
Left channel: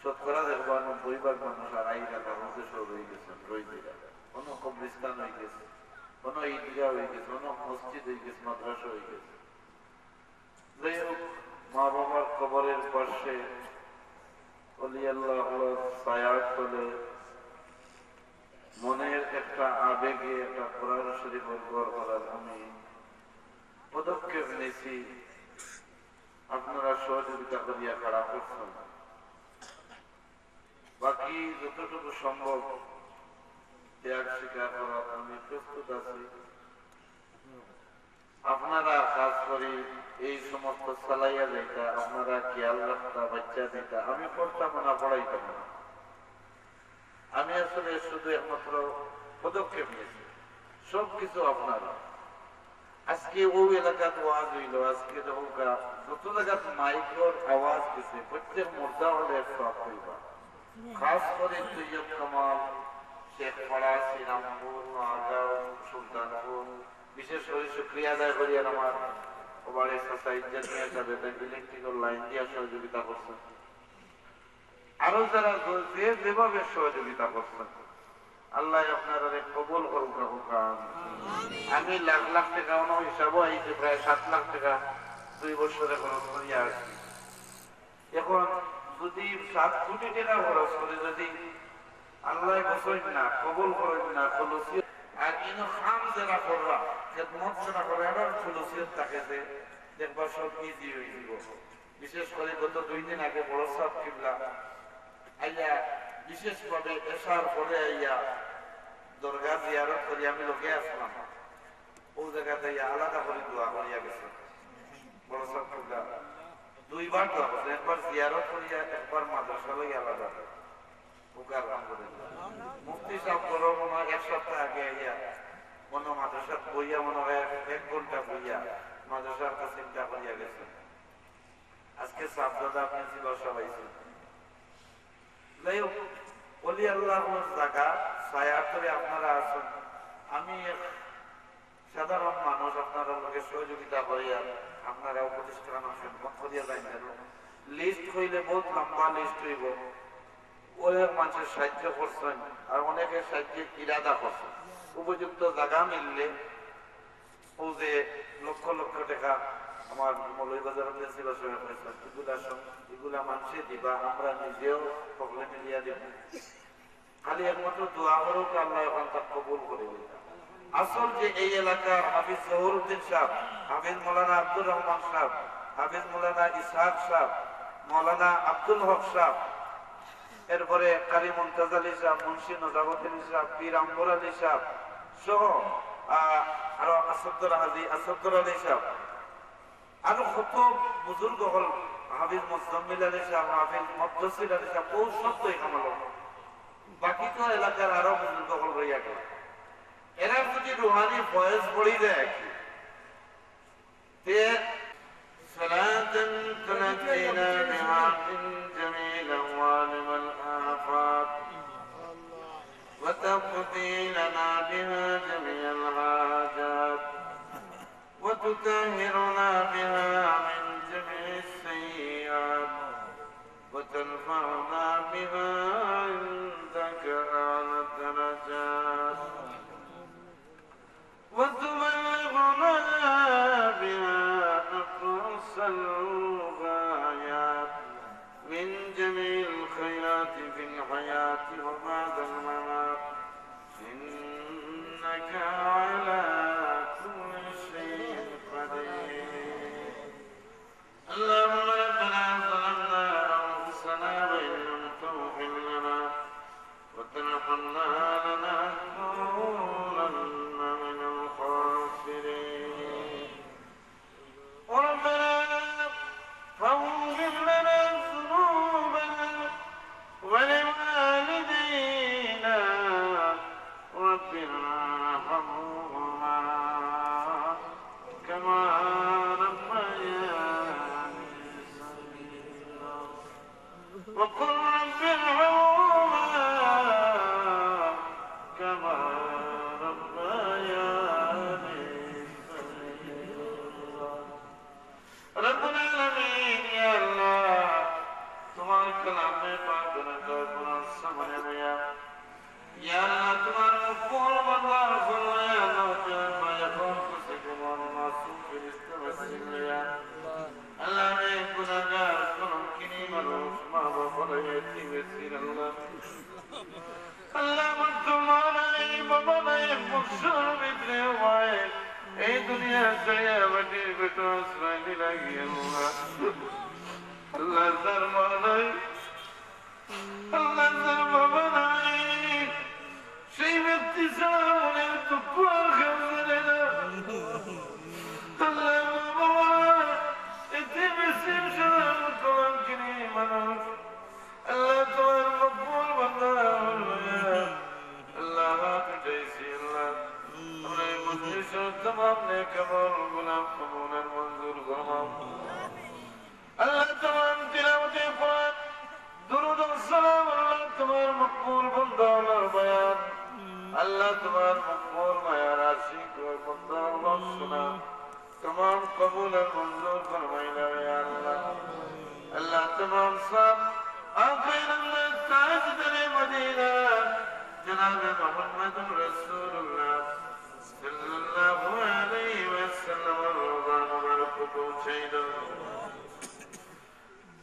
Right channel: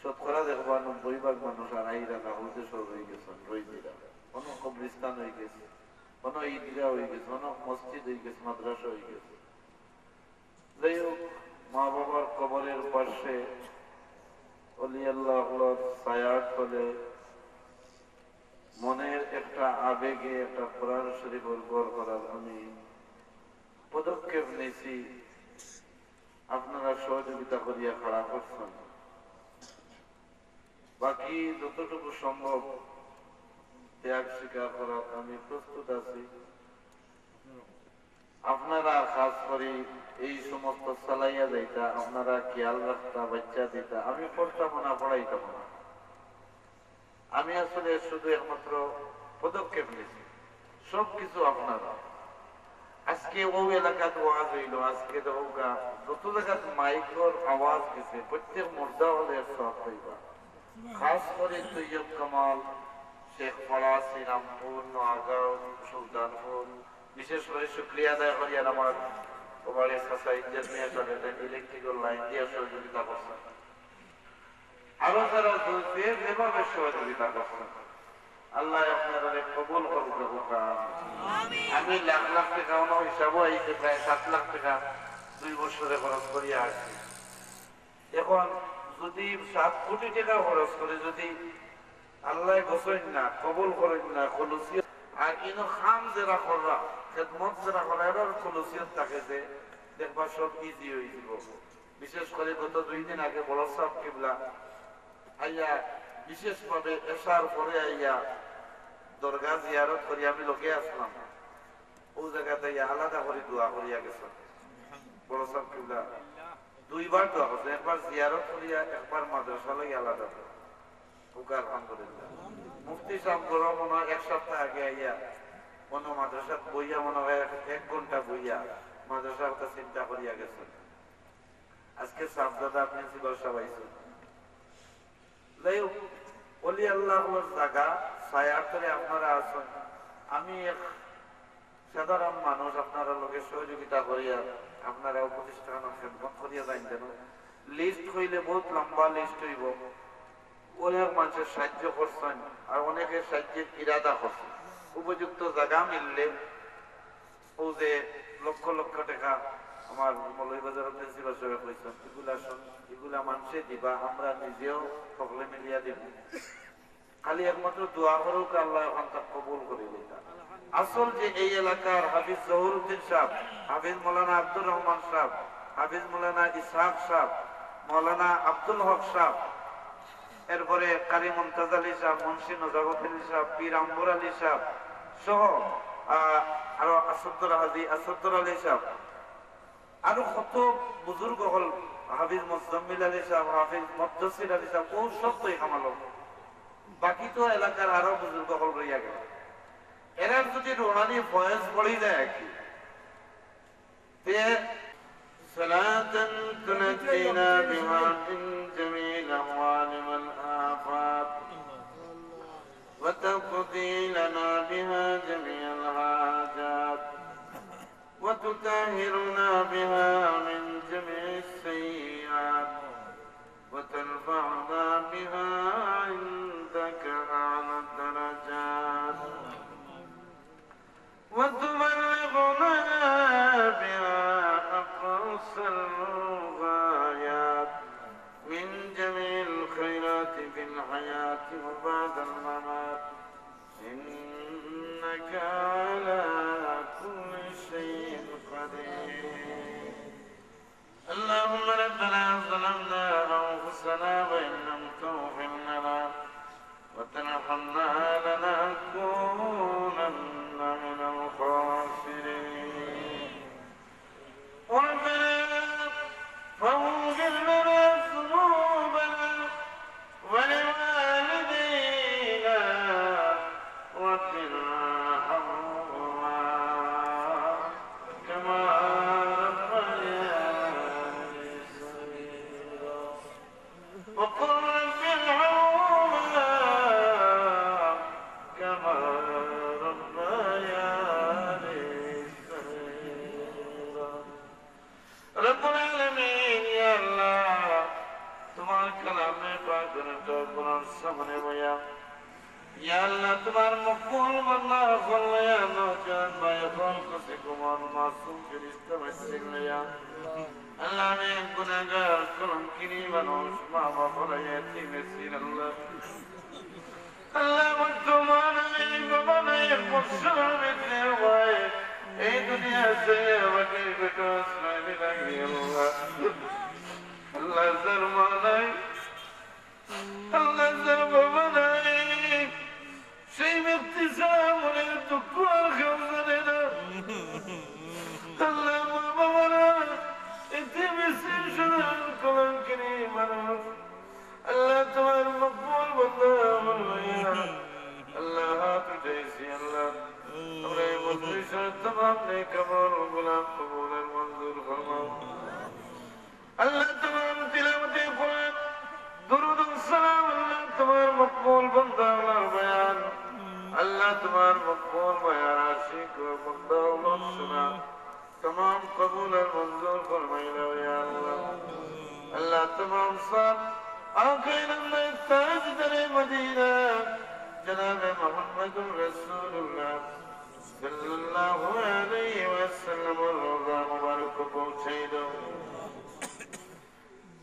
শতকরা দেখবা 90% মানুষ আর আইরা না হতে সব হয়ে গেছেন রইদিরা, কোনো কবরিস্তান হয়ে গেছে, কোনো ঈদগাহ হয়ে গেছে, কোনো মসজিদ হয়ে গেছে, মাদ্রাসা হয়ে গেছে। যাই হোক, মা বাবার কবরের পাশে অলি আল্লাহ ছায়ার তলে মনের একটা আবেগে একটা কোরআন শরীফ গড় করার আমি পদক্ষেপ নিয়েছি। আপনারা সহযোগিতা করিয়া খাড়া করছেন। বাকি যতটুকু সম্ভব ত্যাগ স্বীকার করার আমি প্রস্তুত আছি। আপনারা খাস করে এই সমস্ত চালাইয়া যাইতা, আপনারা খেয়াল রাখতা, বাচ্চা দিতা, আমি পড়তাম না, পড়াইতাম না। আমি আসলে শুধু একমাত্র পদক্ষেপ নিয়েছি, সবকিছু আপনারা। আজকে ওই এলাকাতে ওয়াজ হইল, আজকে যত জায়গাতে মাইক্রোর আওয়াজ গেছে, প্রত্যেক মুর্দা হলে সব হইবা। খাস করে তৈয়ব কামাল, শেখ পাড়া, শ্রীরামপুর, নোয়াগাঁও, সুলতানপুর, বিশেষ করে শুক্রিয়া আদায় করি আমার ওভারের ইলেকট্রিক্যাল লাইন দিয়ে সহযোগিতা করছেন। আরো যারা যেভাবে সহযোগিতা করছেন, আল্লাহ আপনারা কবুল করুক। আমি লাখ লাখ টাকা হিসাবও আইছে, প্রায় 7 লাখ টাকা 2 বছরে খরচ করিয়া আসি। এখন যদি 7 কোটি টাকা খরচ করে যদি আল্লাহ বসেন না, কবুল করেন না, খুলুসিয়ত আর ইনো খাম যারা কররা, খেদমত যারা করে, এর খুলুসিয়ত থাকে যে দেখবা সব ইজি হয়ে যাব। বিশেষ করে গত 2 দিন আগে বড় সাহেব কিবলা আইয়া বিশেষভাবে এশার পরে আইয়া দরগা জিয়ারত করি আমি লোকে আসলাম। ও জায়গাতে আলাদা করে দোয়া করিয়া গেছে বড় সাহেব কিবলা। দুইবার দোয়া করছে, একবার জিয়ারত করিয়া একবার মাদ্রাসা লইয়া আলাদা। আলহামদুলিল্লাহ মুফতি সাহেব বড় মনে হয় 1 সপ্তাহ আগে আইয়া কোন মাদ্রাসা বইয়া মনে হয় 1 ঘন্টা বইয়া মাদ্রাসার কথা চিন্তা করিয়া গেছেন। আজকে সাবদাদা প্রিন্সিপাল সাহেব আইছেন। ওলি আল্লাহর জায়গা ছায়ার তলে আপনারা আছেন। আমি সাধারণ মানুষ আপনারা লোকে সহযোগিতা করিয়া আপনারা প্রতিষ্ঠান খেদমত করিয়া যাইন যেন লিস্ট হইলে বহুত লম্বা লিস্ট হইব। অনেক মানুষের সাহায্য করছেন আর অনেকের সাহায্যের ইরাদা করছেন। উপযুক্ত জায়গা মিললে ও যে লক্ষ লক্ষ টাকা আমার মৌলভীবাজার প্রিন্সিপাল সাহেব কইছেন এগুলা মানুষে দিবা, আমরা নিজেও সকলে মিলিয়া দিব। খালি একমাত্র দোয়া করুক আল্লাহ এখন তা কবুল করে দিতা। আসল যে এই এলাকার হাফিজ জহুরউদ্দিন সাহেব, হাফিজ মৌলানা আব্দুর রহমান সাহেব, হাফিজ মৌলানা ইসহাক সাহেব, মৌলানা আব্দুল হক সাহেব, এরপরে কারি মুমতাজ আলী সাহেব, মুন্সি নজাবত আলী সাহেব, পীর আম্বর আলী সাহেব সহ আরো আসাদুর আলী সাহেব, আরো কত বুজুর্গ হল, হাফিজ মুজাম্মিল আলী সাহেব, হাফিজ মুদ্দাসির আলী সাহেব, ও সব তো এখানে বাকি তো এলাকার আরো বুজুর্গ হল রইয়া গেল। এরা যদি রুহানি ফয়েজ পড়ি দেয় কি صلاة تنجينا بها من جميع الأموال والآفات وتقضي لنا بها جميع الحاجات وتطهرنا بها من جميع السيئات وترفعنا بها عندك أعلى الدرجات وتبلغنا بها أقصى الغايات من جميع الخيرات في الحياة وبعد الممات إنك على كل شيء قدير. اللهم ربنا ظلمنا أنفسنا وإن لم تغفر لنا وترحمنا لنكونن من الخاسرين. ربنا فاغفر لنا ذنوبنا ولوالدينا رب ارحمهما كما ربياني صغيرا وقل رب ارحمهما كما ربياني صغيرا. رب العالمين يا الله তোমার কালামে পাক কোরআন সামনে বয়া ইয়া আল্লাহ তোমার মকবুল বান্দা ফরমায়া নওজোয়ান ভাইয়ের কাছে কুমার মাসুম ফেরেশতা বসিয়া আল্লাহ রে গুনাহগার কলঙ্কিনী মানুষ মা বাবা এতিমের আল্লাহ আল্লাহ মতুমানাই বাবা নাই মুসলমানে হয় এই দুনিয়া ছেড়ে ওকে গোটা সাইলে লাগিয়ে আল্লাহ দরবারে আল্লাহ দরবারে সেই ব্যক্তি সামনে দুঃখ খাওয়ারে না আল্লাহ বাবা এতে বেশি সাধারণ কলঙ্কিনী মানুষ আল্লাহ তোমার মকবুল বান্দা আল্লাহ হাত উঠাইছি আল্লাহ আমরা এই মজলিসের तमाम নেক আমল গোলাম কবুল মঞ্জুর ফরমাও আল্লাহ तमाम তিলাওয়াতে কোরআন দুরূদ ও সালাম আল্লাহ তোমার মকবুল বান্দা আল্লাহর বয়ান আল্লাহ তোমার মকবুল বয়ান আশিক ও বান্দা আল্লাহ সুনা तमाम কবুল মঞ্জুর ফরমাইলা ইয়া আল্লাহ আল্লাহ तमाम সব آخر من تاجدر مدينة جناب محمد رسول الله صلى الله عليه وسلم الرضا مبارك پوچھائد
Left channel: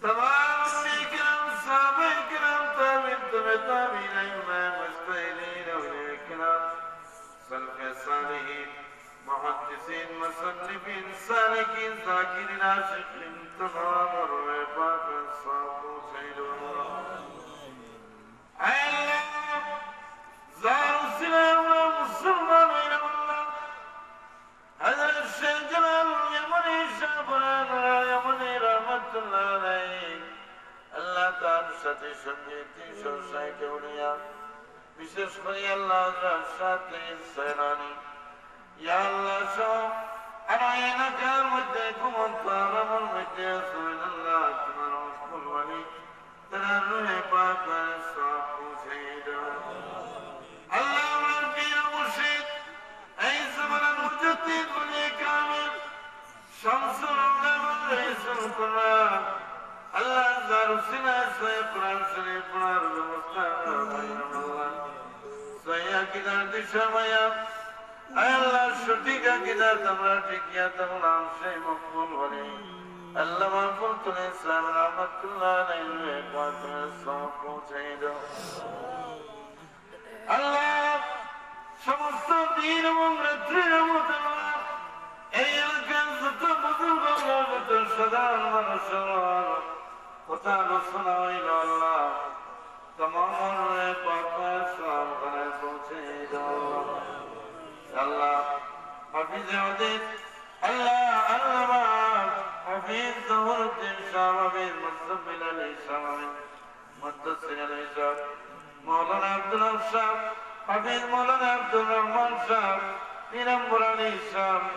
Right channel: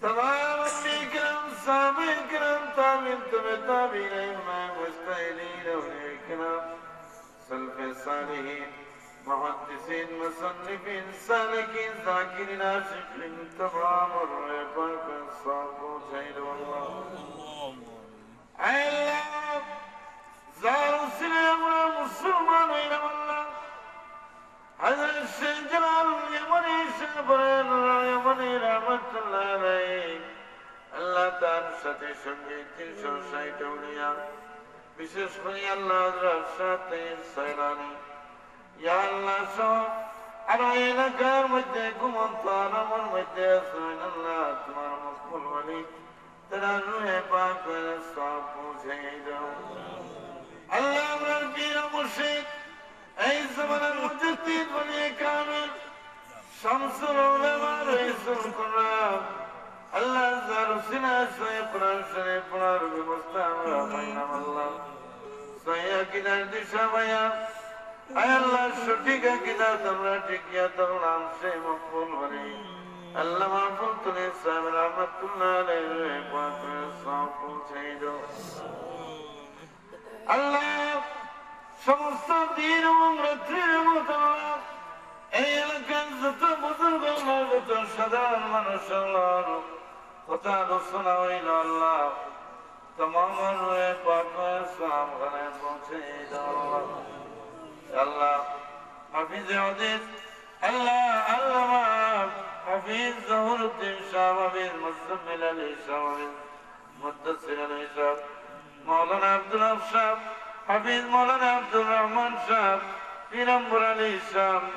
تمام انبیاء صحابہ کرام تابعین تابعین امام مجتہدین اولیاء کرام سلف صالحین محدثین مصنفین سالکین ذاکرین عاشقین تمام الرفاق الصحابہ شہید اللہ اے اللہ ظاہر السلام مسلمان وین اللہ حضرت شیخ جلال یمنی شعبان یمنی رحمت اللہ সাথে সঙ্গে 360 উড়িয়া বিশেষ করে আল্লাহ হযরত সাথে সালানি ইয়া আল্লাহ সব আর এলাকার মধ্যে ঘুমন্ত আলমের মধ্যে আছেন আল্লাহ তোমার মকবুল মালিক তারা রুহে পাক সব পৌঁছে দাও আল্লাহ আমার পীর মুর্শিদ এই জামানার মুজাদ্দিদ ওলি কামিল শামসুল উলামা রাইসুল কুরআন আল্লাহ জারুসিনা সয়ে কোরআন শরীফ পড়ার ব্যবস্থা আমরা পাইলাম আল্লাহ সয়ে আকিদার দিশা ভাইয়া আল্লাহ সঠিক আকিদার আমরা ঠিকিয়া তাহলাম সেই মকবুল ওলি আল্লাহ মাহফুজ তুলে সাহেব রহমাতুল্লাহ আলাইহি পাক সব পৌঁছে দাও আল্লাহ সমস্ত দিন এবং রাত্রির মতো এই এলাকার যত বুজুর্গ যত সাধারণ মানুষ কথা আলোচনা হইল আল্লাহ तमाम पहुंचे अल्लाह हफीज हदीस अल्लाह अल्लामा हफीज ज़हुरुद्दीन शाह हफीज मुस्तफिल अली शाह हफीज मुद्दसिर अली शाह मौलाना अब्दुल हक शाह हफीज मौलाना अब्दुल रहमान शाह पीरम्बर अली शाह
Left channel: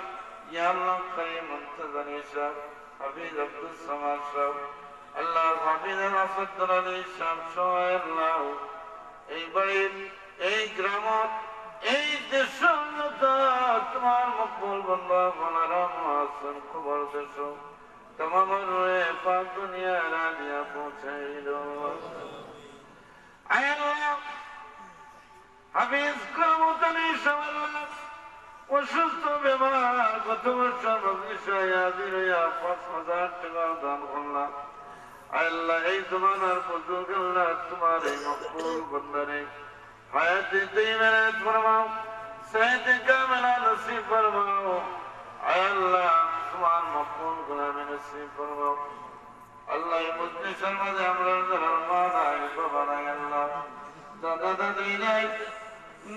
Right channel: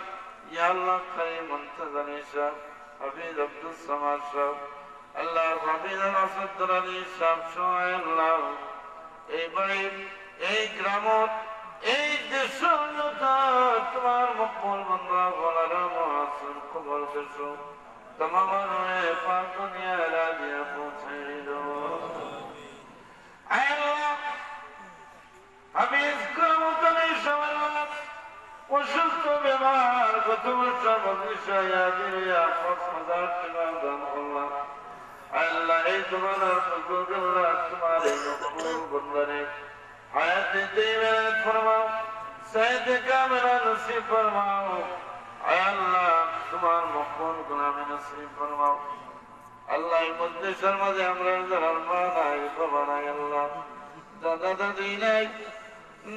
या अल्लाह करीम मुंतज़र अली शाह हफीज अब्दुल समाद शाह अल्लाह हफीज मुफद्दल अली शाह शोए अल्लाह ए बड़ी ए ग्रामों এই দেশ তোমার মকবুল বান্দা বলারা মুআসসির কবুল করছো तमाम পাক দুনিয়া রাজিয়া পৌঁছে দাও আয় আল্লাহ হাফেজ করমতনি শাওয়াল্লাহ অসুস্থ বেমার গত বছর বিষয় আদিয়া 5000 টাকা দান করলাম আয় আল্লাহ এই জমানার বুজুর্গ আল্লাহ তোমার এই মকবুল বান্দারে حیات دیویت فرماؤ سید کاملہ نصیب فرماؤ اے اللہ تمہار مقبول گناہ نصیب فرماؤ اللہ مدنی شرمد امرار در ارمان آئی ببانا اے اللہ دادا دادین آئی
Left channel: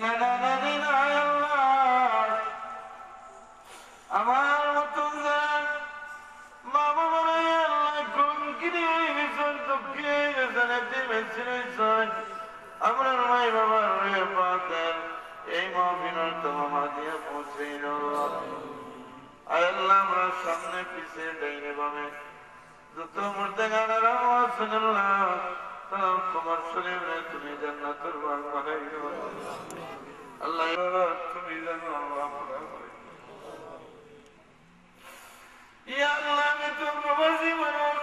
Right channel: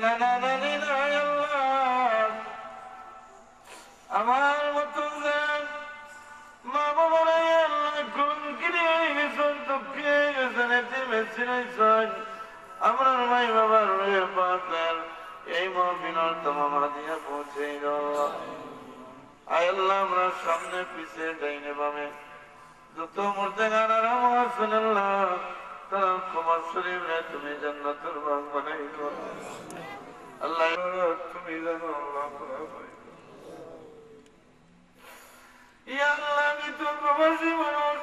نانا دادین آئی اللہ امار مطن زین ماما بنائی اللہ کن کنی مثل تکیے زنیتی مثل ساج আমরার মাই বাবার রুহে পাকের এই মাহফিলের तमाम হাদিয়া পৌঁছে দাও আয় আল্লাহ আমরা সামনে পিছে ডাইনে বামে যত মুর্দাগানারা আছেন আল্লাহ তারা তোমার শরীরে তুমি জান্নাতের বাগ বানাই দাও আল্লাহ তুমি জানো আল্লাহ ইয়া আল্লাহ আমি তো প্রবাসী মানুষ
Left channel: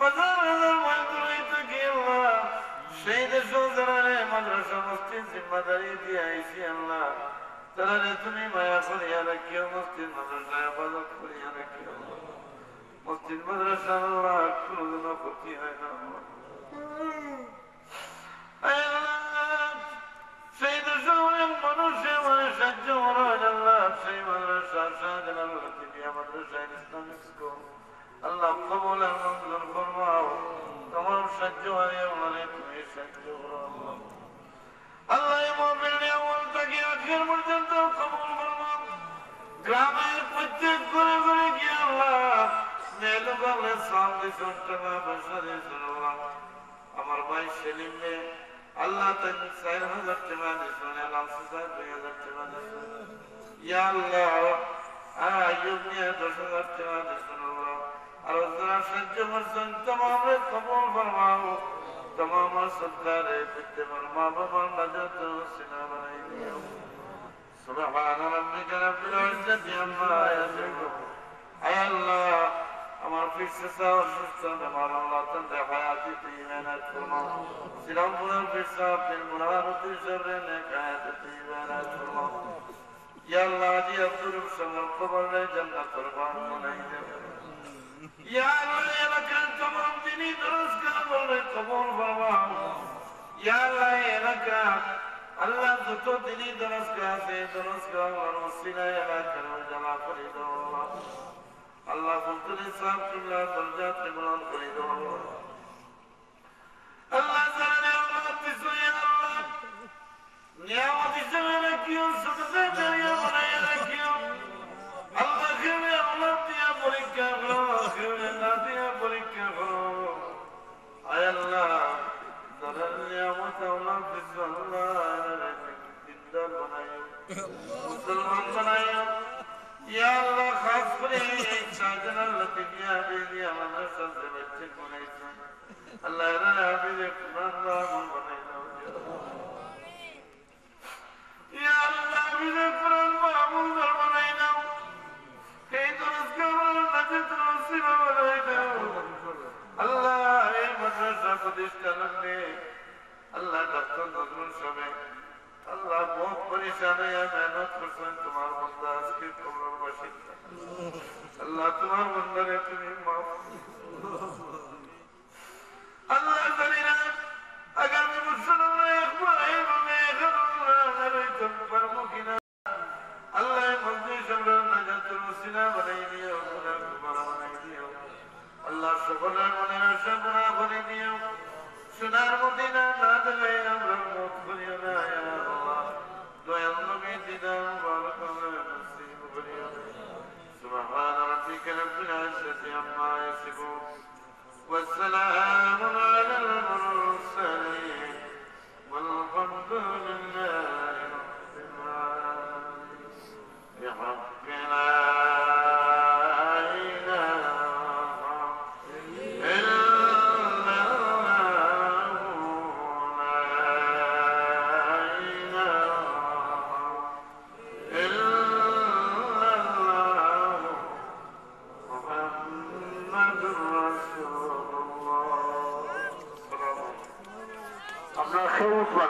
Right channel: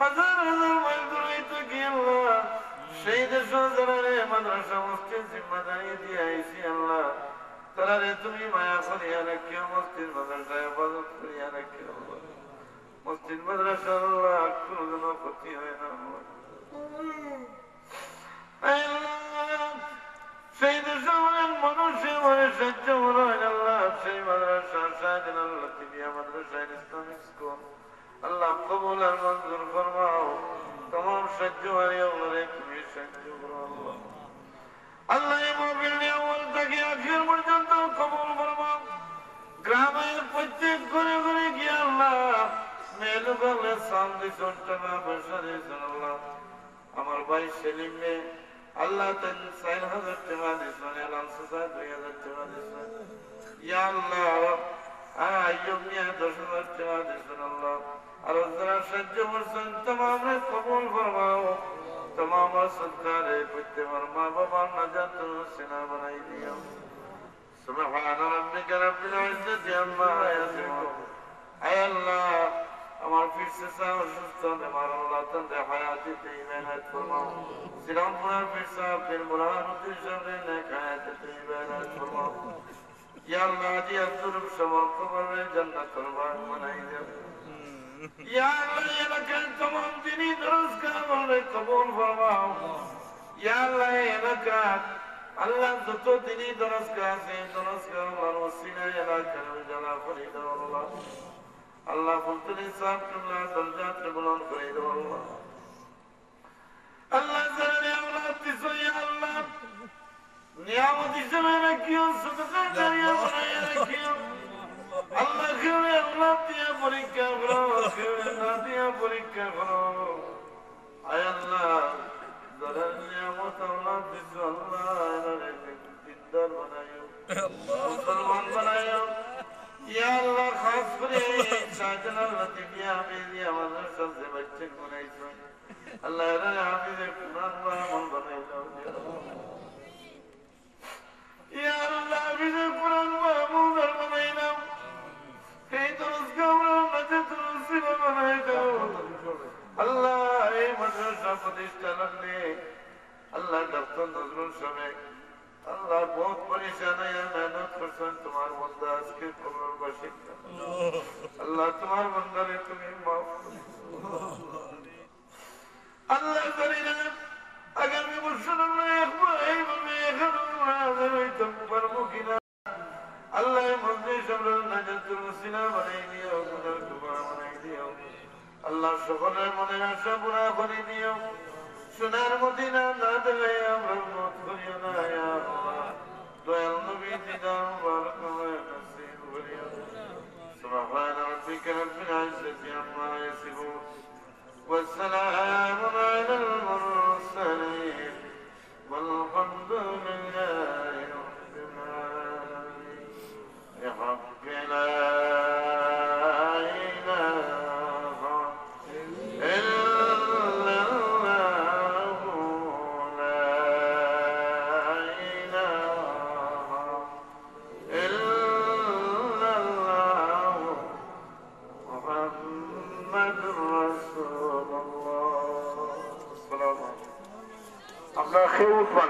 হাজার হাজার মাইল দূরে থাকি আল্লাহ সেই দেশ যারা মাদ্রাসা মসজিদ জিম্মাদারি দিয়ে আইসি আল্লাহ তারা তুমি মায়া করিয়া রাখিও মসজিদ মাদ্রাসায় হেফাজত করিয়া রাখিও মসজিদ মাদ্রাসা আল্লাহ কোনদিন ক্ষতি হয় না সেই দেশে অনেক মানুষের মনে সাহায্য মনে হয় আল্লাহ সেই মাদ্রাসা শাহজান আল্লাহ তিনি মাদ্রাসায় ইসলামিক স্কুল আল্লাহ কবুল আর মঞ্জুর ফরমাও तमाम सज्जवारी हमारे तुम्हें सज्जो अल्लाह मोबिल ने अव्वल तक आखिर पर्यंत कबूल फरमाओ ग्रामेर प्रत्येक घरे घरे गিয়ে আল্লাহ মেলুগালে সামনে সন্তানা বসারে আল্লাহ আমার ভাই সেলিম নে আল্লাহ তান 4000 টাকা দিছেন আল্লাহ 2000 টাকা দিছেন ইয়া আল্লাহ আইয়ুব নে 10000 টাকা দিছেন আল্লাহ और जरा सज्ज मर्सन तमाम कबूल फरमाओ तमाम सदकारे पिते फरमा बाबा नजात सिना बनाई दिया सुभान रब्बिक रब्बिल इज्जति अम्मा यसिफून ऐ अल्लाह আমার ফিরসা অসুস্থ আমার আল্লাহ তাআলা হায়াতে তৈয়বাত ফরমাও সিরাম পুরার ফিরসা ফির মুরাদুল সাবরে নেক হায়াতে তৈয়বাত ফরমাও ইয়া আল্লাহ জি আব্দুল সমর কবরে জান্নাতুল বাগ বানাই দে या अल्लाह लकन तमाम दिनी दरस का बोले कबूल फरमाओ या अल्लाह लका अल्लाह तो दिनी दरस का और वसीला अल्लाह करो जला फरीदो अल्लाह फुलतुल साहब तुल्ला दर्जात में बुलंद फरीदो अल्लाह जल्ले औलाद तिसो या अल्लाह नियामत इसमें रखियो सदका जारिया बनाए रखियो अल्लाह के औलाद दिया परीक्षा करो के ना दिया परीक्षा करो आय अल्लाह ঘরের নিয়ামত আল্লাহ দিছো আল্লাহ দিনদার বানাইও মুসলমান বানাইও ইয়া আল্লাহ খাস করে শাহজালাল লতিফিয়া বেলি আমাদের সাথে বাচ্চা বানাইছো আল্লাহ এরা হাফিজে কুরআন আমল বানাইও ইয়া আল্লাহ হাফিজে কুরআন আমল বানাইও এই দরস গাওয়ার মাঝে দরসিল বানাইও আল্লাহ এই মাদ্রাসা প্রতিষ্ঠান আল্লাহ ডক্টর নজরুল সাহেব আল্লাহ বহুত পরেশান হয়ে মেহনত করছেন তোমার বান্দা আজকে কবরের বাসিন্দা আল্লাহ তোমার বান্দারে তুমি মাফ আল্লাহ জানি না আগামী বছর আমরা একবার এইভাবে হাজার হইতে পারবো কিনা আল্লাহ মজলিস আমরা নাজাতুল সিনা বানাই দিও গুনাহ কুবারা বানাই দিও আল্লাহ সকলের মনের আশা পুরা করে দিও সোনার মদিনা না দেবে আমরা মত করিও না ইয়া আল্লাহ দয়াল নবী দিদার মুবারক নসিব করিও সুবহান রাব্বিকা রাব্বিল ইজ্জাতি আম্মা ইয়াসিফুন ওয়া সালামুন আলাল মুরসালিন والحمد لله رب العالمين ربنا আমরা খেয়ে উঠবো না